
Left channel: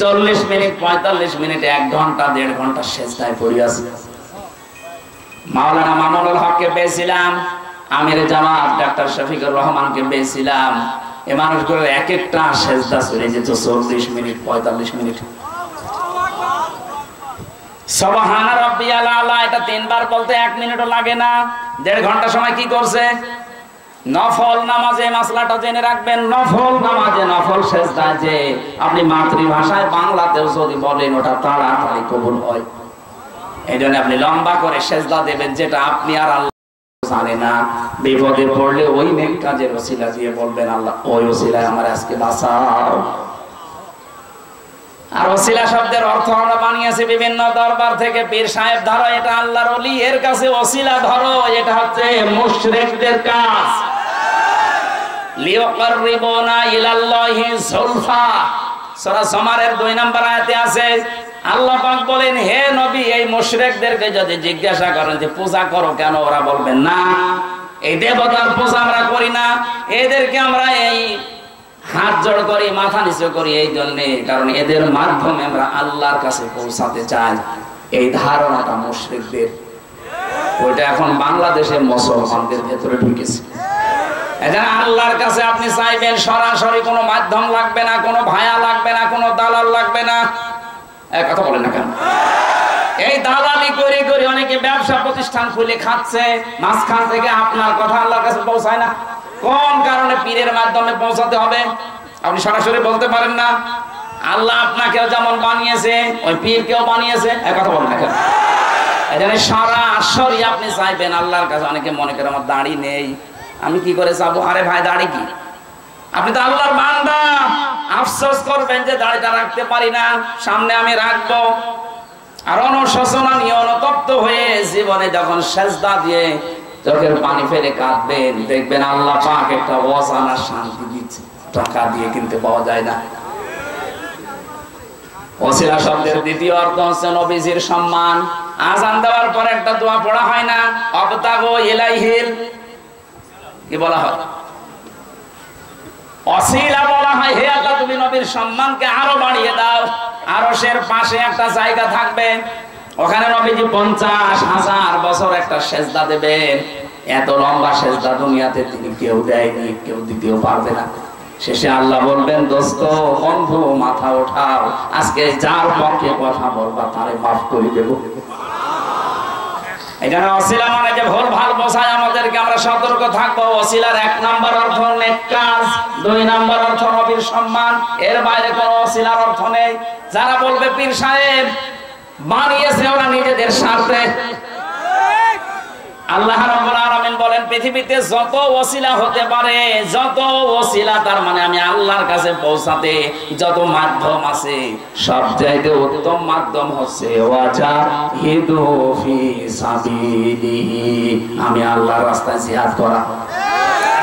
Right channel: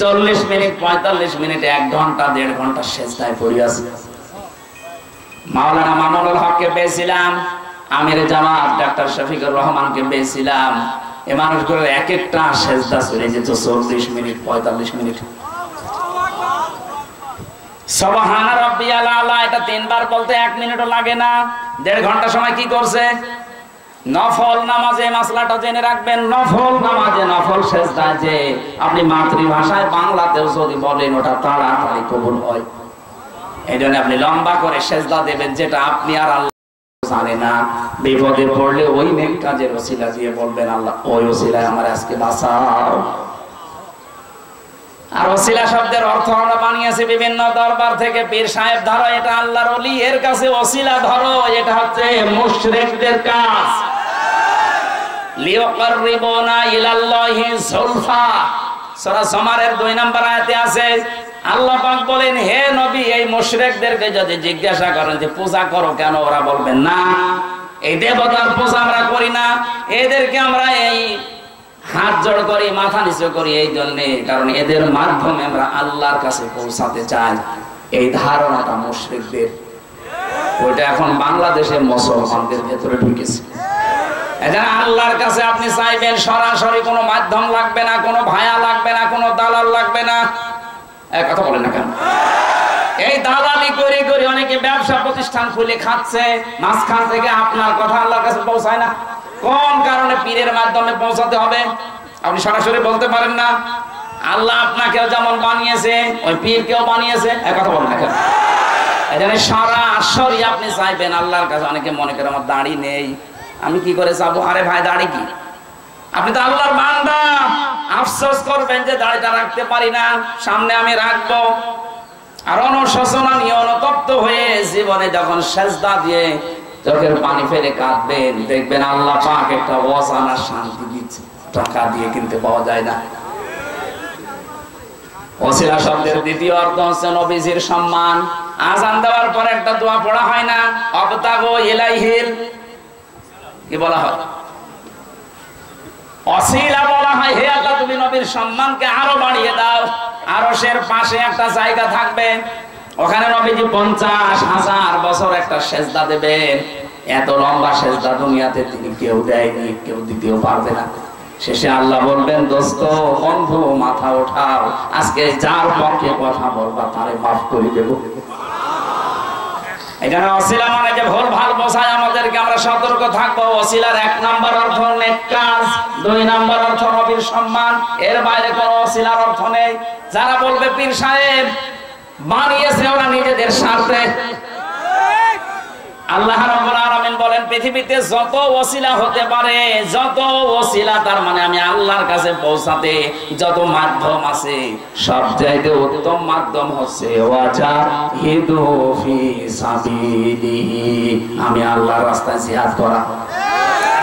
40 মিনিট 45 মিনিট 1 ঘন্টা 1.5 ঘন্টা সেজদায় পড়ে আছে। মাওলানা মামুনুল হককে পেয়েছিলাম, আমির জামাত ডাক্তার শফিকুর রহমানকে পেয়েছিলাম, এই মানুষগুলো এক একটা সেজদা চলে যেত 40 মিনিট 45 মিনিট। সুবহান রাব্বিয়াল আলা এটা 3 বার বলতে 1 মিনিটও লাগে না। 1.5 ঘন্টা সময় কি করছে? নফল নামাজে মাসলাটা জেনে রাখবেন, নফল নামাজে নফল সেজদা যে আপনি মাতৃভাষায় বাংলাতেও যদি বলেন ওটা তাড়াতাড়ি কবুল হয়। এইজন্য আপনি লম্বা করে সেজদা দেবেন, যেটা আপনি আর আল্লাহ জানে না। বিপদে পড়লে ওই নেক কাজের ওসিলা দিয়ে বলবেন আল্লাহ ওই ওসিলায় আমার আজকে বাঁচাও। আর ওসিলা শব্দের অর্থ আমরা বানিয়েছি বিভিন্ন দরবার থেকে, পীর সাহেব ধরো এটা আল্লাহর ওলি, এর কাছে ওসিলা ধরো এটা হচ্ছে মুশরিকদের কাজ। লিয়াকাররিবুনা ইলাল্লাহি যুলফা, সূরা জুমারের 2 নম্বর আয়াতে আছে। আল্লাহ পাক বলেন হে নবী, এই মুশরিকদেরকে যদি জিজ্ঞাসা করেন যে পূজা করো কেন, ওরা বলবেন না এই দেবতার পূজা আমরা করি না, এদেরকে আমরা এই হাত জোড় করি মাথা নিচু করি এই জন্য কারণ এদের মাধ্যমে আমরা আল্লাহর কাছে পৌঁছাতে চাই। এই ধারণাটা মুশরিকদের, ওইটা এখন বাংলাদেশের মুসলমানদের ভেতরে ঢুকেছে। এজন্য আল্লাহর কাছে আপনি চাইবেন সরাসরি, কোনো মাধ্যম লাগবে না, কোনো ভায়া লাগবে না, কোনো দালাল লাগবে না। এক কথা বলেন না কেন? এই দালালি করে করে অনেকে ব্যবসা প্রতিষ্ঠান খুলে খাচ্ছে, মাঝখান থেকে আপনার কথা আল্লাহর কাছে পৌঁছায় না। কোন কারণে? পীরের মাধ্যমে পৌঁছাতে হবে। আপনি সরাসরি বলতে পারেন না। আল্লাহ আপনাকেও যেমন বানিয়েছে ওই পীরকেও বানিয়েছে। এক কথা বলেন না কেন? এজন্য সরাসরি আপনি চাইবেন আল্লাহর কাছে। অনেকে মনে করে আমার দাড়ি নেই, আমি কি করে যাবো? আরে ভাই দাড়ি কি? আপনি তো আল্লাহর বান্দা, আফসোস করবেন যে দাড়িটা রাখতে পারি না, সামনে আমি রাখবো। আর অনুশোচনা নিয়ে অনুতপ্ত হয়ে জীবনে যখন সেজদা দিয়ে চোখের পানি ফেলে কাঁদবেন, দেখবেন আল্লাহ পাক একটা অজানা শান্তি দিচ্ছে, টাকা দিয়ে কিনতে পাওয়া যায় না। ওসিলা শব্দের দ্বিতীয় অর্থ হচ্ছে নবীজির সম্মান। আযান দেওয়ার পর একটা দোয়া পড়া হয় না? আবতাগু ইলাইহিল, কি বলা হয়? ওসিলা বলা হয়। হে আল্লাহ তুমি নবীর সম্মানকে আরো বাড়িয়ে দাও। আরশের পাশে একটা জায়গা থাকবে, ওখানে নবীজি 50,000 বছর একটা সেজদা দেবেন। এত লম্বা সেজদা দুনিয়াতে তিনি কেউ দেয়নি, কেউ দিতেও পারবে না। শেষে আল্লাহ বলবেন, দোস্ত বন্ধু মাথা ওঠাও, আজকে যার পক্ষে কথা বলবা তারে মাফ করে দেব। এখানে ওসিলা মানে যে ভুল ভাল বোঝায় আমাদেরকে, আমরা সতর্ক থাকবো। ওসিলার 1 নম্বর অর্থ নেক কাজ, 2 নম্বর অর্থ নবীর সম্মান, এর বাইরে কোনো ওসিলার অর্থ নেই। যারা বলবে পীর সাহেব বানিয়েছে ওরা নিজেদের স্বার্থে, আল্লাহ রাব্বুল আলামিন বলেন পৃথিবীতে যত ওসিলা হতে পারে, যত ওসিলা তার মানে আমি আল্লাহর কাছে পৌঁছাতে যত মাধ্যম আছে, সবচাইতে উত্তম মাধ্যম হচ্ছে ওয়াজাহিদু ফি সাবিলিহি, আমি আল্লাহর রাস্তায় জিহাদ করা।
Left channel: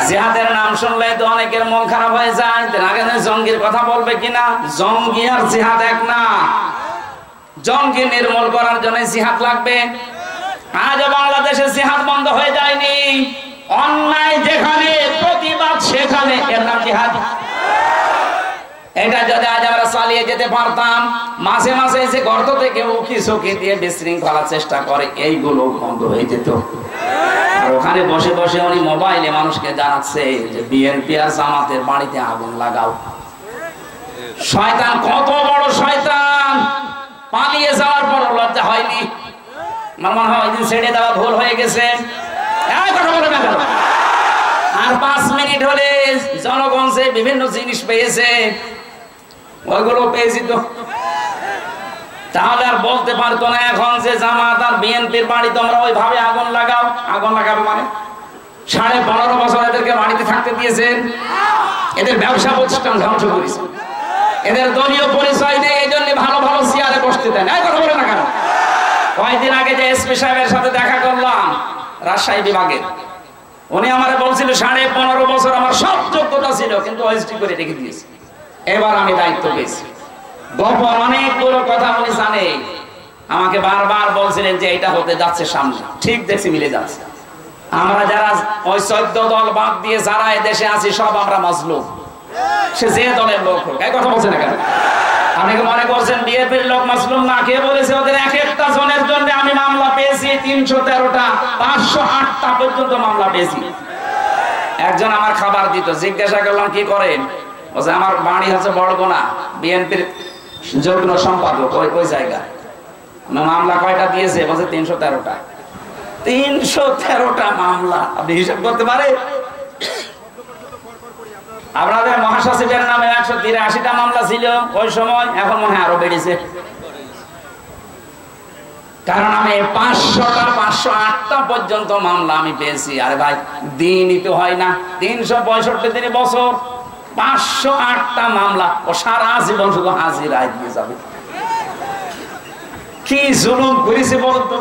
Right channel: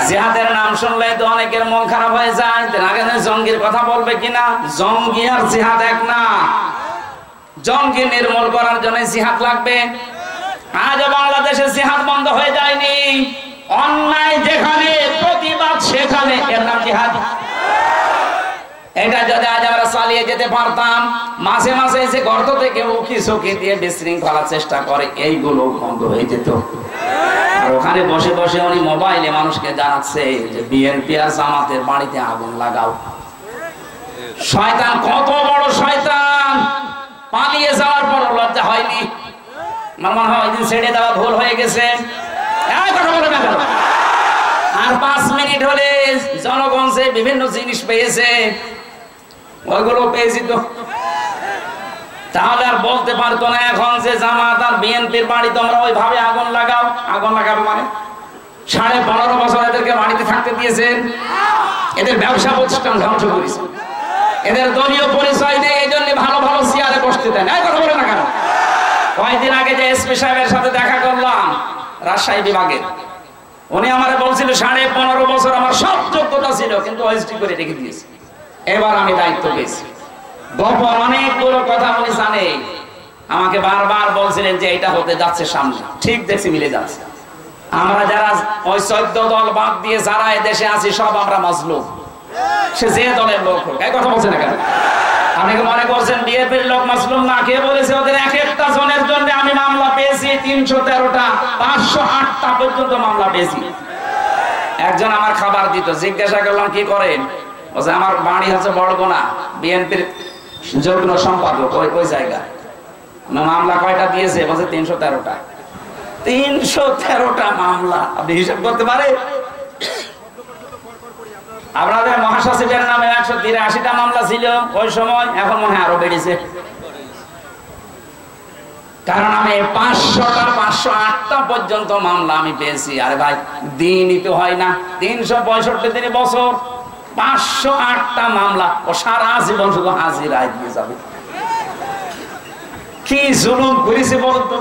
জিহাদের নাম শুনলে তো অনেকের মন খারাপ হয়ে যায়, আগে জঙ্গির কথা বলবে কিনা। জঙ্গি আর জিহাদ এক না। জঙ্গি নির্মূল করার জন্য জিহাদ লাগবে। আজ বাংলাদেশে জিহাদ বন্ধ হয়ে যায়নি, অন্যায় যেখানে প্রতিবাদ সেখানে, এর নাম জিহাদ। এটা যদি আজ আমরা চালিয়ে যেতে পারতাম, মাঝে মাঝে যে গর্ত থেকে উকি চকি দিয়ে বিশৃঙ্খলার চেষ্টা করে, এইগুলো বন্ধ হয়ে যেত। আর ওখানে বসে বসে উনি মোবাইলে মানুষকে জানাচ্ছে যে বিএনপি আর জামাতের বাড়িতে আগুন লাগাও। শয়তান কত বড় শয়তান, পালিয়ে যাওয়ার পর লজ্জা হয়নি? মনে হয় ওই দিন ছেড়ে দেওয়া ভুল হয়ে গেছে। আর 5 মিনিট হলে জনগণ যে বিভিন্ন জিনিস পেয়েছে, ওইগুলো পেয়েছি তো, তাহলে আর বলতে পারতো না এখন যে জামাত আর বিএনপির বাড়ি তোমরা ওইভাবে আগুন লাগাও। আগুন লাগাবে মানে 15.5 বছর এদেরকে বাড়িতে থাকতে দিয়েছেন, এদের ব্যবসা প্রতিষ্ঠান ধ্বংস করেছে, এদের দলীয় পরিচয় নেই, এই জন্য ভালো ভালো চেয়ারে বসতে দেয় না। কথা বলে না কেন? কয়েকদিন আগে যে এসপি সাহেবের সাথে দেখা করলাম রাজশাহী বিভাগের, উনি আমারে বলছিল 15.5 বছর আমার সব যোগ্যতা ছিল, কিন্তু ওএসডি করে রেখে দিয়েছি, এবার আমি দায়িত্ব পেয়েছি। গোপন অনেকগুলো কথা উনি জানে, আমাকে বারবার বলছিলেন যে এটা হতে যাচ্ছে সামনে। ঠিক দেখছি মিলে যাচ্ছে। আমরা যারা ওই 14 দল বাদ দিয়ে যারা এদেশে আছি সব আমরা মাজলুম, সে যে দলের লোক হোক। এই কথা বলছে না কেন? অনেকে মনে করছেন বিএনপির লোক মাসলুম না। কে বলেছে? ওদের এক একটা জনের জন্য আমি মামলা পেয়েছি 313টা, 508টা পর্যন্ত মামলা পেয়েছি। একজন আমার খাবার দিত, জিজ্ঞাসা করলাম কি করেন? বলছে আমার বাড়ি হচ্ছে বড়গোনা, বিএনপির যুগ্ম সম্পাদক ওই জায়গায়। মামলা কয়টা দিয়েছে? বলছে 313টা। 313টা মামলা আপনি হিসাব করতে পারে? আপনাদের মহাসচিবের নামে 183টা মামলা ছিল ওই সময়, এখন মনে হয় আরো বেড়েছে। কারণ আমি 508টা পর্যন্ত মামলা আমি পেয়েছি। আরে ভাই দিনই তো হয় না, 365 দিনে বছর, 508টা মামলা, ও সারা জীবন শুধু হাজিরায় দিয়ে যাবে। কি জুলুম করেছে বলতো?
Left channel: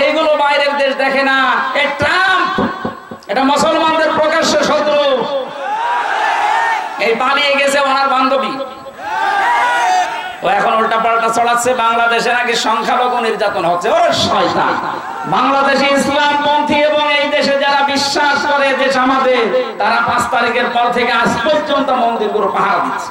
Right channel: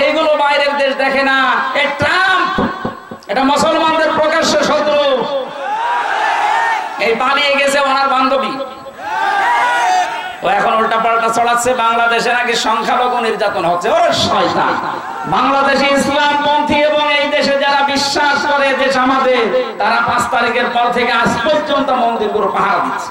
এইগুলো বাইরের দেশ দেখে না। এই ট্রাম্প এটা মুসলমানদের প্রকাশ্য শত্রু। এই পালিয়ে গেছে ওনার বান্ধবী, ও এখন উল্টা পাল্টা ছড়াচ্ছে বাংলাদেশে নাকি সংখ্যালঘু নির্যাতন হচ্ছে। ওরে শয়তান! বাংলাদেশে ইসলামপন্থী এবং এই দেশে যারা বিশ্বাস করে দেশ আমাদের, তারা 5 তারিখের পর থেকে আজ পর্যন্ত মন্দিরগুলো পাহারা দিচ্ছে।